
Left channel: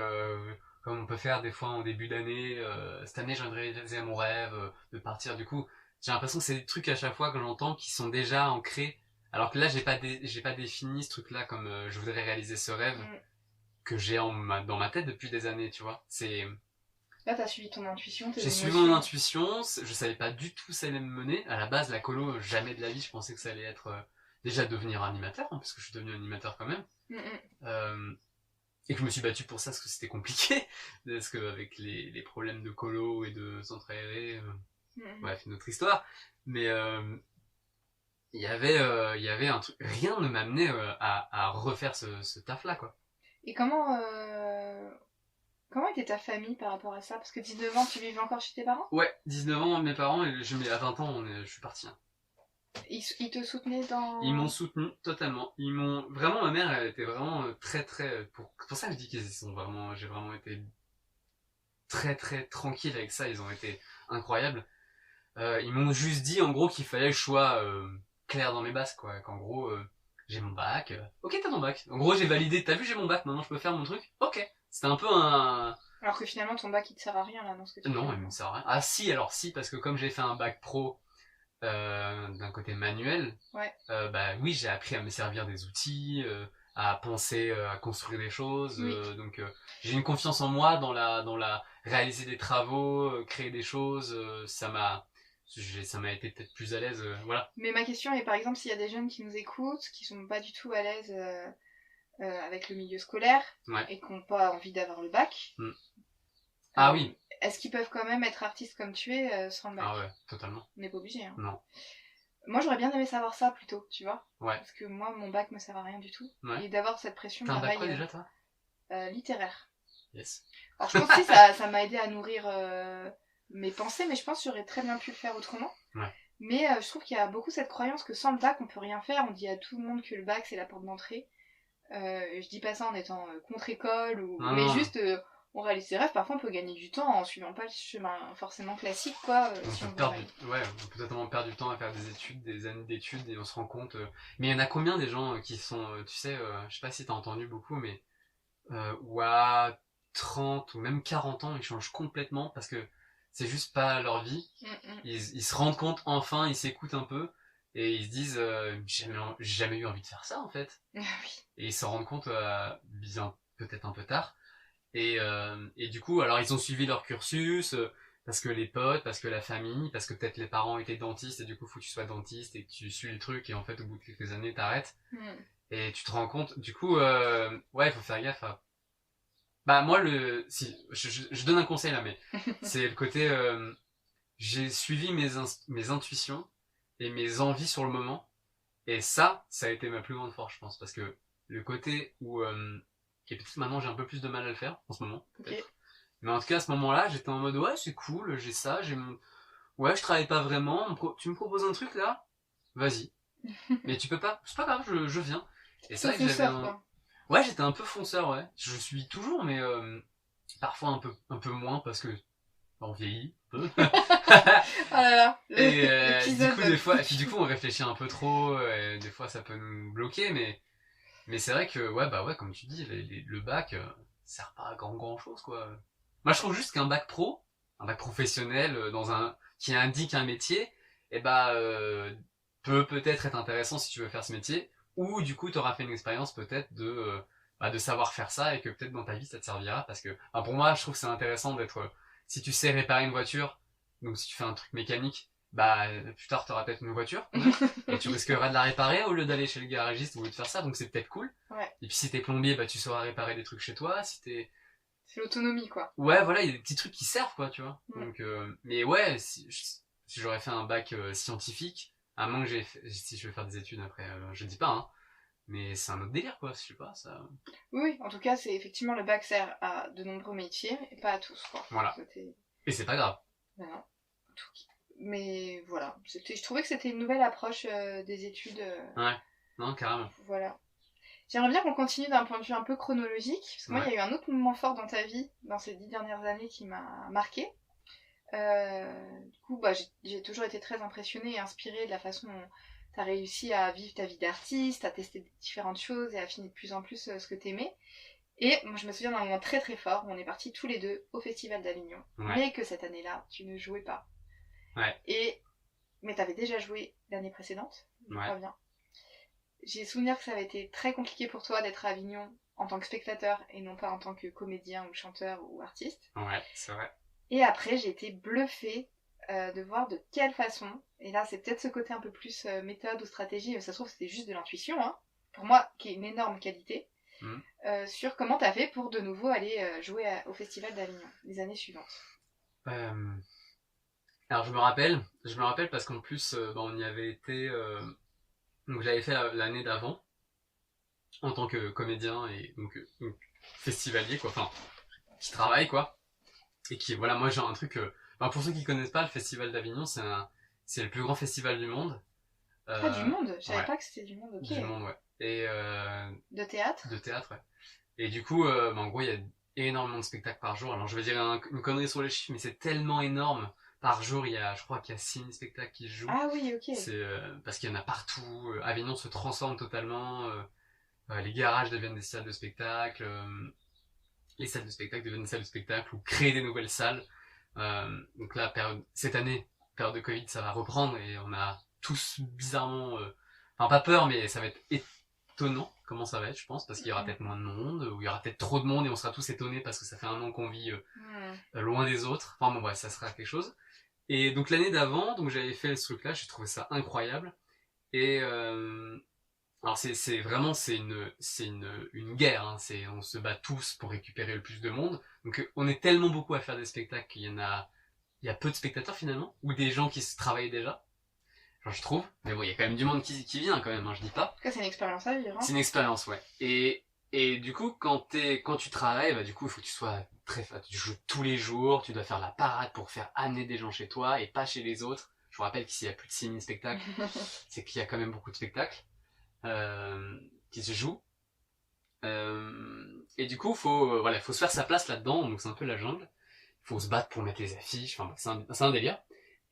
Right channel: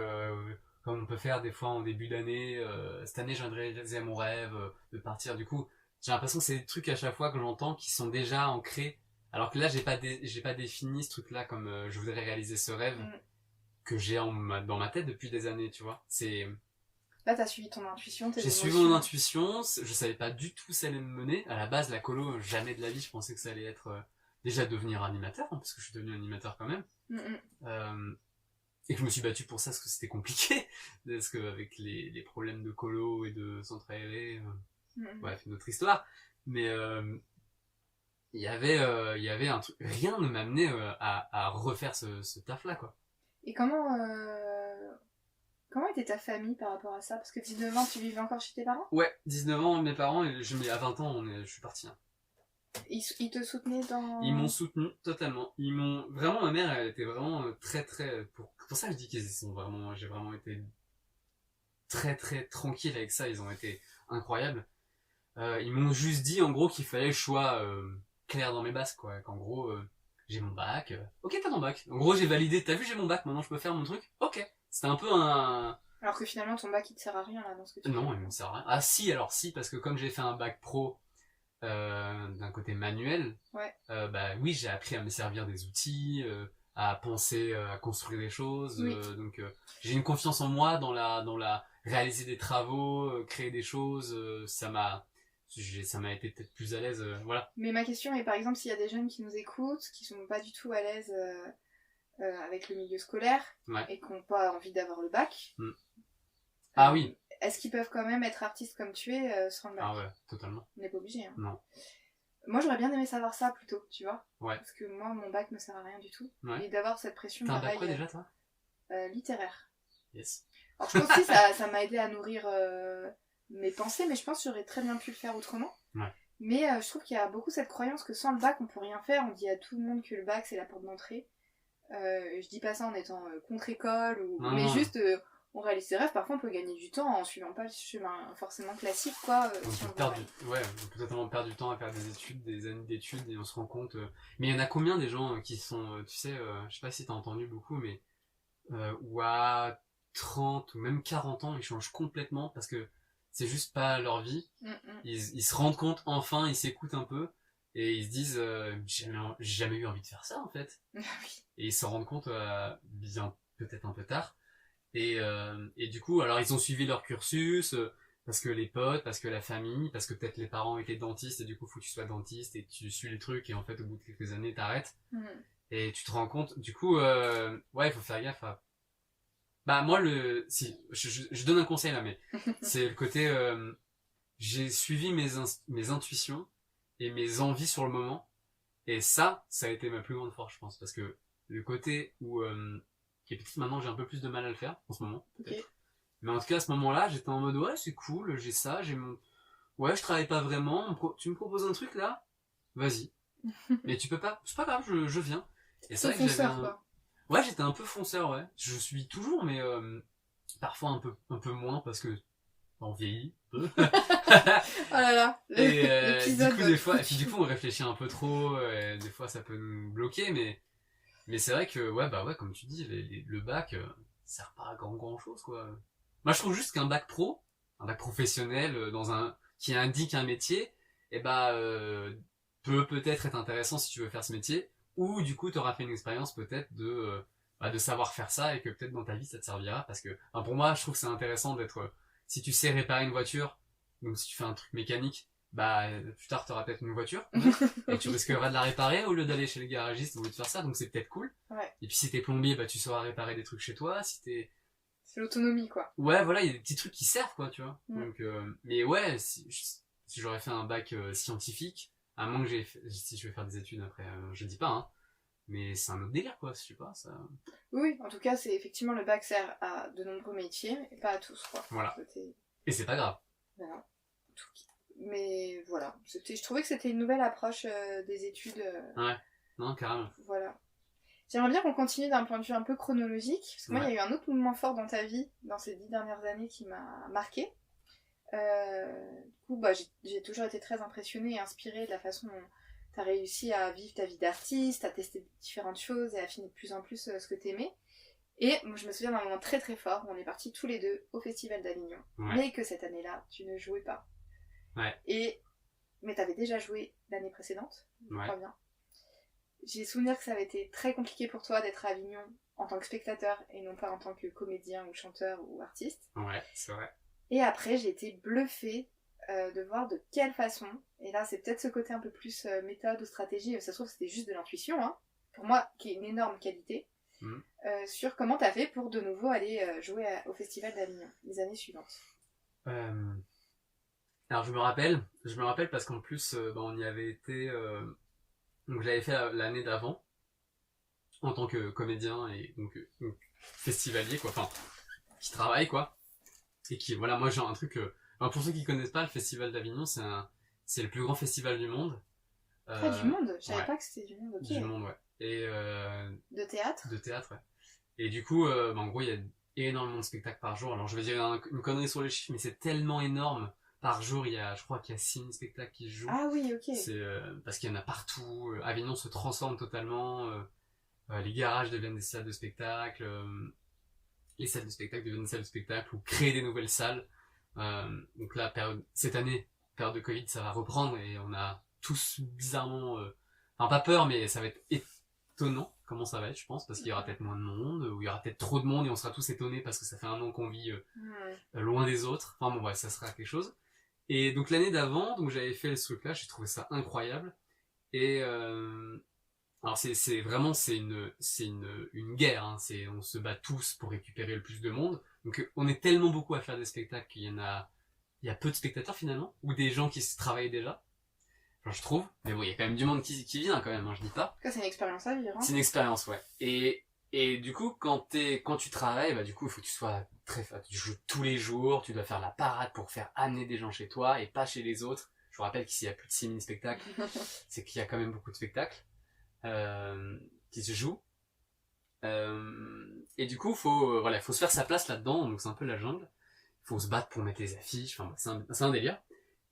comme on peut faire des fois en début d'année. Cette année, j'aimerais réaliser mon rêve de partir. Du coup, j'ai l'impression que c'est des trucs à chaque fois que j'entends qui sont déjà ancrés. Alors que là, j'ai pas défini ce truc-là comme je voudrais réaliser ce rêve que j'ai dans ma tête depuis des années, tu vois. Là, t'as suivi ton intuition, J'ai suivi mon intuition, je savais pas du tout où ça allait me mener. À la base, la colo, jamais de la vie, je pensais que ça allait être déjà devenir animateur, hein, parce que je suis devenu animateur quand même. Et que je me suis battu pour ça parce que c'était compliqué. Parce que avec les problèmes de colo et de centre aéré, bref, une autre histoire. Mais il y avait un truc, rien ne m'amenait à refaire ce taf-là, quoi. Et comment était ta famille par rapport à ça? Parce que 19 ans, tu vivais encore chez tes parents? Ouais, 19 ans, mes parents, et à 20 ans, je suis parti. Hein. Ils te soutenaient dans... Ils m'ont soutenu totalement. Vraiment, ma mère, elle était vraiment très très... Pour ça, je dis qu'ils sont vraiment... J'ai vraiment été très très tranquille avec ça. Ils ont été incroyables. Ils m'ont juste dit, en gros, qu'il fallait que je sois clair dans mes bases, quoi. Qu'en gros, j'ai mon bac. Ok, t'as ton bac. En gros, j'ai validé. T'as vu, j'ai mon bac. Maintenant, je peux faire mon truc. Ok. C'était un peu un... Alors que finalement, ton bac, il te sert à rien, là, dans ce que tu Non, il me sert à rien. Ah si, alors si, parce que comme j'ai fait un bac pro d'un côté manuel, oui, j'ai appris à me servir des outils, à penser, à construire des choses. Donc j'ai une confiance en moi dans la réaliser des travaux, créer des choses. Ça m'a été peut-être plus à l'aise. Voilà. Mais ma question est, par exemple, s'il y a des jeunes qui nous écoutent, qui sont pas du tout à l'aise... avec le milieu scolaire et qui n'ont pas envie d'avoir le bac. Ah oui. Est-ce qu'ils peuvent quand même être artistes comme tu es sans le bac? Ah ouais, totalement. On n'est pas obligé. Hein. Non. Moi j'aurais bien aimé savoir ça plutôt, tu vois. Ouais. Parce que moi mon bac me sert à rien du tout. Ouais. Et d'avoir cette pression. T'as un bac quoi déjà toi? Littéraire. Yes. Alors je pense que ça m'a aidé à nourrir mes pensées, mais je pense que j'aurais très bien pu le faire autrement. Ouais. Mais je trouve qu'il y a beaucoup cette croyance que sans le bac on peut rien faire. On dit à tout le monde que le bac c'est la porte d'entrée. Je dis pas ça en étant contre-école mais juste on réalise ses rêves. Parfois on peut gagner du temps en suivant pas le chemin forcément classique quoi. On peut totalement perdre du temps à faire des études, des années d'études, et on se rend compte mais il y en a combien des gens qui sont tu sais, je sais pas si t'as entendu beaucoup, mais ou à 30 ou même 40 ans ils changent complètement parce que c'est juste pas leur vie. Ils se rendent compte enfin, ils s'écoutent un peu et ils se disent j'ai jamais eu envie de faire ça en fait. Et ils se rendent compte bien peut-être un peu tard. Et du coup, alors ils ont suivi leur cursus parce que les potes, parce que la famille, parce que peut-être les parents étaient dentistes et du coup faut que tu sois dentiste et que tu suis le truc et en fait au bout de quelques années t'arrêtes. Et tu te rends compte, du coup, ouais, il faut faire gaffe à... Bah moi, si, je donne un conseil là, mais c'est le côté... j'ai suivi mes intuitions et mes envies sur le moment. Et ça a été ma plus grande force, je pense. Parce que le côté où... qui est peut-être maintenant, j'ai un peu plus de mal à le faire, en ce moment, peut-être. Ok. Mais en tout cas, à ce moment-là, j'étais en mode, ouais, c'est cool, j'ai ça, j'ai mon... Ouais, je travaille pas vraiment, tu me proposes un truc là? Vas-y. Mais tu peux pas, c'est pas grave, je viens. Et c'est C'est vrai que j'avais fonceur, un... quoi. Ouais, j'étais un peu fonceur, ouais. Je suis toujours, mais parfois un peu moins parce que on vieillit un peu. Oh là là, Et du coup, des l'épisode. fois, et puis du coup, on réfléchit un peu trop, et des fois, ça peut nous bloquer, mais c'est vrai que, ouais, bah ouais, comme tu dis, le bac, sert pas à grand chose, quoi. Moi, je trouve juste qu'un bac pro, un bac professionnel, qui indique un métier, et bah, peut-être être intéressant si tu veux faire ce métier, ou du coup, tu auras fait une expérience peut-être de savoir faire ça, et que peut-être dans ta vie, ça te servira, parce que, enfin, pour moi, je trouve que c'est intéressant d'être, si tu sais réparer une voiture, donc si tu fais un truc mécanique, bah, plus tard, tu auras peut-être une voiture, quand même, et tu risqueras de la réparer au lieu d'aller chez le garagiste ou de faire ça, donc c'est peut-être cool. Ouais, Et puis si t'es plombier, bah tu sauras réparer des trucs chez toi. Si t'es... c'est l'autonomie, quoi. Ouais, voilà, il y a des petits trucs qui servent, quoi, tu vois. Mm. Donc, mais ouais, si j'aurais fait un bac scientifique, à moins que si je vais faire des études après, je dis pas, hein. Mais c'est un autre délire, quoi, je sais pas, ça... Oui, en tout cas, c'est effectivement le bac sert à de nombreux métiers, et pas à tous, quoi. Voilà. C'était... Et c'est pas grave. Ben non. Mais voilà, je trouvais que c'était une nouvelle approche des études. Ouais, non, carrément. Voilà. J'aimerais bien qu'on continue d'un point de vue un peu chronologique, parce que moi, Ouais. il y a eu un autre moment fort dans ta vie, dans ces 10 dernières années, qui m'a marqué. Du coup, bah, j'ai toujours été très impressionnée et inspirée de la façon dont tu as réussi à vivre ta vie d'artiste, à tester différentes choses et à affiner de plus en plus ce que tu aimais. Et moi, je me souviens d'un moment très très fort où on est partis tous les deux au Festival d'Avignon, Ouais. mais que cette année-là, tu ne jouais pas. Ouais. Mais tu avais déjà joué l'année précédente, je Ouais. crois bien. J'ai souvenir que ça avait été très compliqué pour toi d'être à Avignon en tant que spectateur et non pas en tant que comédien ou chanteur ou artiste. Ouais, c'est vrai. Et après, j'ai été bluffée de voir de quelle façon, et là c'est peut-être ce côté un peu plus méthode ou stratégie, mais ça se trouve c'était juste de l'intuition, hein, pour moi, qui est une énorme qualité, sur comment t'as fait pour de nouveau aller jouer au Festival d'Avignon les années suivantes. Alors je me rappelle parce qu'en plus, bah, on y avait été... donc j'avais fait l'année d'avant, en tant que comédien et donc festivalier, quoi, enfin, qui travaille, quoi. Et qui, voilà, moi j'ai un truc... enfin, pour ceux qui connaissent pas, le Festival d'Avignon, c'est le plus grand festival du monde. Ah, du monde. Je savais ouais. pas que c'était du monde, ok. Du monde, ouais. Et, De théâtre. de théâtre, ouais. Et du coup, bah, en gros, il y a énormément de spectacles par jour. Alors je vais dire une connerie sur les chiffres, mais c'est tellement énorme. Par jour, je crois qu'il y a 6000 spectacles qui se jouent. Ah oui, ok. C'est parce qu'il y en a partout. Avignon se transforme totalement. Les garages deviennent des salles de spectacle. Les salles de spectacle deviennent des salles de spectacle ou créent des nouvelles salles. Donc là, cette année, période de Covid, ça va reprendre et on a tous bizarrement, enfin pas peur, mais ça va être étonnant comment ça va être, je pense, parce qu'il y aura peut-être moins de monde, ou il y aura peut-être trop de monde et on sera tous étonnés parce que ça fait un an qu'on vit loin des autres. Enfin bon, bref, ça sera quelque chose. Et donc l'année d'avant, donc j'avais fait ce truc-là, j'ai trouvé ça incroyable. Et alors c'est vraiment une guerre, hein. On se bat tous pour récupérer le plus de monde. Donc on est tellement beaucoup à faire des spectacles qu'il y a peu de spectateurs finalement, ou des gens qui se travaillent déjà. Genre, je trouve. Mais bon, il y a quand même du monde qui vient quand même, hein, je dis pas. En tout cas, c'est une expérience à vivre. Hein. C'est une expérience, ouais. Et du coup, quand tu travailles, bah du coup, il faut que tu sois tu joues tous les jours, tu dois faire la parade pour faire amener des gens chez toi et pas chez les autres. Je vous rappelle qu'ici, il y a plus de 6000 spectacles. C'est qu'il y a quand même beaucoup de spectacles qui se jouent. Et du coup, faut se faire sa place là-dedans, donc c'est un peu la jungle. Il faut se battre pour mettre les affiches, enfin, c'est un délire.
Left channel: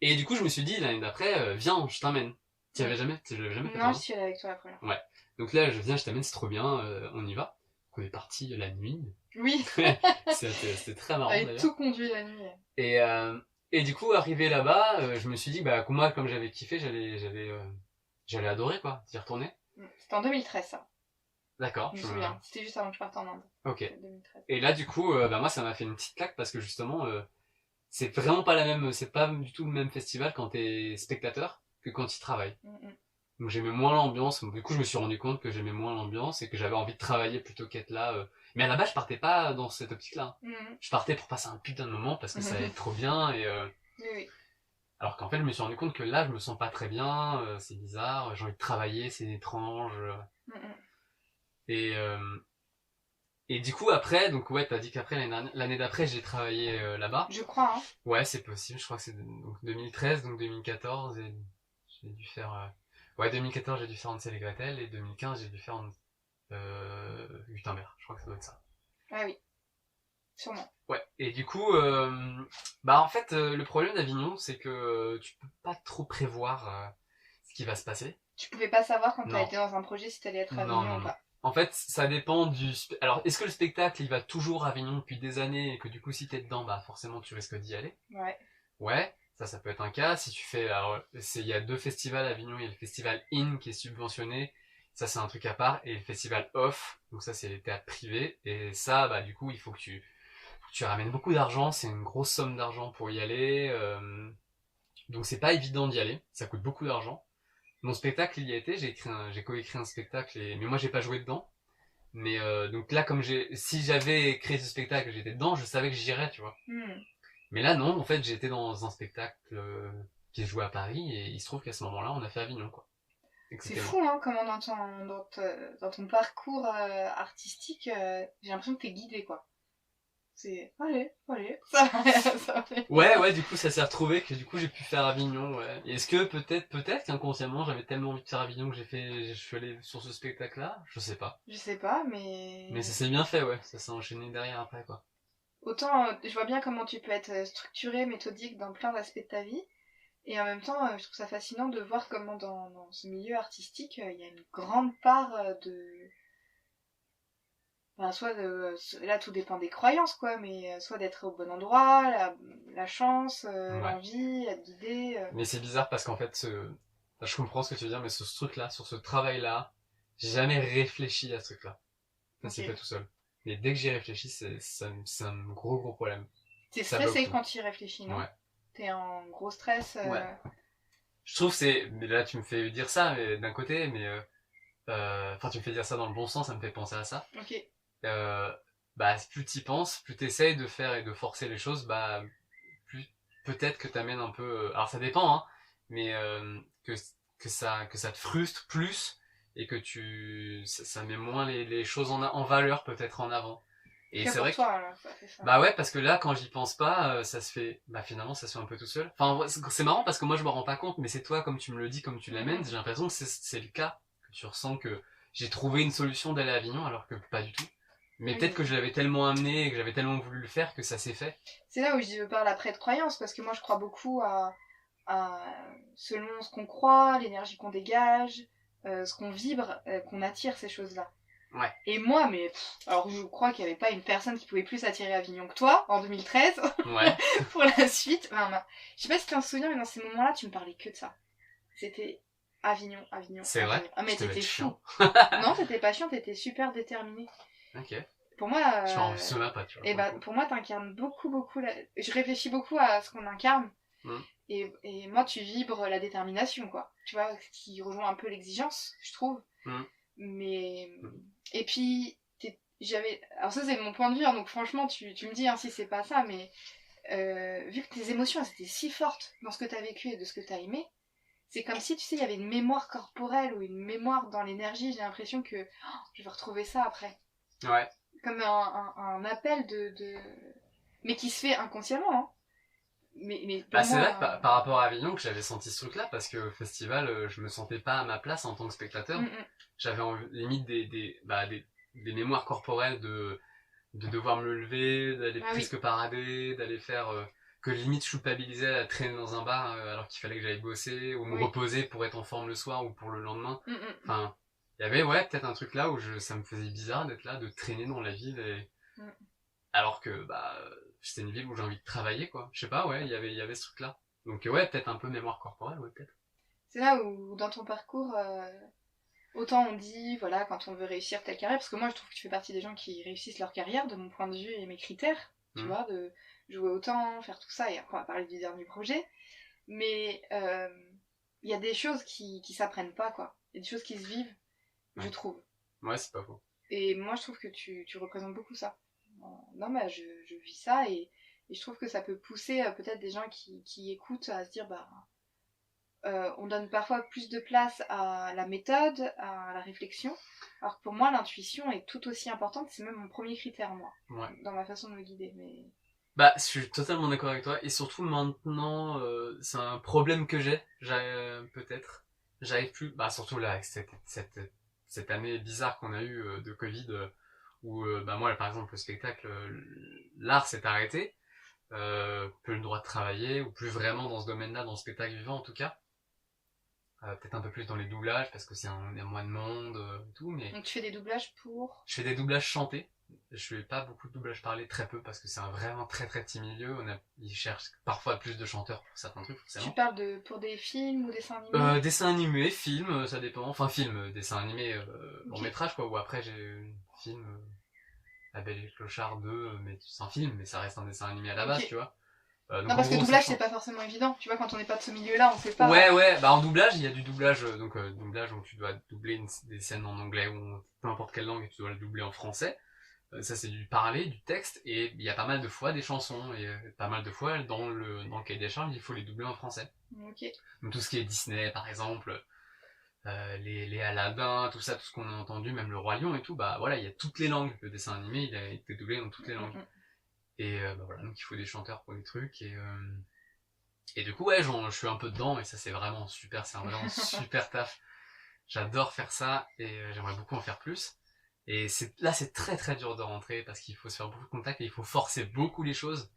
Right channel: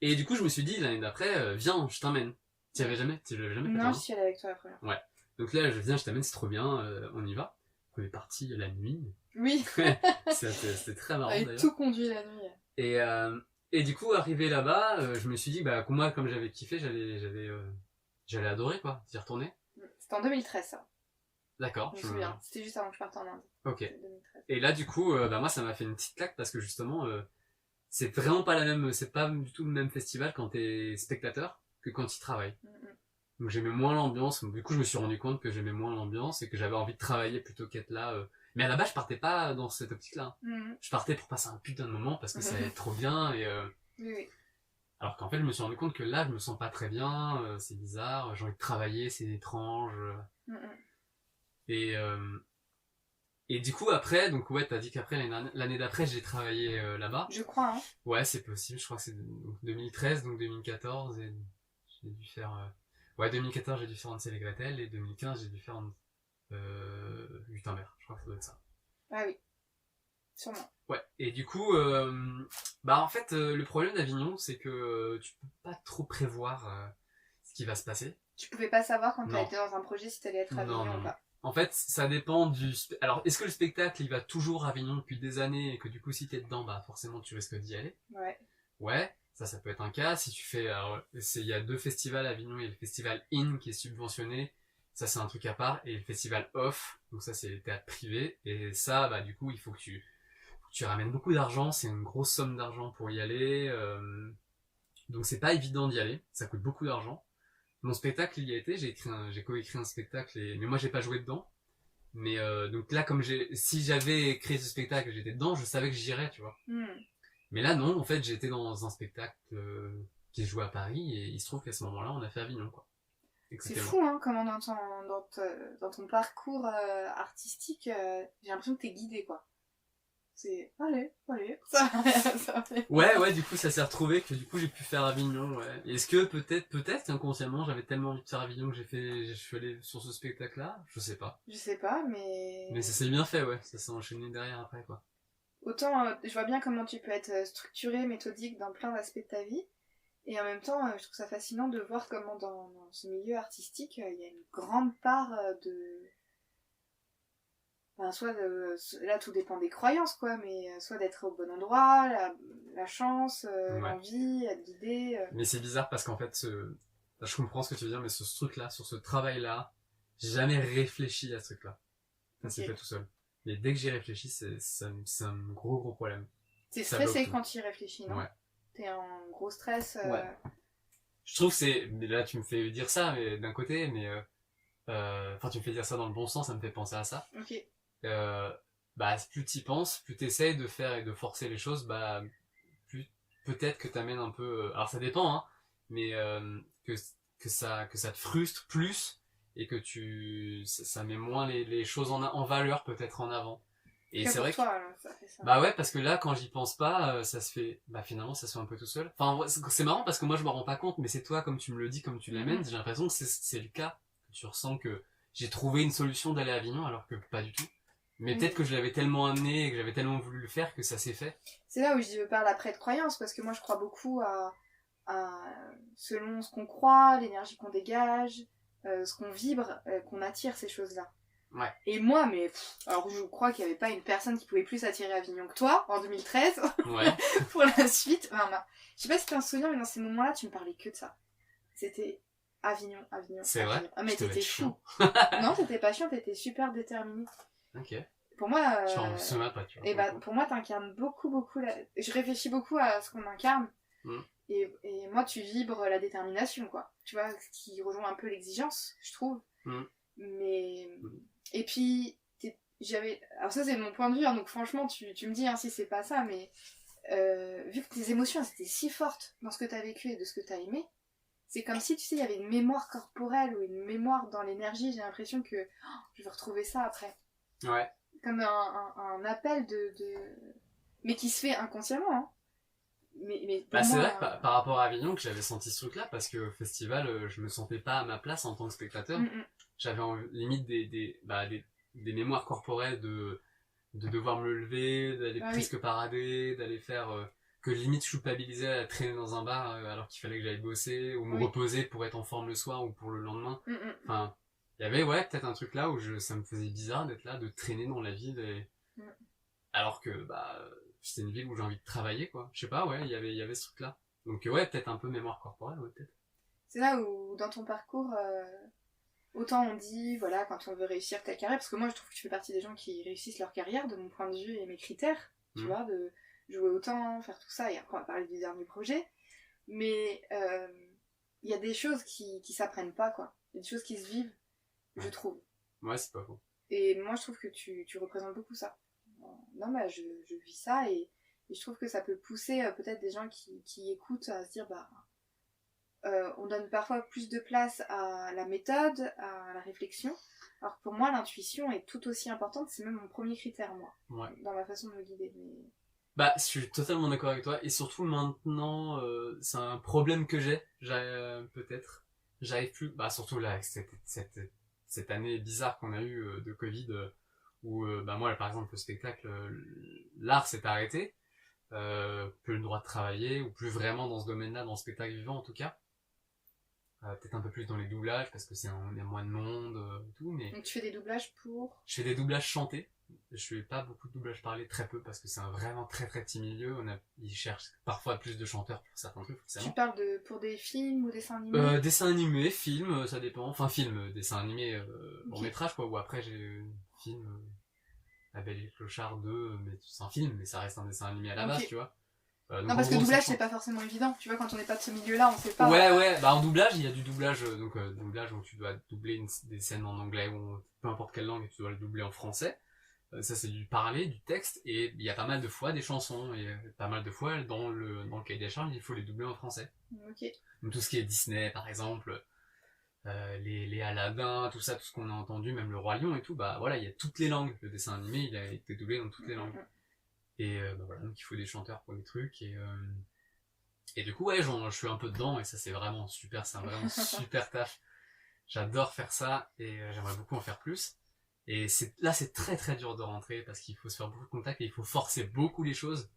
Et du coup, je me suis dit, l'année d'après, viens, je t'emmène. Tu l'avais jamais fait? Non, je suis allée avec toi la première fois. Ouais. Donc là, je t'amène, c'est trop bien, on y va. On est parti la nuit. Oui. C'était très marrant On avait d'ailleurs. tout conduit la nuit. Et du coup, arrivé là-bas, je me suis dit, bah, moi, comme j'avais kiffé, j'allais adorer, quoi, d'y retourner. C'était en 2013, ça. D'accord. Je me souviens. C'était juste avant que je parte en Inde. Ok. 2013. Et là, du coup, bah, moi, ça m'a fait une petite claque parce que justement, c'est vraiment pas c'est pas du tout le même festival quand t'es spectateur que quand tu travailles. Donc j'aimais moins l'ambiance. Du coup, je me suis rendu compte que j'aimais moins l'ambiance et que j'avais envie de travailler plutôt qu'être là. Mais à la base, je partais pas dans cette optique-là. Je partais pour passer un putain de moment parce que ça allait trop bien. Oui. Alors qu'en fait, je me suis rendu compte que là, je me sens pas très bien. C'est bizarre. J'ai envie de travailler, c'est étrange. Et, euh, et du coup, après, donc ouais, t'as dit qu'après, l'année d'après, j'ai travaillé là-bas. Je crois, hein. Ouais, c'est possible. Je crois que c'est donc 2013, donc 2014. Et j'ai dû faire. Ouais, 2014, j'ai dû faire Hansel et Gretel. Et 2015, j'ai dû faire Gutenberg. Je crois que ça doit être ça. Ah oui, sûrement. Ouais, et du coup, en fait, le problème d'Avignon, c'est que tu peux pas trop prévoir ce qui va se passer. Tu pouvais pas savoir quand Non. t'as été dans un projet si t'allais être à Non, Avignon non, ou non. pas. En fait, ça dépend du... Alors, est-ce que le spectacle, il va toujours à Avignon depuis des années et que du coup, si t'es dedans, bah forcément, tu risques d'y aller. Ouais. Ouais, ça peut être un cas. Si tu fais... Alors, il y a 2 festivals à Avignon. Il y a le festival IN qui est subventionné. Ça, c'est un truc à part. Et le festival OFF. Donc ça, c'est les théâtres privés. Et ça, bah du coup, il faut que tu ramènes beaucoup d'argent. C'est une grosse somme d'argent pour y aller. Donc c'est pas évident d'y aller. Ça coûte beaucoup d'argent. Mon spectacle, il y a été. J'ai coécrit un spectacle. Mais moi, j'ai pas joué dedans. Mais donc là, si j'avais créé ce spectacle, j'étais dedans, je savais que j'irais, tu vois. Mais là, non, en fait, j'étais dans un spectacle qui se jouait à Paris et il se trouve qu'à ce moment-là, on a fait Avignon, quoi. C'est fou, hein, comment dans ton parcours artistique, j'ai l'impression que t'es guidé, quoi. C'est allez, ça va. Ouais, du coup, ça s'est retrouvé que du coup, j'ai pu faire Avignon, ouais. Est-ce que peut-être qu'inconsciemment, j'avais tellement envie de faire Avignon que je suis allé sur ce spectacle-là? Je sais pas. Je sais pas, mais... Mais ça s'est bien fait, ouais. Ça s'est enchaîné derrière après, quoi. Autant, je vois bien comment tu peux être structuré, méthodique dans plein d'aspects de ta vie, et en même temps, je trouve ça fascinant de voir comment dans ce milieu artistique, il y a une grande part de... Ben, là, tout dépend des croyances, quoi, mais soit d'être au bon endroit, la chance, Ouais. l'envie, être guidé. Mais c'est bizarre parce qu'en fait, je comprends ce que tu veux dire, mais ce truc-là, sur ce travail-là, j'ai jamais réfléchi à ce truc-là. Ça s'est Ok. fait tout seul. Mais dès que j'y réfléchis, c'est un gros problème. T'es Ça stressé bloque tout. quand tu y réfléchis, non? Ouais. T'es en gros stress. Ouais. Je trouve mais là tu me fais dire ça, mais d'un côté, enfin tu me fais dire ça dans le bon sens, ça me fait penser à ça. Ok. Plus t'y penses, plus t'essayes de faire et de forcer les choses, plus peut-être que t'amènes un peu. Alors ça dépend, hein, mais que ça te frustre plus et que ça met moins les choses en valeur peut-être en avant. Et c'est vrai que toi, alors, ça fait ça. bah ouais, parce que là, quand j'y pense pas, ça se fait, finalement, ça se fait un peu tout seul. Enfin, en vrai, c'est marrant parce que moi, je me rends pas compte, mais c'est toi, comme tu me le dis, comme tu l'amènes, j'ai l'impression que c'est le cas, que tu ressens que j'ai trouvé une solution d'aller à Avignon, alors que pas du tout. Mais peut-être que je l'avais tellement amené et que j'avais tellement voulu le faire que ça s'est fait. C'est là où je parle après de croyance, parce que moi, je crois beaucoup à selon ce qu'on croit, l'énergie qu'on dégage, ce qu'on vibre, qu'on attire ces choses-là. Ouais. Et moi, alors je crois qu'il n'y avait pas une personne qui pouvait plus attirer Avignon que toi, en 2013, Ouais. pour la suite. Je sais pas si tu t'en souviens, mais dans ces moments-là, tu me parlais que de ça. C'était Avignon. C'est Avignon. vrai. Ah, mais t'étais fou. Non, t'étais pas chiant, t'étais super déterminé. Ok. Pour moi... Je m'en souviens pas, tu vois. Pour moi, t'incarnes beaucoup... Je réfléchis beaucoup à ce qu'on incarne. Et moi, tu vibres la détermination, quoi. Tu vois, ce qui rejoint un peu l'exigence, je trouve. Mais... Et puis, alors ça, c'est mon point de vue, hein, donc franchement, tu me dis hein, si c'est pas ça, mais vu que tes émotions, elles étaient si fortes dans ce que t'as vécu et de ce que t'as aimé, c'est comme si, tu sais, il y avait une mémoire corporelle ou une mémoire dans l'énergie. J'ai l'impression que je vais retrouver ça après. Ouais. Comme un appel mais qui se fait inconsciemment, hein. Mais c'est vrai que par rapport à Avignon que j'avais senti ce truc là parce que au festival je me sentais pas à ma place en tant que spectateur. J'avais limite des mémoires corporelles de devoir me lever, d'aller presque parader, d'aller faire que limite je culpabilisais à traîner dans un bar alors qu'il fallait que j'aille bosser ou me reposer pour être en forme le soir ou pour le lendemain. Enfin, il y avait peut-être un truc là où ça me faisait bizarre d'être là, de traîner dans la ville alors que c'était une ville où j'ai envie de travailler, quoi. Je sais pas, il y avait ce truc-là. Donc peut-être un peu mémoire corporelle, peut-être. C'est là où, dans ton parcours, autant on dit, voilà, quand on veut réussir ta carrière, parce que moi je trouve que tu fais partie des gens qui réussissent leur carrière, de mon point de vue et mes critères, tu vois, de jouer autant, faire tout ça, et après on va parler du dernier projet. Mais il y a des choses qui s'apprennent pas, quoi. Il y a des choses qui se vivent, je Ouais. trouve. Ouais, c'est pas faux. Et moi, je trouve que tu représentes beaucoup ça. Non, mais je vis ça et je trouve que ça peut pousser peut-être des gens qui écoutent à se dire, on donne parfois plus de place à la méthode, à la réflexion, alors que pour moi, l'intuition est tout aussi importante, c'est même mon premier critère, moi, Ouais. dans ma façon de me guider. Mais... Bah, je suis totalement d'accord avec toi. Et surtout maintenant, c'est un problème que j'ai. Peut-être. J'arrive plus. Bah, surtout là, avec cette année bizarre qu'on a eue de Covid, où bah, moi, par exemple, le spectacle, l'art s'est arrêté. Plus le droit de travailler, ou plus vraiment dans ce domaine-là, dans le spectacle vivant en tout cas. Peut-être un peu plus dans les doublages, parce que il y a moins de monde et tout. Mais Donc tu fais des doublages pour... je fais des doublages chantés. Je fais pas beaucoup de doublages parlés, très peu, parce que c'est un vraiment très très petit milieu. Ils cherchent parfois plus de chanteurs pour certains trucs, Tu forcément. parles pour des films ou dessins animés? Dessins animés, films, ça dépend. Enfin, films, dessins animés, long Ok. métrage, quoi. Ou après, j'ai un film, La Belle et le Clochard 2, mais c'est un film, mais ça reste un dessin animé à la base, Ok. tu vois. Donc, Non, en parce que gros, ça doublage, chante. c'est pas forcément évident. Tu vois, quand on n'est pas de ce milieu-là, on sait pas. Ouais, bah en doublage, il y a du doublage, doublage où tu dois doubler des scènes en anglais ou peu importe quelle langue et tu dois le doubler en français. Ça c'est du parler, du texte, et il y a pas mal de fois des chansons, et pas mal de fois dans le cahier des charges, il faut les doubler en français. Ok. Donc tout ce qui est Disney par exemple, les Aladdin, tout ça, tout ce qu'on a entendu, même le Roi Lion et tout, bah voilà, il y a toutes les langues. Le dessin animé, il a été doublé dans toutes les langues. Et bah voilà, donc il faut des chanteurs pour des trucs, et du coup, ouais, je suis un peu dedans, et ça c'est vraiment super, c'est un vraiment super taf. J'adore faire ça, et j'aimerais beaucoup en faire plus. Et là, c'est très très dur de rentrer, parce qu'il faut se faire beaucoup de contacts, et il faut forcer beaucoup les choses.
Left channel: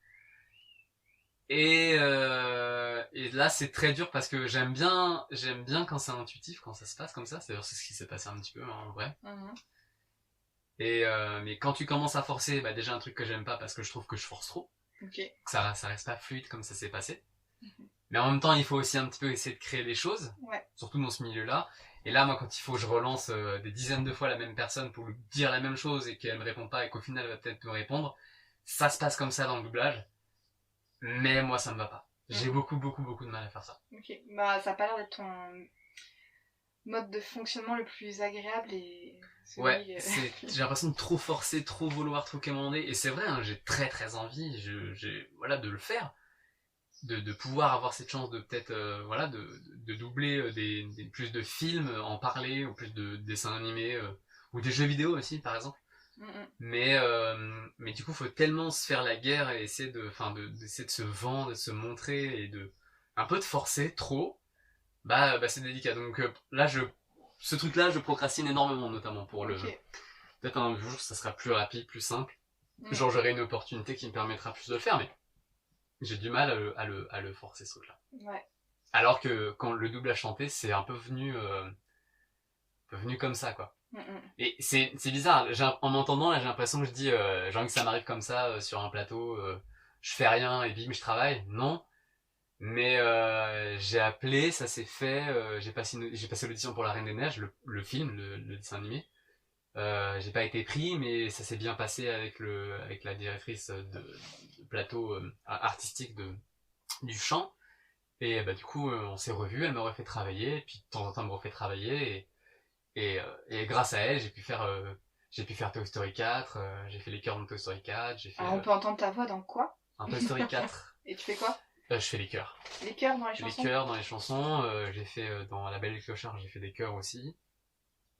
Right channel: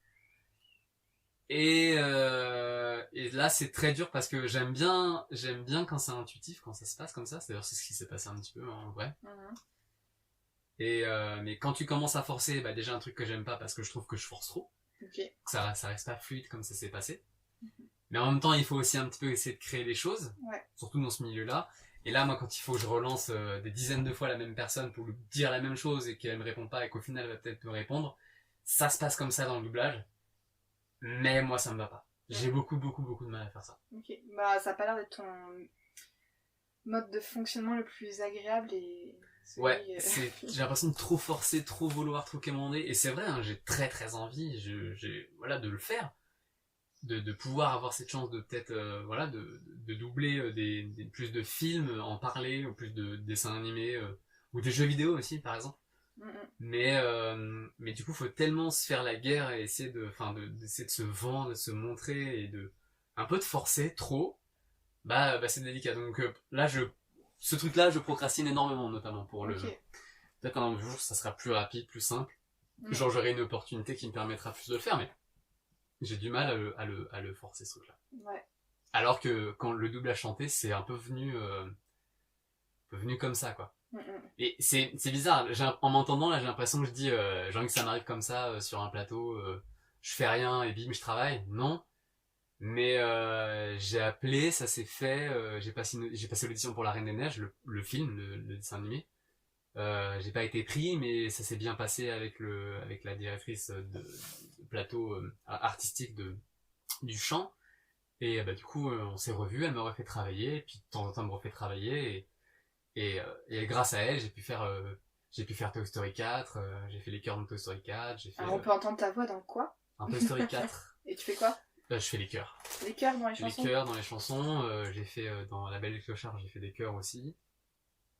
Et là, c'est très dur, parce que j'aime bien quand c'est intuitif, quand ça se passe comme ça. C'est-à-dire, c'est ce qui s'est passé un petit peu, hein, en vrai. Mais quand tu commences à forcer, bah déjà un truc que j'aime pas, parce que je trouve que je force trop. Ok. Ça reste pas fluide comme ça s'est passé. Mais en même temps, il faut aussi un petit peu essayer de créer des choses, Ouais. surtout dans ce milieu-là. Et là, moi, quand il faut que je relance des dizaines de fois la même personne pour lui dire la même chose et qu'elle me répond pas et qu'au final elle va peut-être me répondre, ça se passe comme ça dans le doublage. Mais moi, ça me va pas. J'ai beaucoup de mal à faire ça. Ok. Bah, ça a pas l'air d'être ton mode de fonctionnement le plus agréable et... Ouais, j'ai l'impression de trop forcer, trop vouloir, trop commander. Et c'est vrai, hein, j'ai très très envie voilà, de le faire. De pouvoir avoir cette chance de peut-être voilà, de doubler plus de films, en parler, ou plus de dessins animés, ou des jeux vidéo aussi par exemple. Mais du coup, faut tellement se faire la guerre et essayer d'essayer de se vendre, de se montrer, et un peu de forcer trop. Bah c'est délicat. Donc là, ce truc-là, je procrastine énormément, notamment pour Ok. peut-être un jour, ça sera plus rapide, plus simple. Genre, j'aurai une opportunité qui me permettra plus de le faire, mais j'ai du mal à le forcer, ce truc-là. Ouais. Alors que quand le doublage chanté, c'est un peu venu comme ça, quoi. Et c'est bizarre, en m'entendant là, j'ai l'impression que je dis j'ai envie que ça m'arrive comme ça sur un plateau, je fais rien et bim, je travaille. Non, mais j'ai appelé, ça s'est fait, j'ai passé l'audition pour La Reine des Neiges, le film, le dessin animé. J'ai pas été pris, mais ça s'est bien passé avec la directrice de plateau artistique du chant. Et bah du coup, on s'est revus, elle m'a refait travailler, et puis de temps en temps, elle me refait travailler, et grâce à elle, j'ai pu faire Toy Story 4, j'ai fait les chœurs de Toy Story 4, j'ai fait Alors on peut entendre ta voix dans quoi? un Toy Story 4. Et tu fais quoi? Je fais les chœurs. Les chœurs dans les chansons? Les chœurs dans les chansons, j'ai fait dans La Belle et le Clochard, j'ai fait des chœurs aussi.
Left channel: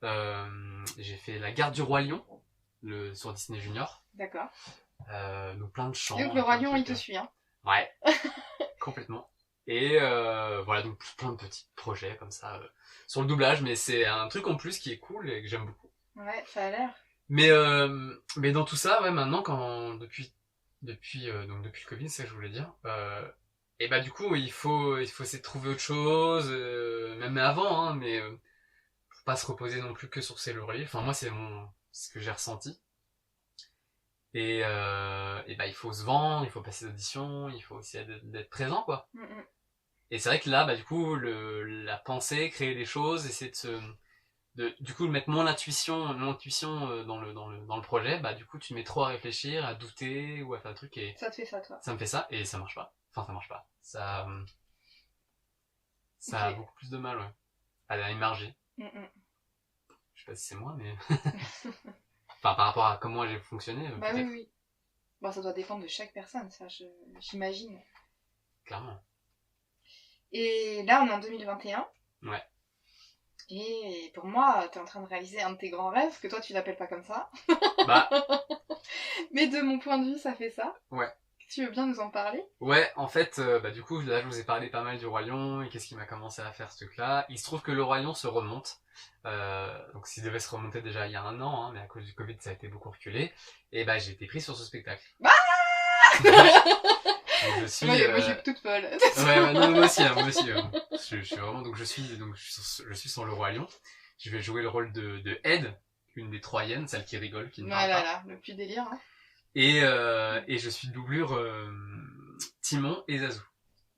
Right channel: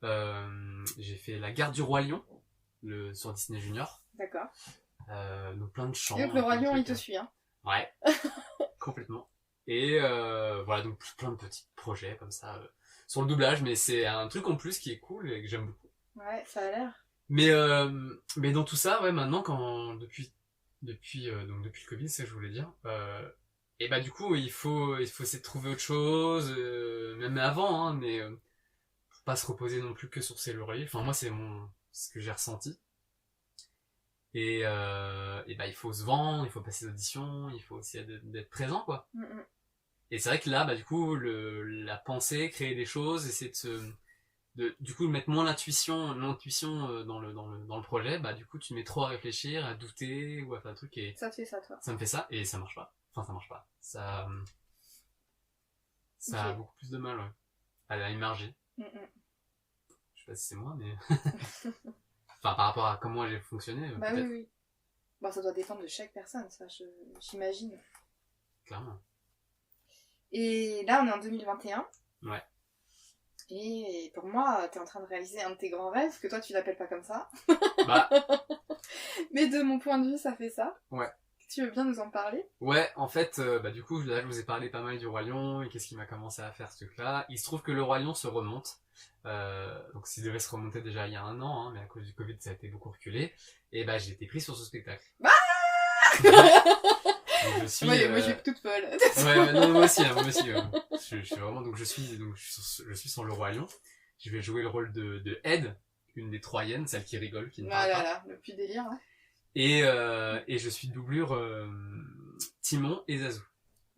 J'ai fait La Garde du Roi Lion, sur Disney Junior. D'accord. Donc plein de chants. Donc le Roi Lion, il te suit, hein? Ouais, complètement. Et voilà, donc plein de petits projets comme ça sur le doublage, mais c'est un truc en plus qui est cool et que j'aime beaucoup. Ouais, ça a l'air. Mais dans tout ça, ouais, maintenant, depuis le Covid, c'est ce que je voulais dire. Et bah du coup, il faut essayer de trouver autre chose, même avant, hein, mais pour pas se reposer non plus que sur ses lauriers. Enfin, moi, c'est ce que j'ai ressenti. Et bah il faut se vendre, il faut passer d'auditions, il faut aussi d'être présent, quoi. Et c'est vrai que là, bah du coup, la pensée, créer des choses, essayer du coup mettre moins l'intuition dans le projet, bah du coup tu te mets trop à réfléchir, à douter ou à faire un truc, et ça te fait ça, toi? ça me fait ça, et ça marche pas. Enfin, ça marche pas. Ça Ça a Ok. beaucoup plus de mal, ouais. À émerger. Mm, mm. Je sais pas si c'est moi, mais... Enfin, par rapport à comment j'ai fonctionné, Bah peut-être, oui, oui. Bon, ça doit dépendre de chaque personne, ça, j'imagine. clairement. Et là, on est en 2021. Ouais. Et pour moi, t'es en train de réaliser un de tes grands rêves, que toi, tu l'appelles pas comme ça. Bah, Mais de mon point de vue, ça fait ça. ouais. Tu veux bien nous en parler? Ouais, en fait, bah du coup, là, je vous ai parlé pas mal du Roi Lion, et qu'est-ce qui m'a commencé à faire ce truc-là. Il se trouve que le Roi Lion se remonte. Donc, s'il devait se remonter déjà il y a un an, hein, mais à cause du Covid, ça a été beaucoup reculé. Et bah, j'ai été pris sur ce spectacle. Bah Ouais. Donc, je suis... Ouais, moi, je suis toute folle. Ouais, non, moi aussi, hein, moi aussi. Je suis vraiment... Donc, je suis sur le Roi Lion. Je vais jouer le rôle de Ed, une des Troyennes, celle qui rigole, qui ne parle Voilà, pas. là, le plus délire. Hein. Et je suis doublure Timon et Zazu.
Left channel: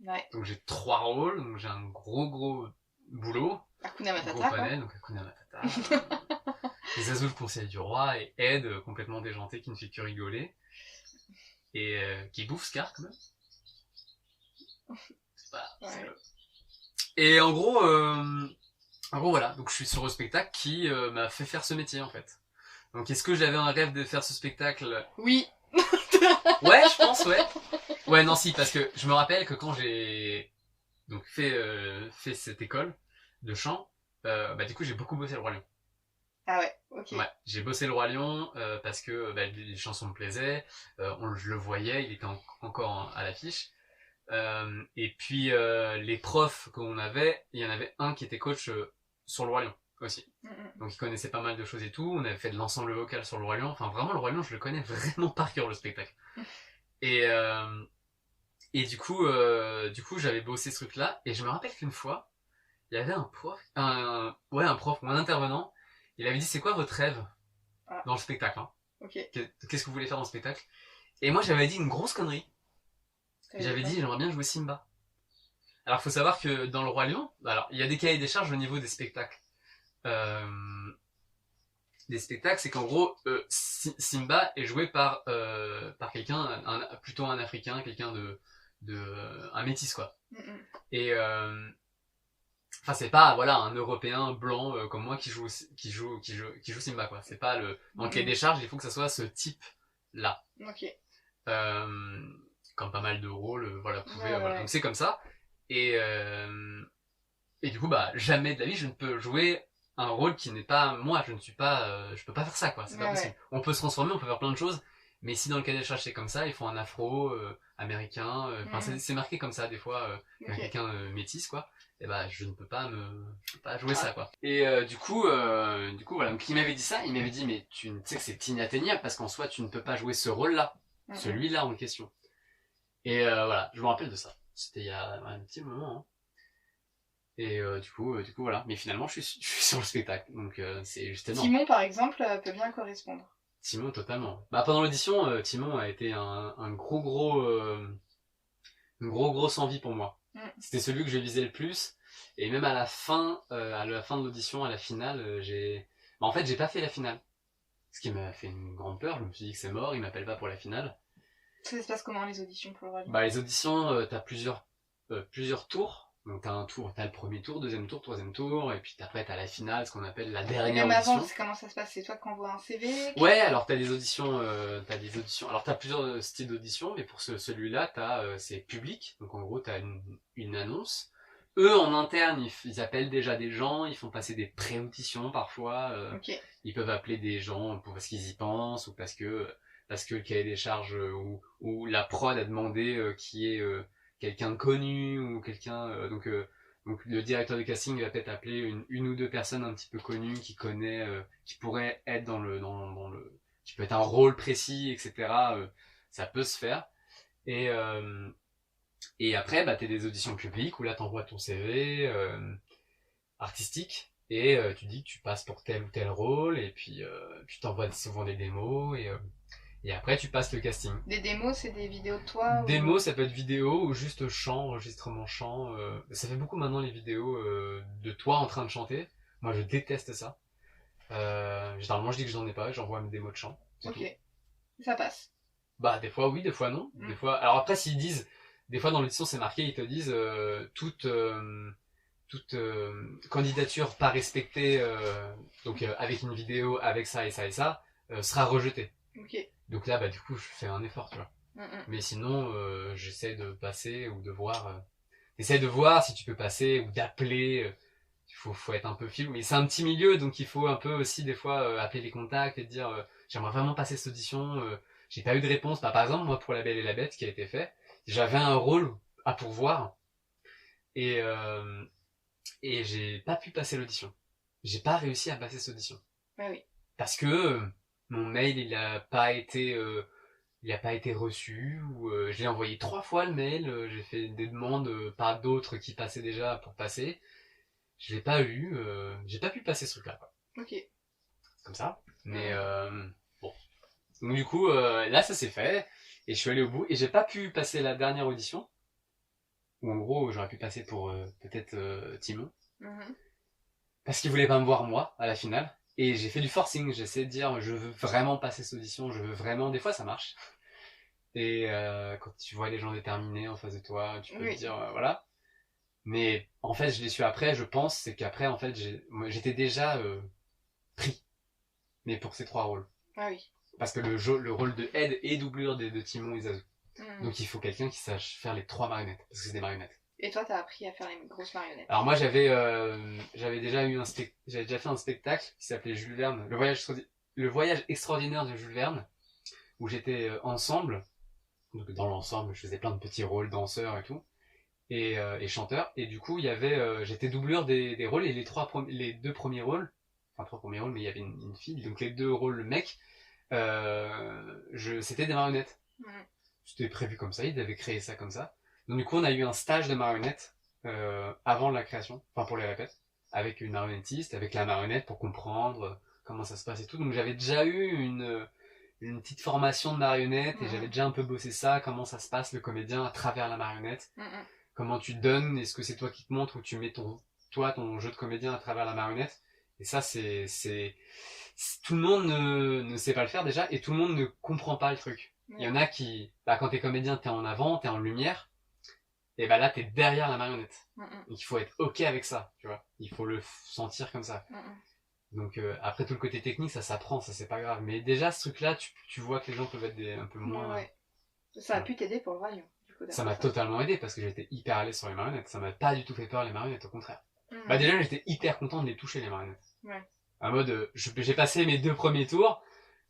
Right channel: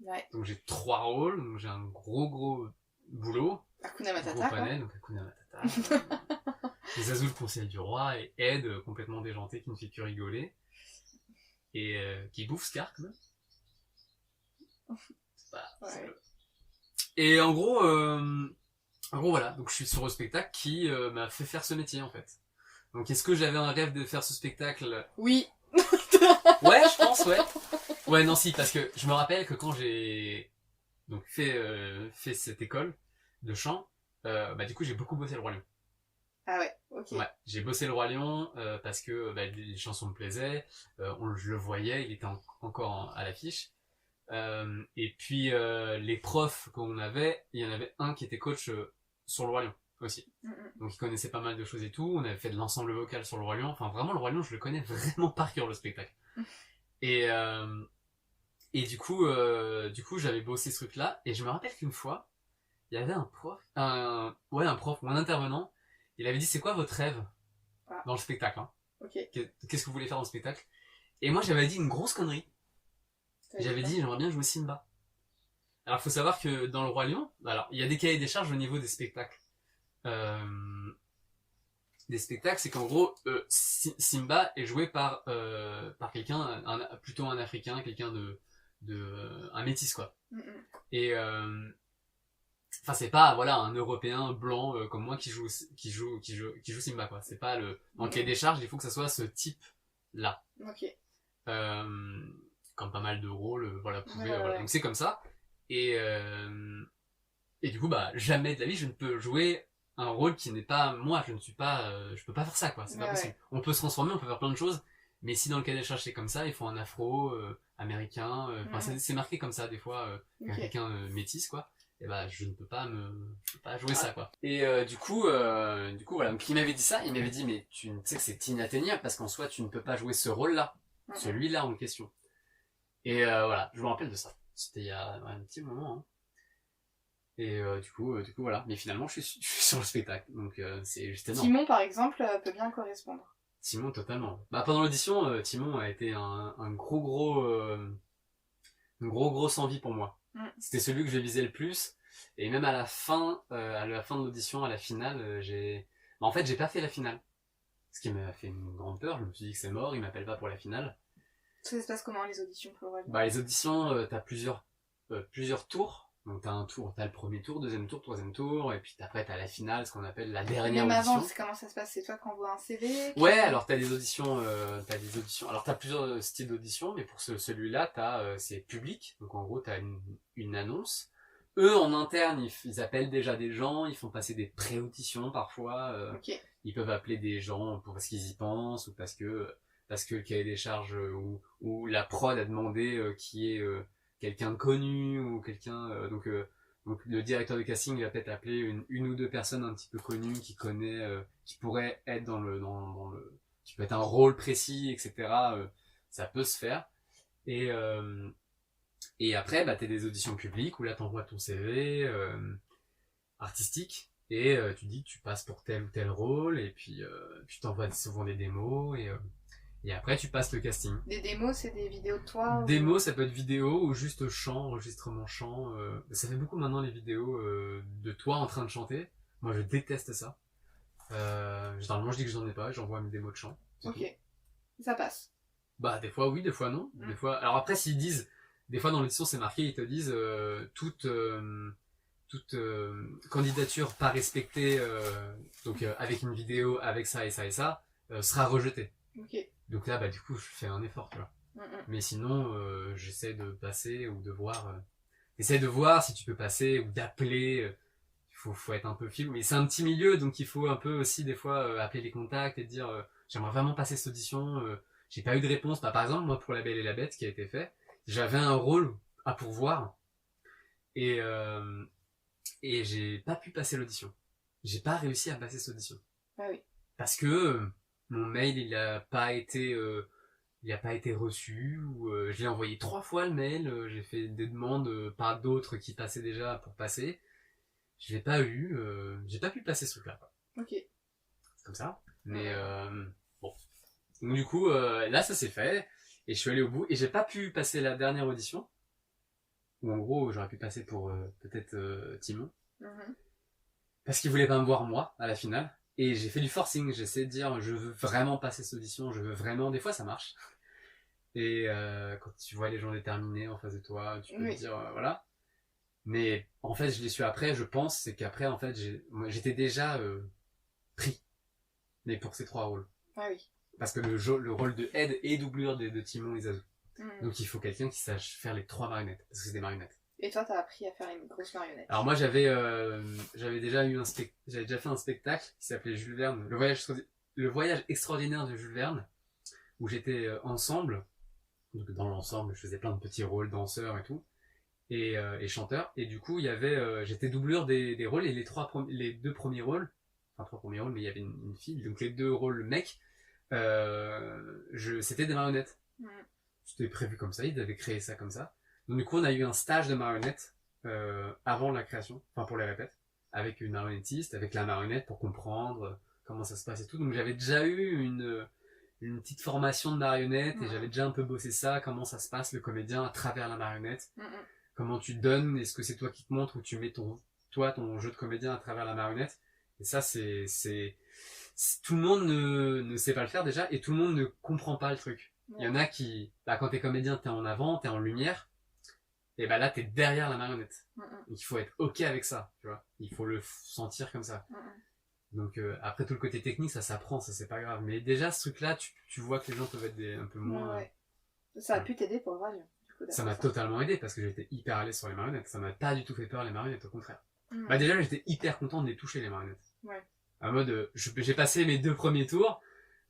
Ouais. Donc j'ai 3 rôles, donc j'ai un gros boulot, Hakuna gros Matata. panel, Quoi. donc Hakuna Matata. Et Zazu le conseiller du roi, et Ed complètement déjanté qui ne fait que rigoler. Et qui bouffe Scar quand même. C'est pas... c'est Ouais. Et en gros voilà, donc je suis sur le spectacle qui m'a fait faire ce métier en fait. Donc est-ce que j'avais un rêve de faire ce spectacle? Oui. Ouais, je pense, ouais. Ouais, non, si, parce que je me rappelle que quand j'ai donc fait cette école de chant, bah du coup j'ai beaucoup bossé le Roi Lion. Ah ouais, ok. Ouais, j'ai bossé le Roi Lion parce que bah, les chansons me plaisaient, je le voyais, il était encore à l'affiche. Et puis les profs qu'on avait, il y en avait un qui était coach sur le Roi Lion aussi. Mm, mm. Donc il connaissait pas mal de choses et tout. On avait fait de l'ensemble vocal sur le Roi Lion. Enfin vraiment le Roi Lion, je le connais vraiment par cœur le spectacle. Et du coup j'avais bossé ce truc-là. Et je me rappelle qu'une fois, il y avait un prof ou un intervenant. Il avait dit c'est quoi votre rêve Ah. dans le spectacle hein Ok. Qu'est-ce que vous voulez faire dans le spectacle? Et moi j'avais dit une grosse connerie. J'avais dit j'aimerais bien jouer Simba. Alors faut savoir que dans le Roi Lion, alors il y a des cahiers des charges au niveau des spectacles. Des spectacles, c'est qu'en gros Simba est joué par quelqu'un, plutôt un Africain, quelqu'un un métis quoi. Mm, mm. Et enfin c'est pas voilà un Européen blanc comme moi qui joue Simba quoi. C'est pas le dans le cahier des charges, il faut que ça soit ce type là. Ok. Comme pas mal de rôles, voilà, Ouais. voilà. Donc c'est comme ça. Et du coup, bah, jamais de la vie, je ne peux jouer un rôle qui n'est pas moi. Je ne suis pas, je peux pas faire ça, quoi. C'est pas Ouais, possible. On peut se transformer, on peut faire plein de choses. Mais si dans le cas des charges c'est comme ça, il faut un afro, américain. Enfin, c'est marqué comme ça des fois, Ok. quelqu'un métis, quoi. Et bah, je ne peux pas jouer ça, quoi. Et du coup, voilà. Donc il m'avait dit ça. Il m'avait dit, mais tu sais que c'est inatteignable parce qu'en soi, tu ne peux pas jouer ce rôle-là, Mm, mm. celui-là en question. Et voilà, je me rappelle de ça. C'était il y a un petit moment. Hein. Et du coup, voilà. Mais finalement, je suis sur le spectacle. Donc c'est juste énorme. Timon, par exemple, peut bien correspondre. Timon, totalement. Bah, pendant l'audition, Timon a été une grosse envie pour moi. Mm. C'était celui que je visais le plus. Et même à la fin de l'audition, à la finale, bah, en fait, j'ai pas fait la finale. Ce qui m'a fait une grande peur. Je me suis dit que c'est mort, il m'appelle pas pour la finale. Ça se passe comment les auditions pour le Roi Lion? Bah, les auditions, t'as plusieurs tours. Donc t'as t'as le premier tour, deuxième tour, troisième tour, et puis après t'as la finale, ce qu'on appelle la dernière Même audition. avant, comment ça se passe? C'est toi qui envoies un CV? Ouais, alors t'as des auditions, alors t'as plusieurs styles d'auditions, mais pour celui-là, c'est public, donc en gros t'as une annonce. Eux en interne, ils appellent déjà des gens, ils font passer des pré-auditions parfois. Ok. Ils peuvent appeler des gens parce qu'ils y pensent ou parce que le cahier des charges ou la prod a demandé qui est quelqu'un de connu ou quelqu'un donc le directeur de casting va peut-être appeler une ou deux personnes un petit peu connues qui connaît qui pourrait être dans le qui peut être un rôle précis, etc. Ça peut se faire et après bah t'as des auditions publiques où là t'envoies ton CV artistique et tu dis que tu passes pour tel ou tel rôle et puis tu t'envoies souvent des démos et après tu passes le casting. Des démos, c'est des vidéos de toi? Démos, ça peut être vidéo ou juste chant, enregistrement chant. Ça fait beaucoup maintenant les vidéos de toi en train de chanter. Moi je déteste ça. Généralement je dis que j'en ai pas, j'envoie mes démos de chant. Ok. Tout. Ça passe. Bah des fois oui, des fois non. Des fois... Alors après s'ils disent, des fois dans l'audition c'est marqué, ils te disent toute candidature pas respectée, avec une vidéo, avec ça et ça et ça, sera rejetée. Ok. Donc là, du coup, je fais un effort, tu vois. Mais sinon, j'essaie de passer ou de voir. Essaye de voir si tu peux passer ou d'appeler. Il faut être un peu fil. Mais c'est un petit milieu, donc il faut un peu aussi des fois appeler les contacts et dire j'aimerais vraiment passer cette audition. J'ai pas eu de réponse. Par exemple, moi pour La Belle et la Bête qui a été fait, j'avais un rôle à pourvoir et j'ai pas pu passer l'audition. J'ai pas réussi à passer cette audition. Ah oui. Parce que mon mail il a pas été reçu, ou je l'ai envoyé 3 fois le mail, j'ai fait des demandes par d'autres qui passaient déjà pour passer. Je l'ai pas eu, j'ai pas pu passer ce truc-là, quoi. Ok. C'est comme ça. Mais bon. Donc du coup, là ça s'est fait, et je suis allé au bout, et j'ai pas pu passer la dernière audition, où en gros j'aurais pu passer pour peut-être Timon, parce qu'il voulait pas me voir moi à la finale. Et j'ai fait du forcing, j'ai essayé de dire je veux vraiment passer cette audition, je veux vraiment, des fois ça marche. Et quand tu vois les gens déterminés en face de toi, tu peux te dire voilà. Mais en fait je l'ai su après, je pense, c'est qu'après en fait j'étais déjà pris. Mais pour ces 3 rôles. Ah oui. Parce que le rôle de Ed est doublure de Timon et Zazu. Donc il faut quelqu'un qui sache faire les 3 marionnettes, parce que c'est des marionnettes. Et toi, t'as appris à faire les grosses marionnettes. Alors moi j'avais déjà fait un spectacle qui s'appelait Jules Verne, le voyage extraordinaire de Jules Verne, où j'étais ensemble. Donc dans l'ensemble, je faisais plein de petits rôles, danseurs et tout, et chanteurs. Et du coup, j'étais doublure des rôles, et les 2 premiers rôles, enfin 3 premiers rôles, mais il y avait une fille, donc les 2 rôles mecs, c'était des marionnettes. C'était prévu comme ça, ils avaient créé ça comme ça. Donc du coup, on a eu un stage de marionnettes avant la création, enfin pour les répètes, avec une marionnettiste, avec la marionnette pour comprendre comment ça se passe et tout. Donc j'avais déjà eu une petite formation de marionnette, et j'avais déjà un peu bossé ça, comment ça se passe le comédien à travers la marionnette, comment tu donnes, est-ce que c'est toi qui te montres ou tu mets ton jeu de comédien à travers la marionnette. Et ça tout le monde ne sait pas le faire déjà, et tout le monde ne comprend pas le truc. Il y en a qui, quand t'es comédien, t'es en avant, t'es en lumière, et là t'es derrière la marionnette. Donc il faut être ok avec ça, tu vois. Il faut le sentir comme ça. Donc après tout le côté technique, ça s'apprend, ça c'est pas grave. Mais déjà ce truc-là, tu vois que les gens peuvent être un peu moins... Ça a pu t'aider pour le Roi Lion. Ça m'a totalement aidé, parce que j'étais hyper à l'aise sur les marionnettes. Ça m'a pas du tout fait peur les marionnettes, au contraire. Déjà j'étais hyper content de les toucher les marionnettes. En mode, j'ai passé mes 2 premiers tours,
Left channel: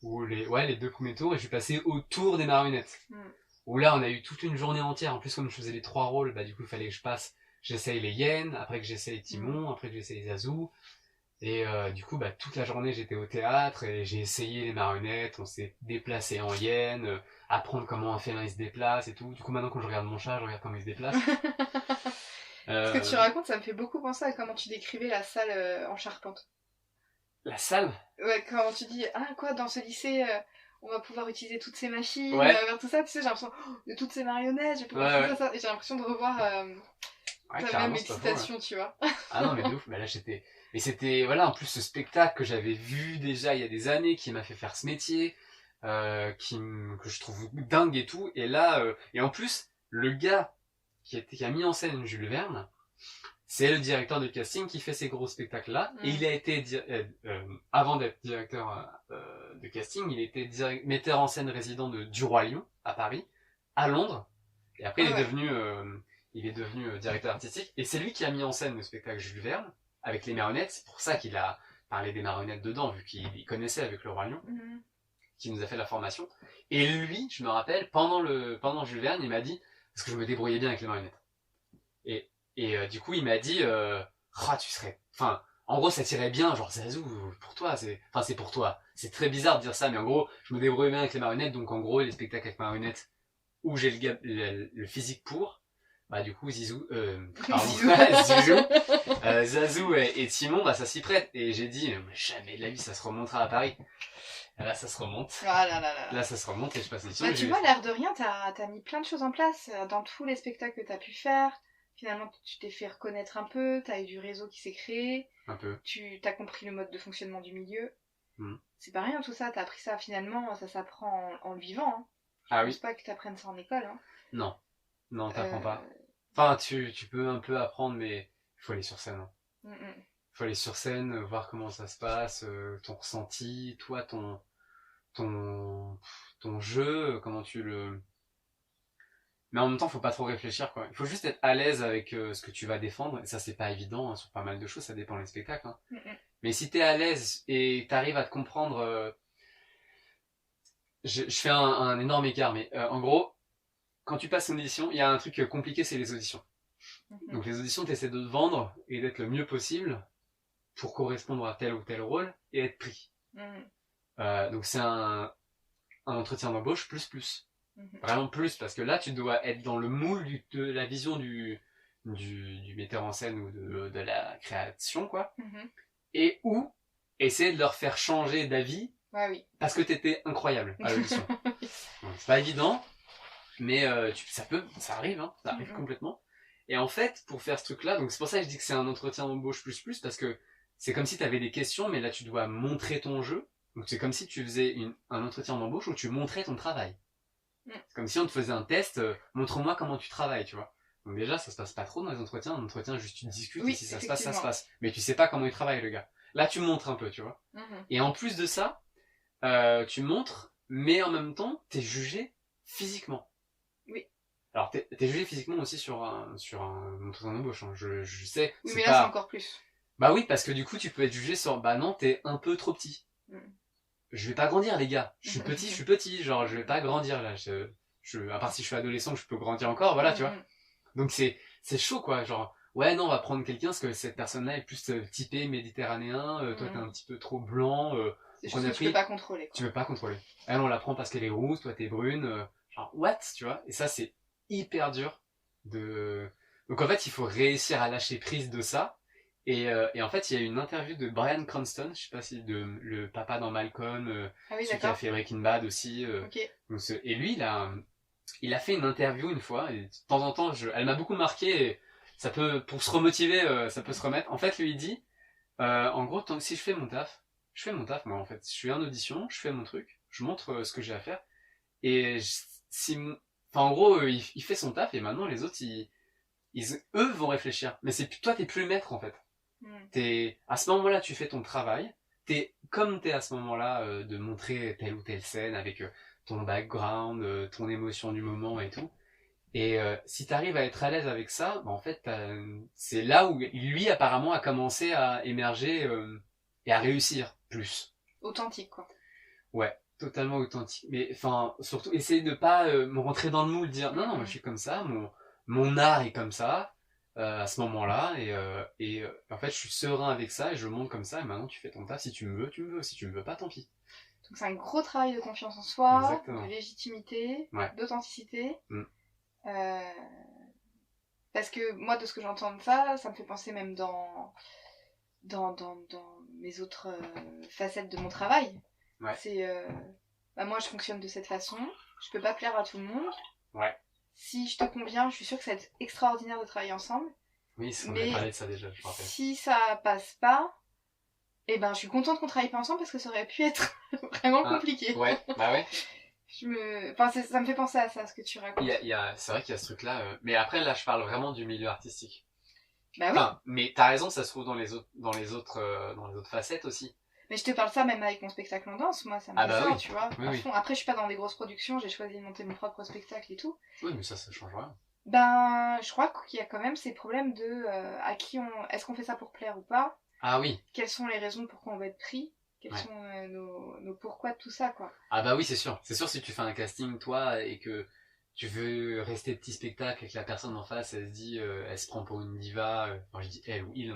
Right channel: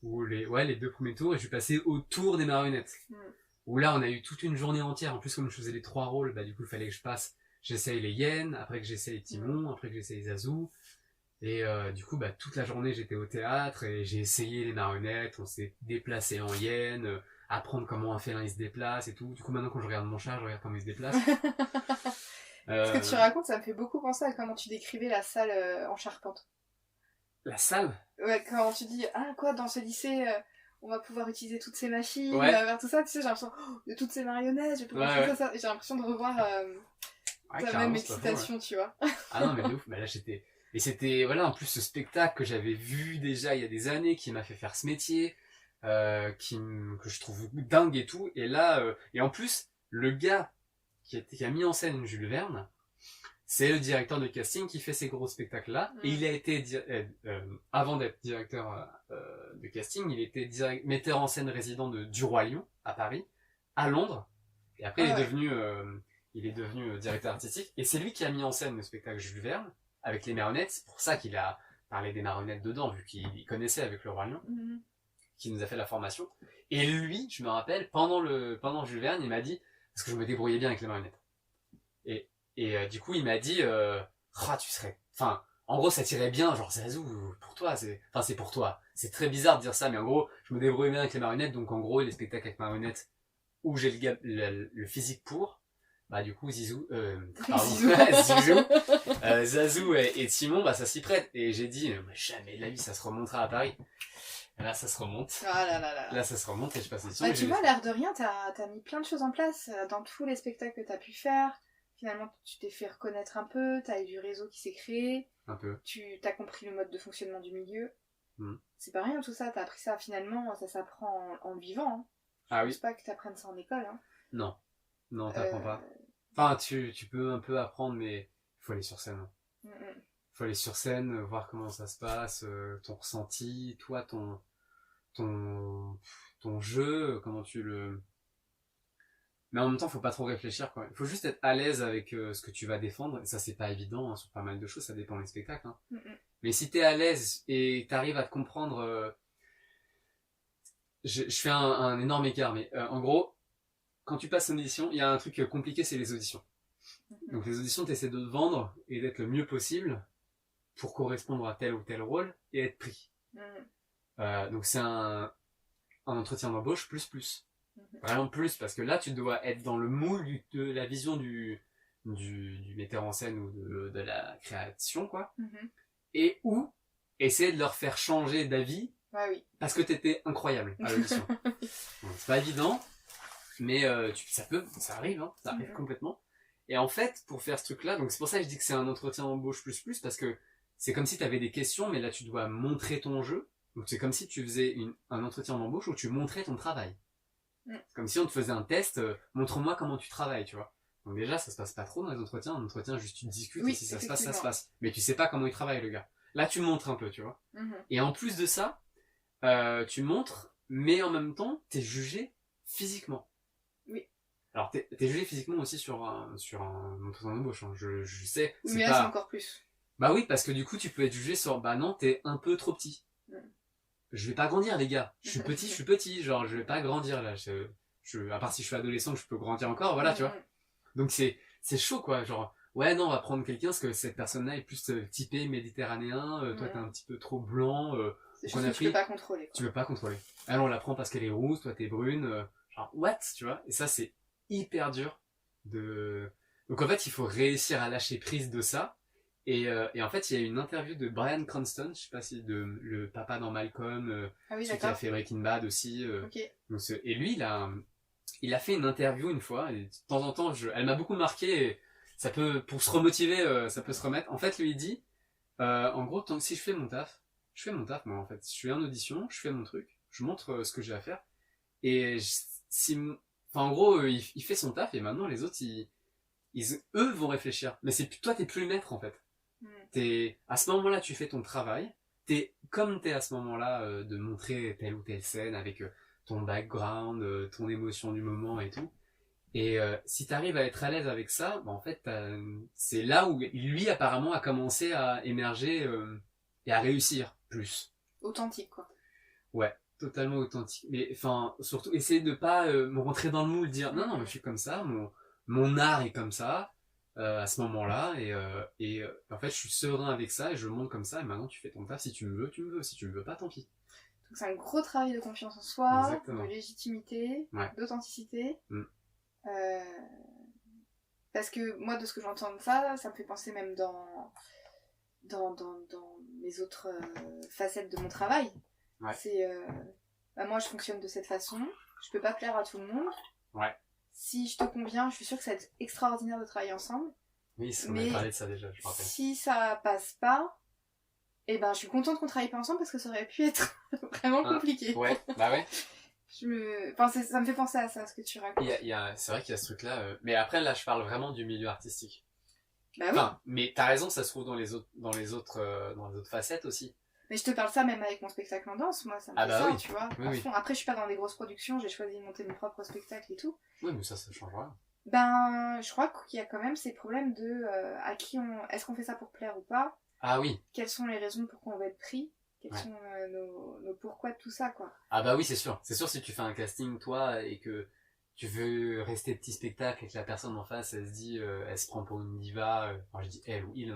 les 2 premiers tours, et je suis passé au tour des marionnettes. Où là on a eu toute une journée entière. En plus comme je faisais les 3 rôles, du coup il fallait que j'essaye les hyènes, après que j'essaye Timon, après que j'essaye Zazu. Et du coup toute la journée j'étais au théâtre, et j'ai essayé les marionnettes, on s'est déplacé en hyène, apprendre comment un félin il se déplace et tout. Du coup maintenant quand je regarde mon chat, je regarde comment il se déplace. Ce que tu racontes, ça me fait beaucoup penser à comment tu décrivais la salle en charpente. La salle? Ouais, quand tu dis, dans ce lycée, on va pouvoir utiliser toutes ces machines, faire tout ça, tu sais, j'ai l'impression de toutes ces marionnettes, je vais pouvoir faire ça, et j'ai l'impression de revoir ta même excitation, tu vois. Ah non, mais de ouf, là j'étais... Mais c'était, en plus ce spectacle que j'avais vu déjà il y a des années, qui m'a fait faire ce métier, que je trouve dingue et tout, et là, et en plus, le gars qui a mis en scène Jules Verne, c'est le directeur de casting qui fait ces gros spectacles-là. Et il a été, avant d'être directeur de casting, il était metteur en scène résident du Roi Lion, à Paris, à Londres. Et après, il est devenu directeur artistique. Et c'est lui qui a mis en scène le spectacle Jules Verne, avec les marionnettes. C'est pour ça qu'il a parlé des marionnettes dedans, vu qu'il connaissait avec le Roi Lion, qui nous a fait la formation. Et lui, je me rappelle, pendant Jules Verne, il m'a dit, parce que je me débrouillais bien avec les marionnettes. Et du coup, il m'a dit, tu serais... Enfin, en gros, ça tirait bien, genre, Zazu, pour toi, c'est pour toi. C'est très bizarre de dire ça, mais en gros, je me débrouillais bien avec les marionnettes, donc en gros, les spectacles avec marionnettes, où j'ai le physique pour, du coup, Zizou, Zazu et Timon, ça s'y prête. Et j'ai dit, jamais de la vie, ça se remontera à Paris. Et là, ça se remonte. Là, ça se remonte, et je passe dessus. Tu vois, l'air de rien, t'as mis plein de choses en place dans tous les spectacles que t'as pu faire. Finalement, tu t'es fait reconnaître un peu, t'as eu du réseau qui s'est créé. Un peu. Tu t'as compris le mode de fonctionnement du milieu. C'est pas rien tout ça, t'as appris ça finalement, ça s'apprend en le vivant. Hein. Je pense pas que t'apprennes ça en école. Hein. Non, t'apprends pas. Enfin, tu peux un peu apprendre, mais faut aller sur scène. Hein. Mhm. Faut aller sur scène, voir comment ça se passe, ton ressenti, toi, ton jeu, comment tu le... Mais en même temps, faut pas trop réfléchir, quoi. Il faut juste être à l'aise avec ce que tu vas défendre. Et ça, c'est pas évident hein, sur pas mal de choses, ça dépend des spectacles. Hein. Mhm. Mais si t'es à l'aise et t'arrives à te comprendre... je fais un énorme écart, mais en gros, quand tu passes une audition, il y a un truc compliqué, c'est les auditions. Mhm. Donc les auditions, t'essaies de te vendre et d'être le mieux possible pour correspondre à tel ou tel rôle et être pris. Mhm. Donc c'est un entretien d'embauche plus. Mhm. Vraiment plus, parce que là, tu dois être dans le moule de la vision du metteur en scène ou de la création, quoi. Mhm. Et ou essayer de leur faire changer d'avis Ouais, oui. parce que t'étais incroyable à l'audition. Donc, c'est pas évident, mais ça arrive, hein, ça arrive Mhm. complètement. Et en fait, pour faire ce truc-là, donc c'est pour ça que je dis que c'est un entretien d'embauche plus, parce que c'est comme si tu avais des questions, mais là tu dois montrer ton jeu. Donc c'est comme si tu faisais un entretien d'embauche où tu montrais ton travail. C'est comme si on te faisait un test, montre-moi comment tu travailles, tu vois. Donc déjà, ça se passe pas trop dans les entretiens. Un entretien, juste tu discutes, Oui, et si ça se passe, ça se effectivement. passe. Mais tu sais pas comment il travaille, le gars. Là, tu montres un peu, tu vois. Mhm. Et en plus de ça, tu montres, mais en même temps, t'es jugé physiquement. Oui. Alors, t'es jugé physiquement aussi sur un entretien d'embauche. Hein. Je sais. Oui, c'est mais là, pas... c'est encore plus. Bah oui, parce que du coup, tu peux être jugé sur, bah non, t'es un peu trop petit. Mm. Je vais pas grandir, les gars. Je suis petit, genre, je vais pas grandir, là. À part si je suis adolescent, je peux grandir encore, voilà, tu vois. Mhm. Donc, c'est chaud, quoi. Genre, ouais, non, on va prendre quelqu'un, parce que cette personne-là est plus typé méditerranéen, toi, t'es un petit peu trop blanc, C'est donc on chose a que tu pris... peux pas contrôler. Quoi. Tu veux pas contrôler. Elle, on la prend parce qu'elle est rousse, toi, t'es brune, genre, what, tu vois. Et ça, c'est hyper dur de... Donc, en fait, il faut réussir à lâcher prise de ça. Et en fait, il y a une interview de Bryan Cranston, je sais pas si le papa dans Malcolm, Ah oui, celui qui a d'accord. fait Breaking Bad aussi. Ok. Et lui, il a fait une interview une fois, et de temps en temps, elle m'a beaucoup marqué, et ça peut, pour se remotiver, ça peut se remettre. En fait, lui, il dit, en gros, si je fais mon taf, moi, en fait. Je suis en audition, je fais mon truc, je montre ce que j'ai à faire, et enfin, en gros, il fait son taf, et maintenant, les autres, eux vont réfléchir. Mais toi, t'es plus le maître, en fait. À ce moment-là, tu fais ton travail. Comme t'es à ce moment-là de montrer telle ou telle scène avec ton background, ton émotion du moment et tout. Et si t'arrives à être à l'aise avec ça, bah, en fait, c'est là où lui apparemment a commencé à émerger et à réussir plus. Authentique, quoi. Ouais, totalement authentique. Mais enfin, surtout essayer de pas me rentrer dans le moule, dire non, je suis comme ça, mon art est comme ça. À ce moment-là et en fait je suis serein avec ça et je le montre comme ça et maintenant tu fais ton taf si tu me veux si tu me veux pas tant pis. Donc c'est un gros travail de confiance en soi, Exactement. de légitimité, Ouais. d'authenticité. Mm. Parce que moi de ce que j'entends de ça, ça me fait penser même dans mes autres facettes de mon travail. Ouais. C'est moi je fonctionne de cette façon, je peux pas plaire à tout le monde. Ouais. Si je te conviens, je suis sûre que ça va être extraordinaire de travailler ensemble. Oui, on avait parlé de ça déjà, je me rappelle. Si ça passe pas, eh ben je suis contente qu'on travaille pas ensemble parce que ça aurait pu être vraiment compliqué. Ouais, bah ouais. Ça me fait penser à ça, ce que tu racontes. C'est vrai qu'il y a ce truc-là. Mais après, là, je parle vraiment du milieu artistique. Bah oui. Enfin, mais t'as raison, ça se trouve dans les autres facettes aussi. Mais je te parle ça même avec mon spectacle en danse, moi ça me Ah fait bah ça, oui. tu vois. Oui. Après je suis pas dans des grosses productions, j'ai choisi de monter mon propre spectacle et tout. Oui, mais ça change rien. Ben, je crois qu'il y a quand même ces problèmes de est-ce qu'on fait ça pour plaire ou pas? Ah oui. Quelles sont les raisons pour qu'on va être pris? Quels Ouais. sont nos pourquoi de tout ça, quoi. Ah bah oui, c'est sûr. C'est sûr si tu fais un casting, toi, et que tu veux rester petit spectacle et que la personne en face, elle se dit, elle se prend pour une diva, enfin je dis elle ou il,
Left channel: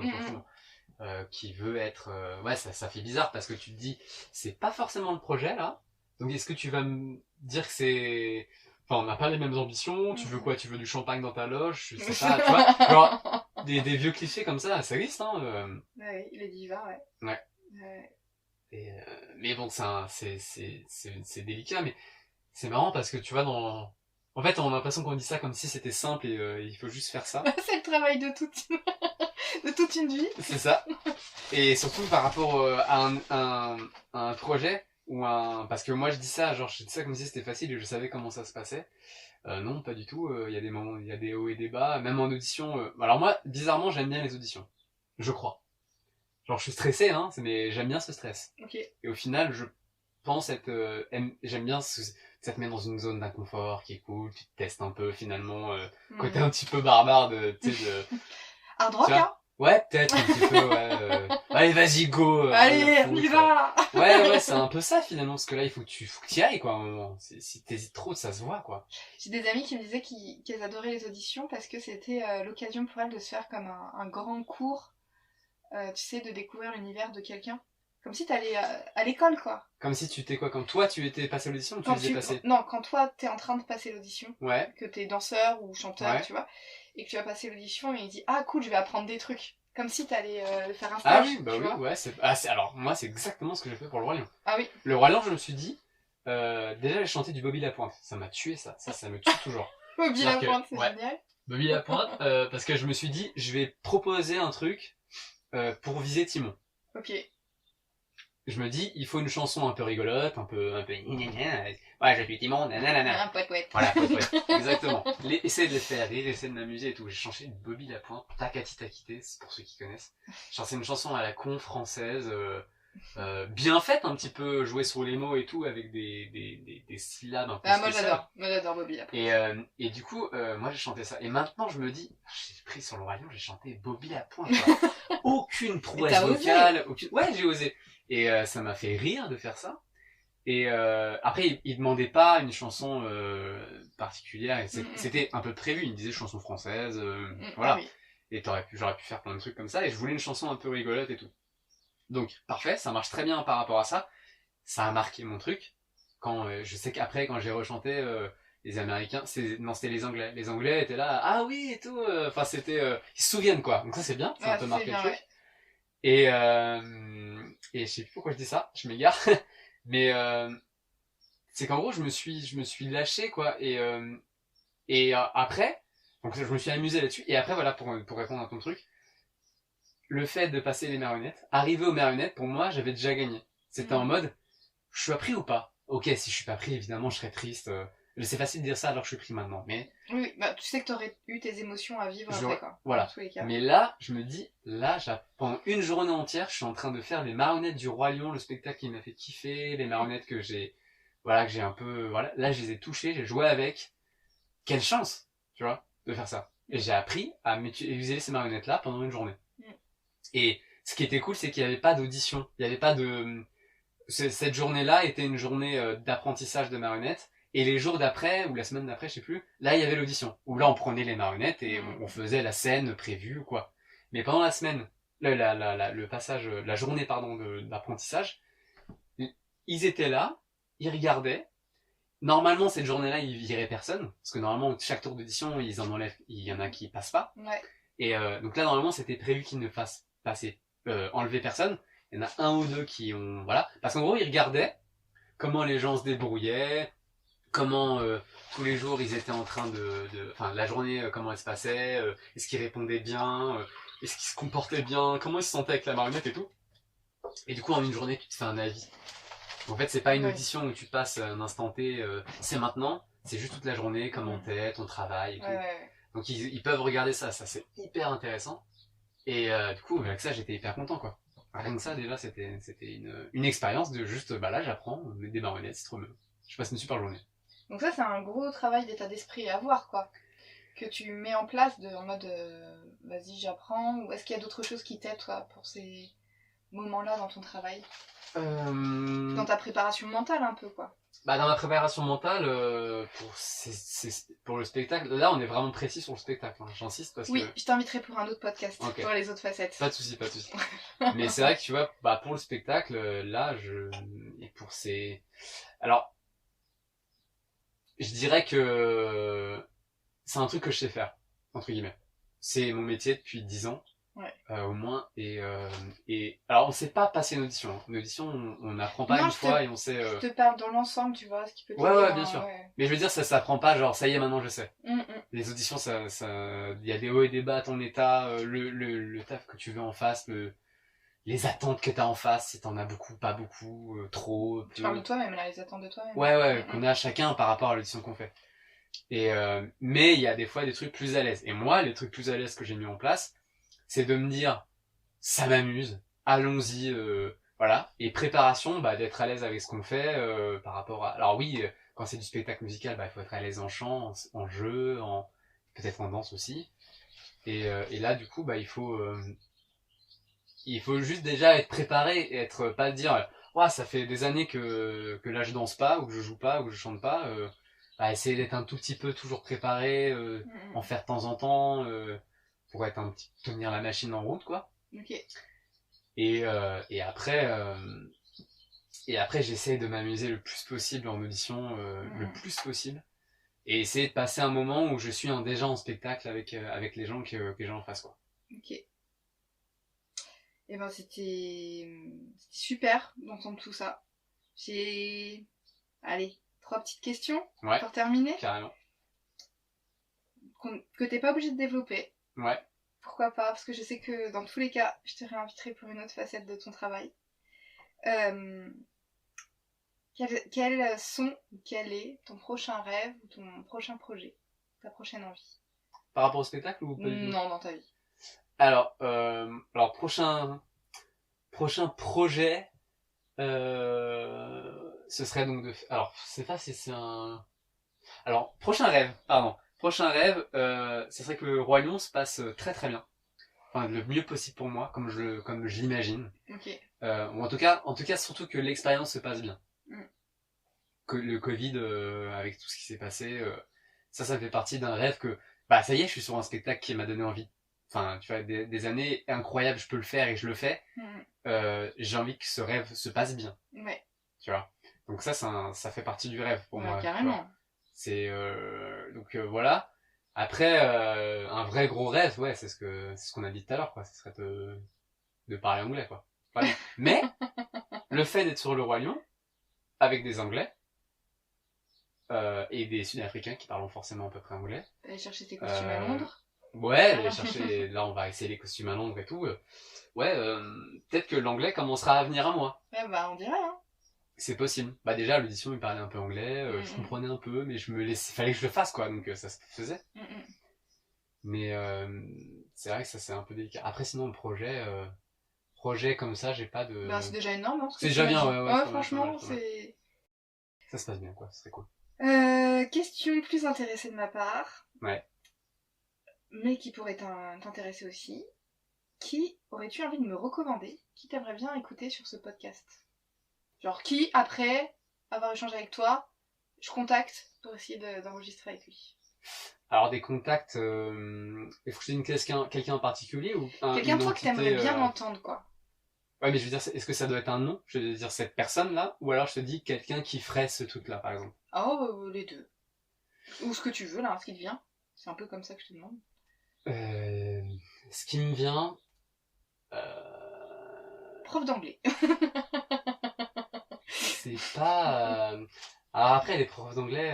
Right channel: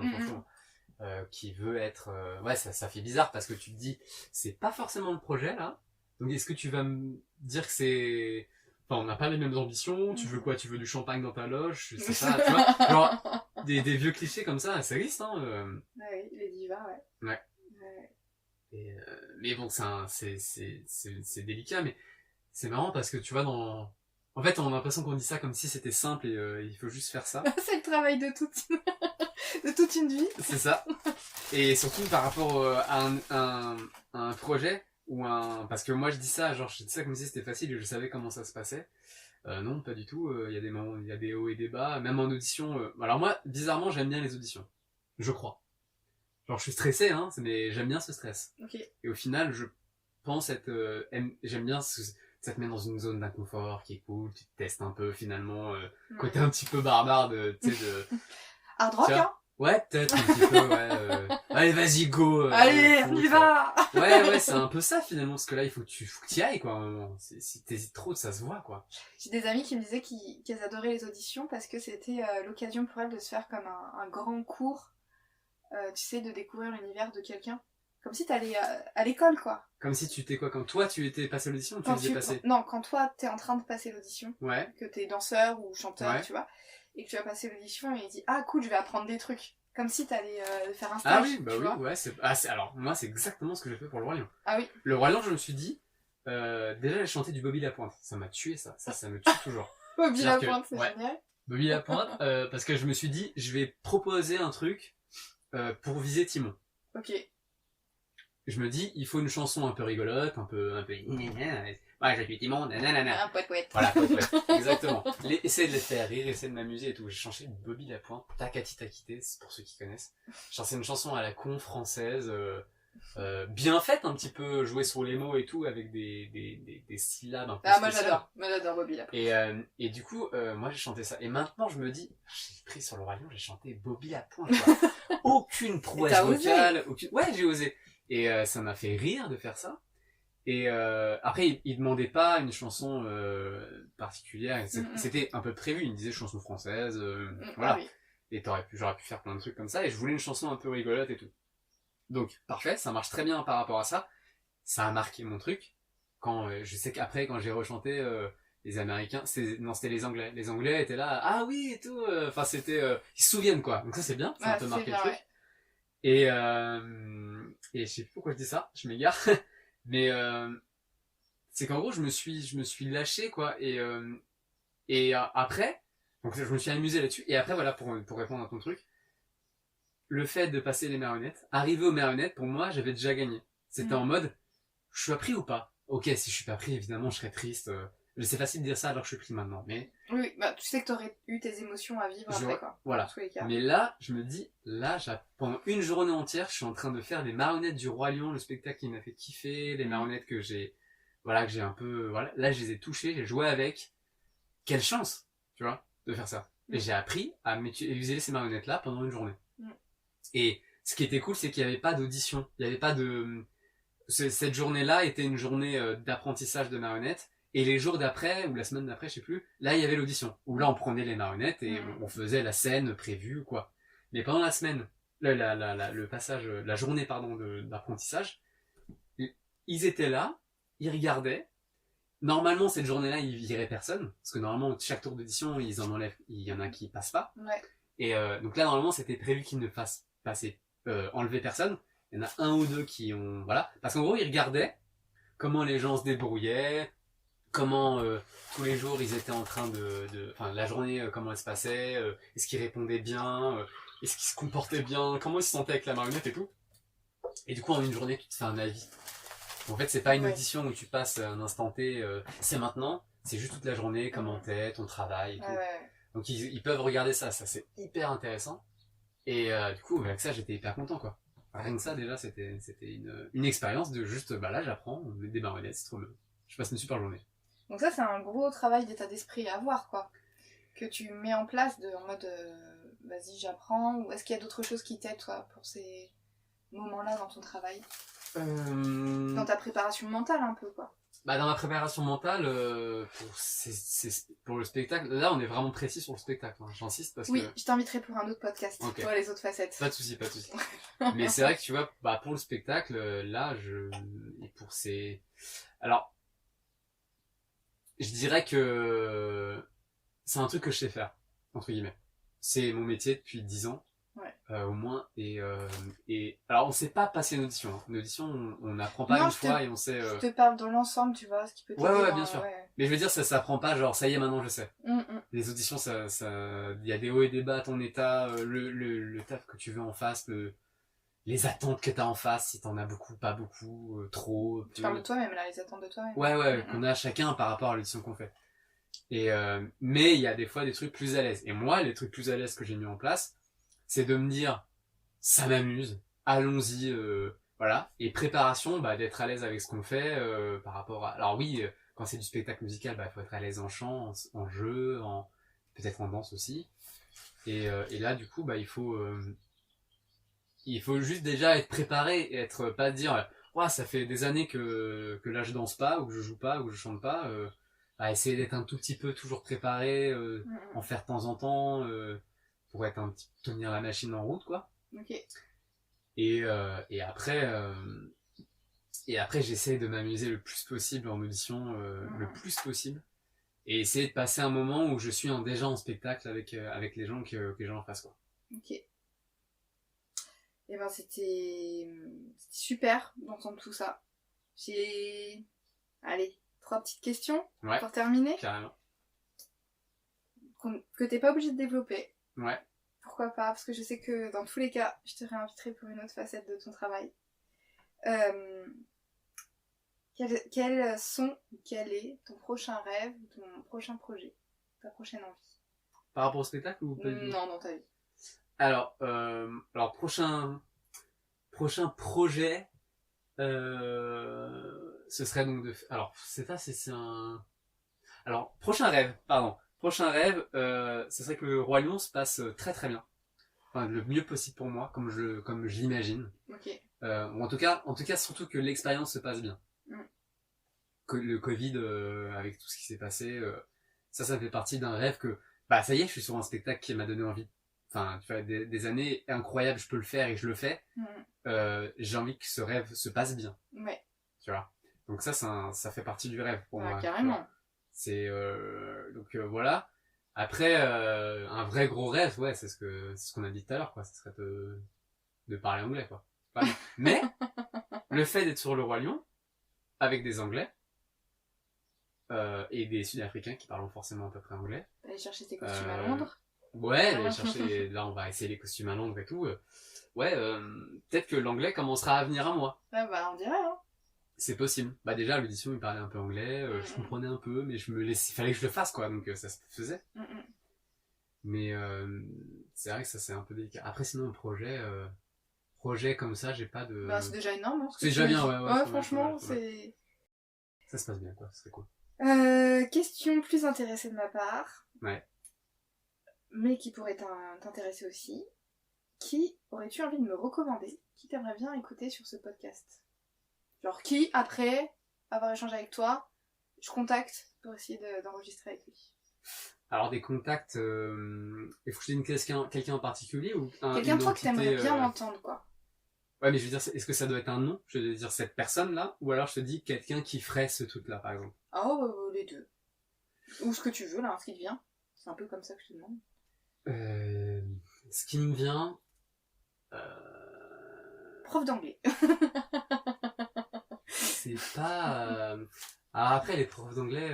qui veut être... ouais, ça fait bizarre parce que tu te dis, c'est pas forcément le projet, là. Donc est-ce que tu vas me dire que c'est... Enfin, on n'a pas les mêmes ambitions, tu veux quoi? Tu veux du champagne dans ta loge? Je sais pas, tu vois? Genre, des vieux clichés comme ça, ça existe, hein. Ouais, les divas, ouais. Ouais. Mais bon, c'est délicat, mais c'est marrant parce que tu vois, en fait, on a l'impression qu'on dit ça comme si c'était simple et il faut juste faire ça. C'est le travail de toute une vie. C'est ça. Et surtout par rapport à un projet, Parce que moi je dis ça, genre je dis ça comme si c'était facile et je savais comment ça se passait. Non, pas du tout. Il y a des moments, il y a des hauts et des bas, même en audition. Alors moi, bizarrement, j'aime bien les auditions. Je crois. Genre je suis stressé, hein, mais j'aime bien ce stress. Ok. Et au final, je pense être, j'aime bien ça te met dans une zone d'inconfort qui est cool. Tu te testes un peu finalement, côté un petit peu barbare tu sais de. Hard rock, Tu vois hein. Ouais, peut-être un petit peu, ouais. Allez, vas-y, go. Allez, on y va. Ouais, c'est un peu ça finalement, parce que là, il faut que tu y ailles, quoi, à un moment. Si t'hésites trop, ça se voit, quoi. J'ai des amis qui me disaient qu'elles adoraient les auditions parce que c'était l'occasion pour elles de se faire comme un grand cours, tu sais, de découvrir l'univers de quelqu'un. Comme si t'allais à l'école, quoi. Comme si tu étais quoi, quand toi, tu étais passé à l'audition ou tu faisais passer Non, quand toi, t'es en train de passer l'audition, Ouais, que t'es danseur ou chanteur, Ouais. tu vois, et que tu vas passer l'audition et il dit « Ah, cool, je vais apprendre des trucs. » Comme si t'allais faire un stage, ah oui, bah tu oui, vois. ouais. Alors, moi, c'est exactement ce que j'ai fait pour le Roi Lion. Ah oui. Le Roi Lion, je me suis dit, déjà, j'ai chanté du Bobby Lapointe. Ça m'a tué, ça. Ça me tue toujours. Bobby C'est-à-dire Lapointe, que- c'est ouais. génial. Bobby Lapointe, parce que je me suis dit, je vais proposer un truc pour viser Timon. Ok. Je me dis, il faut une chanson un peu rigolote, un peu ouais, je suis Timon, nanana. Un poète. Voilà, exactement. Essayer de les faire rire, essayer de m'amuser et tout. J'ai chanté une Bobby Lapointe, Takati Takité, c'est pour ceux qui connaissent. J'ai chanté une chanson à la con française, bien faite, un petit peu jouée sur les mots et tout, avec des syllabes un peu Ah, moi spéciales. j'adore Bobby Lapointe. Et du coup, moi j'ai chanté ça. Et maintenant je me dis, j'ai pris sur le Roi Lion, j'ai chanté Bobby Lapointe. Quoi. Aucune prouesse t'as osé. vocale, Ouais, j'ai osé. Et ça m'a fait rire de faire ça. Et après, il demandait pas une chanson particulière. C'était un peu prévu. Il me disait chanson française, voilà. Ah oui. Et j'aurais pu faire plein de trucs comme ça. Et je voulais une chanson un peu rigolote et tout. Donc parfait, ça marche très bien par rapport à ça. Ça a marqué mon truc. Quand je sais qu'après, quand j'ai rechanté, les Américains, c'était les Anglais. Les Anglais étaient là, ah oui et tout. Enfin c'était, ils se souviennent quoi. Donc ça c'est bien. Ça a un peu marqué le truc. Ouais. Et je sais plus pourquoi je dis ça, je m'égare. Mais c'est qu'en gros, je me suis lâché, quoi. Et après, donc je me suis amusé là-dessus. Et après, voilà, pour répondre à ton truc, le fait de passer les marionnettes, arriver aux marionnettes, pour moi, j'avais déjà gagné. C'était en mode, je suis pas pris ou pas? Ok, si je suis pas pris, évidemment, je serais triste. C'est facile de dire ça alors que je suis pris maintenant. Mais Oui, bah tu sais que t'aurais eu tes émotions à vivre après, quoi. voilà. Dans tous les cas. Mais là, je me dis, pendant une journée entière, je suis en train de faire les marionnettes du Roi Lion, le spectacle qui m'a fait kiffer, les marionnettes que j'ai un peu, voilà. Là, je les ai touchées, j'ai joué avec. Quelle chance, tu vois, de faire ça. Et j'ai appris à utiliser ces marionnettes-là pendant une journée. Et ce qui était cool, c'est qu'il n'y avait pas d'audition. Il n'y avait pas de... Cette journée-là était une journée d'apprentissage de marionnettes. Et les jours d'après, ou la semaine d'après, je sais plus, là, il y avait l'audition. Où là, on prenait les marionnettes et on faisait la scène prévue ou quoi. Mais pendant la semaine, le passage, la journée, pardon, d'apprentissage, ils étaient là, ils regardaient. Normalement, cette journée-là, ils viraient personne. Parce que normalement, chaque tour d'audition, ils en enlèvent, il y en a qui passent pas. Ouais. Et donc là, normalement, c'était prévu qu'ils ne fassent passer, enlever personne. Il y en a un ou deux qui ont, voilà. Parce qu'en gros, ils regardaient comment les gens se débrouillaient, comment tous les jours ils étaient en train enfin la journée comment elle se passait, est-ce qu'ils répondaient bien, est-ce qu'ils se comportaient bien, comment ils se sentaient avec la marionnette et tout. Et du coup en une journée tu te fais un avis. En fait c'est pas une audition où tu passes un instant T, c'est maintenant, c'est juste toute la journée, comment t'es, ton travail et tout. Ouais. Donc ils peuvent regarder ça c'est hyper intéressant. Et du coup avec ça j'étais hyper content quoi. Rien que ça déjà c'était une expérience de juste bah là j'apprends des marionnettes, c'est trop bien. Je passe une super journée. Donc ça, c'est un gros travail d'état d'esprit à avoir, quoi. Que tu mets en place en mode vas-y, j'apprends. Ou est-ce qu'il y a d'autres choses qui t'aident, toi, pour ces moments-là dans ton travail? Dans ta préparation mentale, un peu, quoi. Bah, dans ma préparation mentale, pour le spectacle, là on est vraiment précis sur le spectacle, hein. J'insiste parce Oui, que... je t'inviterai pour un autre podcast, Ok. pour les autres facettes. Pas de soucis. Mais c'est vrai que tu vois, bah, pour le spectacle, là, et pour ces... Alors, je dirais que c'est un truc que je sais faire, entre guillemets. C'est mon métier depuis 10 ans, au moins. Et alors, on sait pas passer une audition. Hein. Une audition, on n'apprend pas Non, une fois et on sait... Je te parle dans l'ensemble, tu vois, ce qui peut Ouais, bien sûr. Mais je veux dire, ça s'apprend pas, genre, ça y est, maintenant je sais. Mm. Les auditions, il y a des hauts et des bas à ton état, le taf que tu veux en face, les attentes que t'as en face, si t'en as beaucoup, pas beaucoup, trop, Tu peu. parles de toi-même, là, les attentes de toi-même. Ouais, qu'on a chacun par rapport à l'audition qu'on fait. Mais il y a des fois des trucs plus à l'aise. Et moi, les trucs plus à l'aise que j'ai mis en place, c'est de me dire, ça m'amuse, allons-y, voilà. Et préparation, bah, d'être à l'aise avec ce qu'on fait par rapport à... Alors oui, quand c'est du spectacle musical, bah, il faut être à l'aise en chant, en jeu, peut-être en danse aussi. Et là, du coup, bah, il faut juste déjà être préparé et être pas dire ouais, ça fait des années que là je danse pas ou que je joue pas ou que je chante pas, bah, essayer d'être un tout petit peu toujours préparé, en faire de temps en temps, pour être tenir la machine en route, quoi. Ok. Et après j'essaie de m'amuser le plus possible en audition, le plus possible, et essayer de passer un moment où je suis déjà en spectacle avec les gens que j'ai en face, quoi. Ok. Et ben c'était super d'entendre tout ça. J'ai, allez, 3 petites questions Ouais, pour terminer, carrément. que t'es pas obligé de développer. Ouais. Pourquoi pas? Parce que je sais que dans tous les cas, je te réinviterai pour une autre facette de ton travail. Quel est ton prochain rêve ou ton prochain projet, ta prochaine envie? Par rapport au spectacle ou pas du tout? Non, dans ta vie. Alors prochain projet, ce serait donc alors, je sais pas si c'est un... Alors, prochain rêve, pardon. Prochain rêve, ce serait que le Roi Lion se passe très très bien. Enfin, le mieux possible pour moi, comme je l'imagine. Ok. Ou en tout cas, surtout que l'expérience se passe bien. Que le Covid, avec tout ce qui s'est passé, ça fait partie d'un rêve que, bah ça y est, je suis sur un spectacle qui m'a donné envie. Enfin, tu vois, des années incroyables, je peux le faire et je le fais. J'ai envie que ce rêve se passe bien. Ouais. Tu vois. Donc ça fait partie du rêve pour moi. Carrément. C'est donc voilà. Après, un vrai gros rêve, ouais, c'est ce qu'on a dit tout à l'heure, quoi. Ce serait de parler anglais, quoi. Voilà. Mais le fait d'être sur le Roi Lion avec des Anglais, et des Sud-Africains qui parlent forcément à peu près anglais. Aller chercher tes costumes à Londres. Ouais, aller chercher. Là, on va essayer les costumes à Londres et tout. Ouais, peut-être que l'anglais commencera à venir à moi. Ouais, bah on dirait, hein. C'est possible. Bah déjà, à l'audition, il parlait un peu anglais, je comprenais un peu, mais fallait que je le fasse, quoi, donc ça se faisait. Mais c'est vrai que ça, c'est un peu délicat. Après, sinon, le projet comme ça, j'ai pas de... Bah c'est déjà énorme, hein. C'est déjà bien, ouais, franchement, c'est... Ça se passe bien, quoi, ce serait cool. Question plus intéressée de ma part. Ouais. Mais qui pourrait t'intéresser aussi. Qui aurais-tu envie de me recommander? Qui t'aimerais bien écouter sur ce podcast? Genre qui, après avoir échangé avec toi, je contacte pour essayer d'enregistrer avec lui? Alors des contacts, il faut que je te dise quelqu'un en particulier ou quelqu'un toi que t'aimerais bien entendre, quoi. Ouais, mais je veux dire, est-ce que ça doit être un nom? Je veux dire cette personne-là, ou alors je te dis quelqu'un qui ferait ce truc-là, par exemple. Oh, les deux. Ou ce que tu veux, là, ce qui te vient. C'est un peu comme ça que je te demande. Ce qui me vient... Prof d'anglais. C'est pas... Alors après, les profs d'anglais,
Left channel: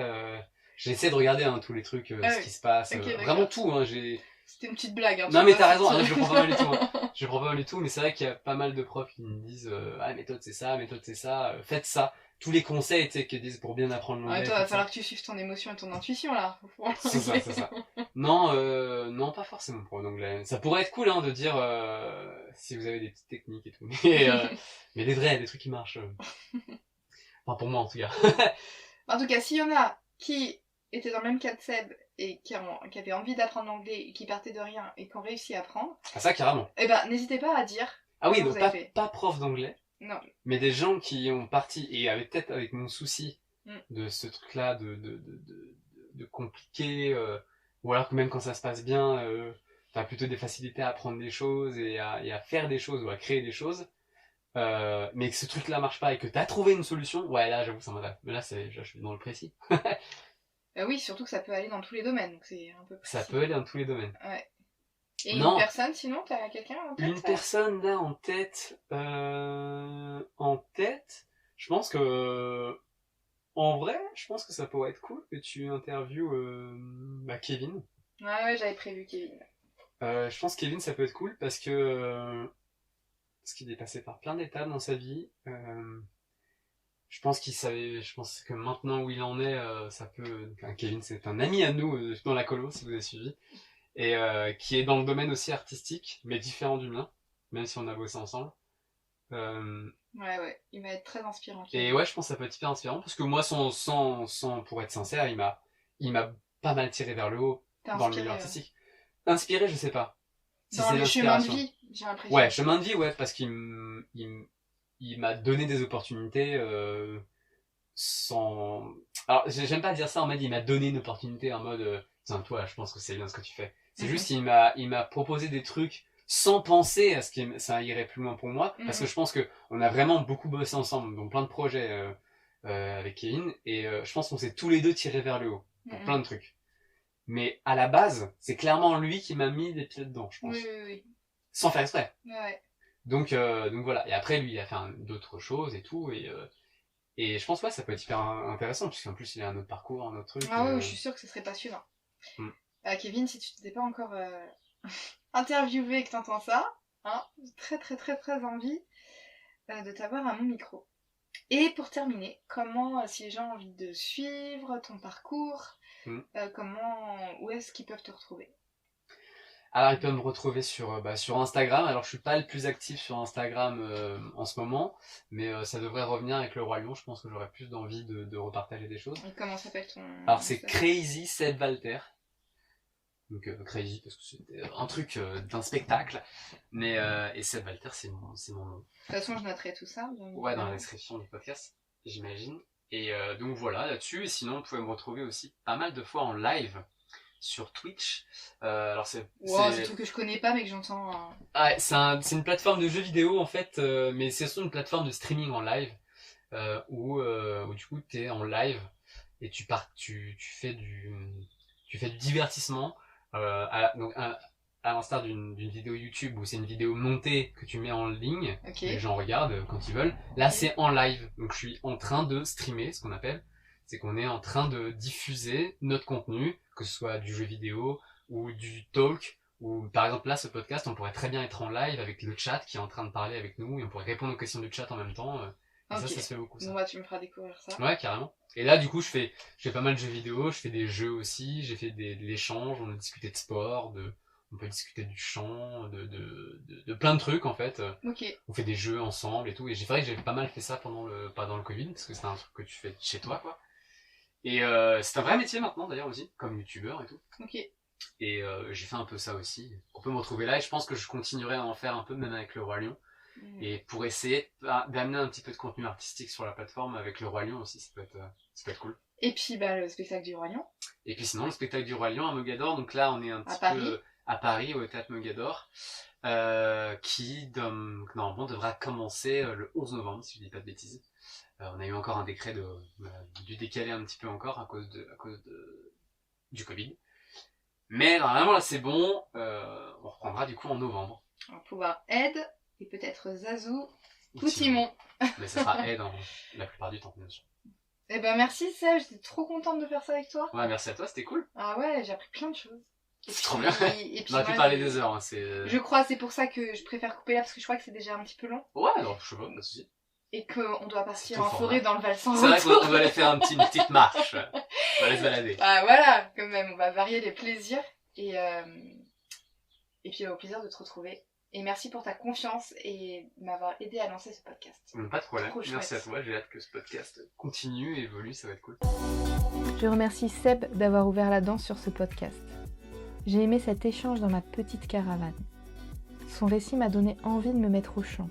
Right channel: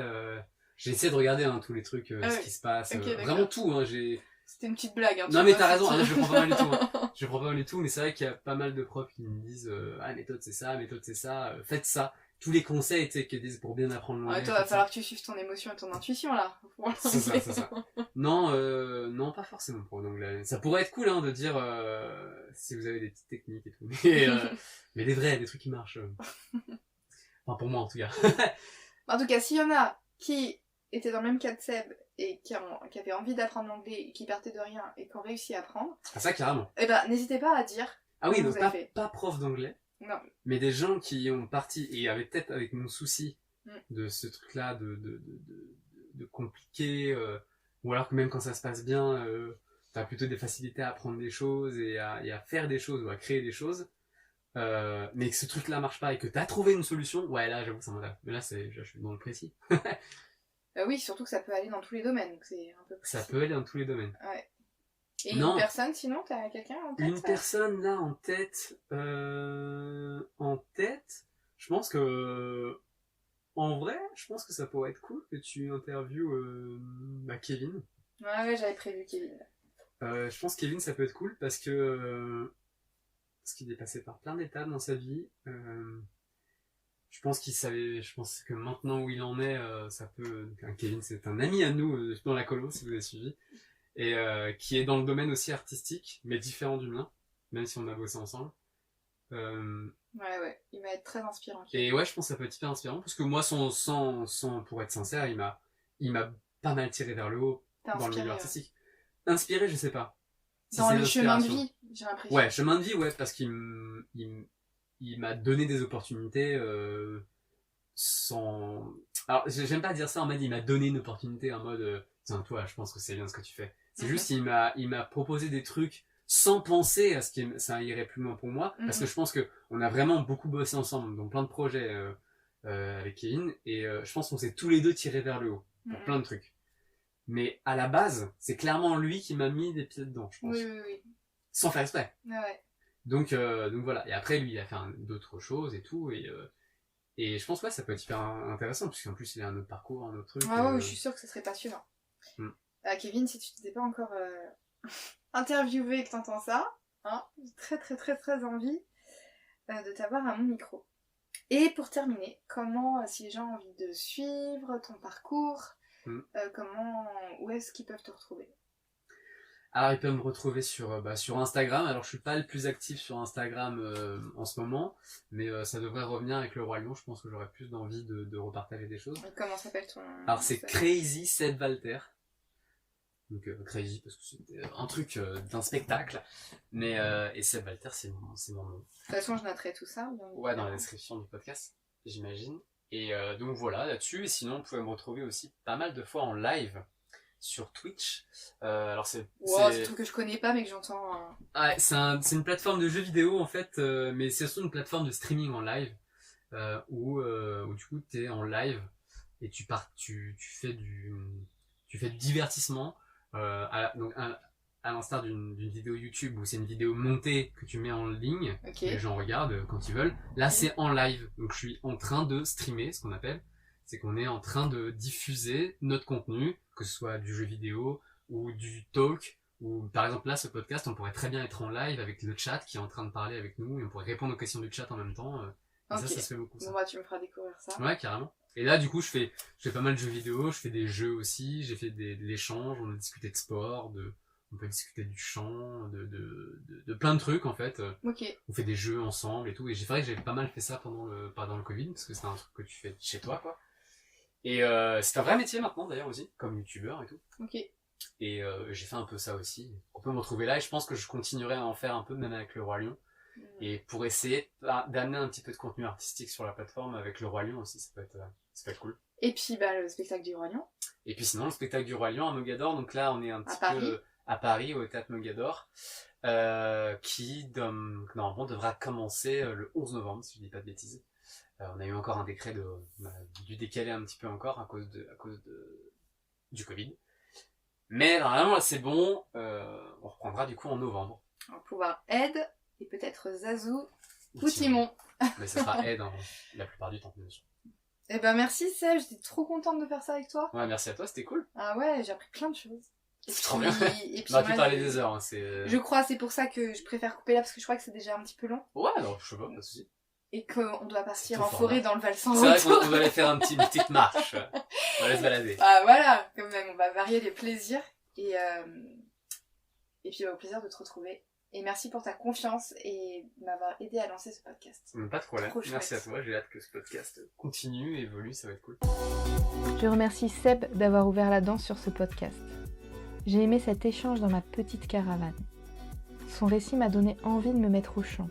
j'essaie de regarder tous les trucs, ce qui se passe. Okay, vraiment tout, hein, C'était une petite blague. Hein, non mais t'as raison, hein, je prends pas mal du tout. Hein. Je prends pas mal du tout, mais c'est vrai qu'il y a pas mal de profs qui me disent ah, méthode c'est ça, faites ça. Tous les conseils qu'ils disent pour bien apprendre l'anglais. Ouais, toi, va falloir que tu suives ton émotion et ton intuition là. C'est ça. Non, pas forcément prof d'anglais. Ça pourrait être cool, hein, de dire si vous avez des petites techniques et tout. Mais des trucs qui marchent. Enfin, pour moi en tout cas. En tout cas, s'il y en a qui étaient dans le même cas de Seb et qui avaient envie d'apprendre l'anglais et qui partaient de rien et qui ont réussi à apprendre. Ah ça carrément. Eh ben n'hésitez pas à dire. Ah oui, donc pas prof d'anglais. Non. Mais des gens qui ont parti et peut-être avec mon souci de ce truc-là de compliqué, ou alors que même quand ça se passe bien, t'as plutôt des facilités à apprendre des choses et à faire des choses ou à créer des choses. Mais que ce truc-là marche pas et que t'as trouvé une solution, ouais là j'avoue ça m'intéresse. Mais là je suis dans le précis. Oui, surtout que ça peut aller dans tous les domaines, donc c'est un peu précis. Ça peut aller dans tous les domaines. Ouais. Et une personne sinon, t'as quelqu'un en tête? Une personne là en tête, je pense que en vrai, je pense que ça pourrait être cool que tu interviewes Kevin. Ouais, j'avais prévu Kevin. Je pense que Kevin ça peut être cool parce que pense qu'il est passé par plein d'étapes dans sa vie. Je pense que maintenant où il en est, Kevin, c'est un ami à nous dans la colo, si vous avez suivi, et qui est dans le domaine aussi artistique, mais différent du mien, même si on a bossé ensemble. Ouais, il va être très inspirant. Et ouais, je pense que ça peut être hyper inspirant, parce que moi, pour être sincère, il m'a pas mal tiré vers le haut dans le milieu artistique. Inspiré, je sais pas. Si dans le chemin de vie, j'ai l'impression. Ouais, chemin de vie, ouais, parce qu'il m'a donné des opportunités sans... Alors, j'aime pas dire ça en mode il m'a donné une opportunité en mode tiens, toi, je pense que c'est bien ce que tu fais. C'est juste il m'a proposé des trucs sans penser à ce que ça irait plus loin pour moi, parce que je pense qu'on a vraiment beaucoup bossé ensemble, donc plein de projets avec Kevin, et je pense qu'on s'est tous les deux tirés vers le haut, pour plein de trucs. Mais à la base, c'est clairement lui qui m'a mis des pieds dedans, je pense. Oui. Sans faire exprès. Ouais. Donc voilà, et après lui il a fait d'autres choses et tout, et je pense que ça peut être hyper intéressant, puisqu'en plus il a un autre parcours, un autre truc. Ouais, je suis sûre que ce serait passionnant. Kevin, si tu t'es pas encore interviewé et que t'entends ça, hein, j'ai très envie de t'avoir à mon micro. Et pour terminer, comment, si les gens ont envie de suivre ton parcours, où est-ce qu'ils peuvent te retrouver? Alors ils peuvent me retrouver sur Instagram. Alors je suis pas le plus actif sur Instagram en ce moment, mais ça devrait revenir avec le Roi Lion. Je pense que j'aurais plus d'envie de repartager des choses. Et comment s'appelle ton... Alors c'est Crazy Seb Walter. Donc Crazy parce que c'était un truc d'un spectacle. Mais et Seb Walter c'est mon nom. De toute façon je noterai tout ça. Ouais, dans la description du podcast, j'imagine. Et donc voilà là-dessus. Et sinon vous pouvez me retrouver aussi pas mal de fois en live sur Twitch. Alors c'est un truc que je connais pas mais que j'entends. Ah, c'est une plateforme de jeux vidéo en fait, mais c'est surtout une plateforme de streaming en live où du coup tu es en live et tu fais du divertissement à l'instar d'une vidéo YouTube où c'est une vidéo montée que tu mets en ligne, les gens regardent quand ils veulent. Là c'est en live, donc je suis en train de streamer, ce qu'on appelle. C'est qu'on est en train de diffuser notre contenu, que ce soit du jeu vidéo ou du talk, ou par exemple là ce podcast on pourrait très bien être en live avec le chat qui est en train de parler avec nous et on pourrait répondre aux questions du chat en même temps. Et ça se fait beaucoup ça. Bon, tu me feras découvrir ça. Ouais, carrément. Et là du coup je fais pas mal de jeux vidéo, je fais des jeux aussi, j'ai fait de l'échange, on a discuté de sport, on peut discuter du chant, de plein de trucs en fait. On fait des jeux ensemble et tout, et c'est vrai que j'ai pas mal fait ça pendant le Covid, parce que c'est un truc que tu fais chez toi quoi. Et c'est un vrai métier maintenant d'ailleurs aussi, comme youtubeur et tout. Et j'ai fait un peu ça aussi. On peut me retrouver là et je pense que je continuerai à en faire un peu même avec le Roi Lion. Et pour essayer d'amener un petit peu de contenu artistique sur la plateforme avec le Roi Lion aussi, ça peut être cool. Et puis le spectacle du Roi Lion. Et puis sinon le spectacle du Roi Lion à Mogador, donc là on est un petit peu à Paris au Théâtre Mogador, qui normalement devra commencer le 11 novembre si je dis pas de bêtises. On a eu encore un décret dû décaler un petit peu encore à cause du Covid. Mais normalement là c'est bon, on reprendra du coup en novembre. On va pouvoir Ed et peut-être Zazou ou Timon. Mais ce sera Ed la plupart du temps bien sûr. Eh ben merci Seb, j'étais trop contente de faire ça avec toi. Ouais, merci à toi, c'était cool. Ah ouais, j'ai appris plein de choses. C'est trop bien. On aurait pu parler des heures. Je crois, c'est pour ça que je préfère couper là parce que je crois que c'est déjà un petit peu long. Ouais, non, je sais pas, pas de soucis. Et qu'on doit partir en forêt dans le Val-Sans. C'est vrai qu'on doit aller faire une petite marche. On va aller se balader. Ah voilà, quand même, on va varier les plaisirs. Et puis au plaisir de te retrouver. Et merci pour ta confiance et m'avoir aidé à lancer ce podcast. Pas de problème, merci à toi, j'ai hâte que ce podcast continue et évolue, ça va être cool. Je remercie Seb d'avoir ouvert la danse sur ce podcast. J'ai aimé cet échange dans ma petite caravane. Son récit m'a donné envie de me mettre au chant.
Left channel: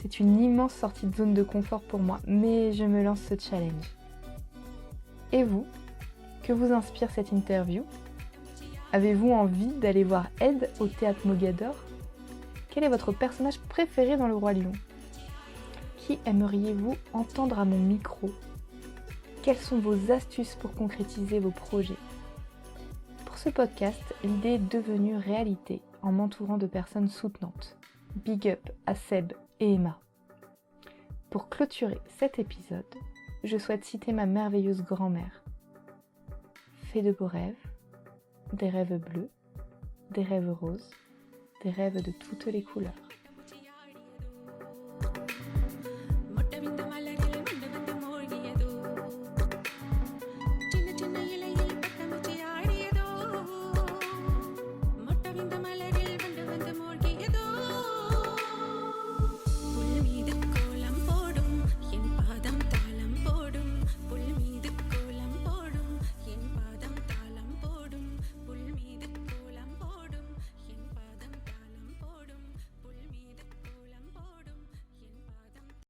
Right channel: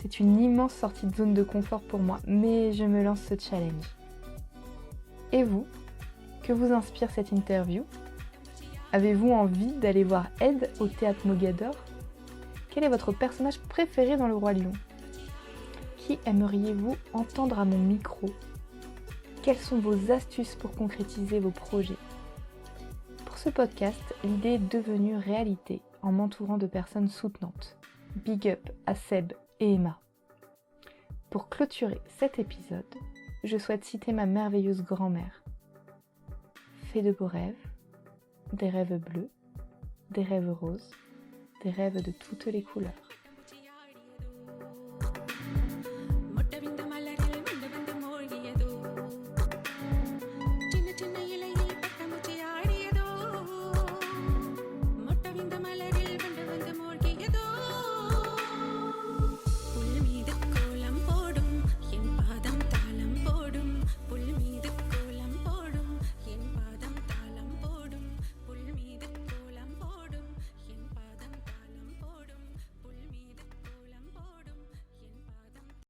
C'est une immense sortie de zone de confort pour moi, mais je me lance ce challenge. Et vous, que vous inspire cette interview ? Avez-vous envie d'aller voir Ed au Théâtre Mogador ? Quel est votre personnage préféré dans Le Roi Lion ? Qui aimeriez-vous entendre à mon micro ? Quelles sont vos astuces pour concrétiser vos projets ? Pour ce podcast, l'idée est devenue réalité en m'entourant de personnes soutenantes. Big up à Seb et Emma. Pour clôturer cet épisode, je souhaite citer ma merveilleuse grand-mère. Fais de beaux rêves, des rêves bleus, des rêves roses, des rêves de toutes les couleurs.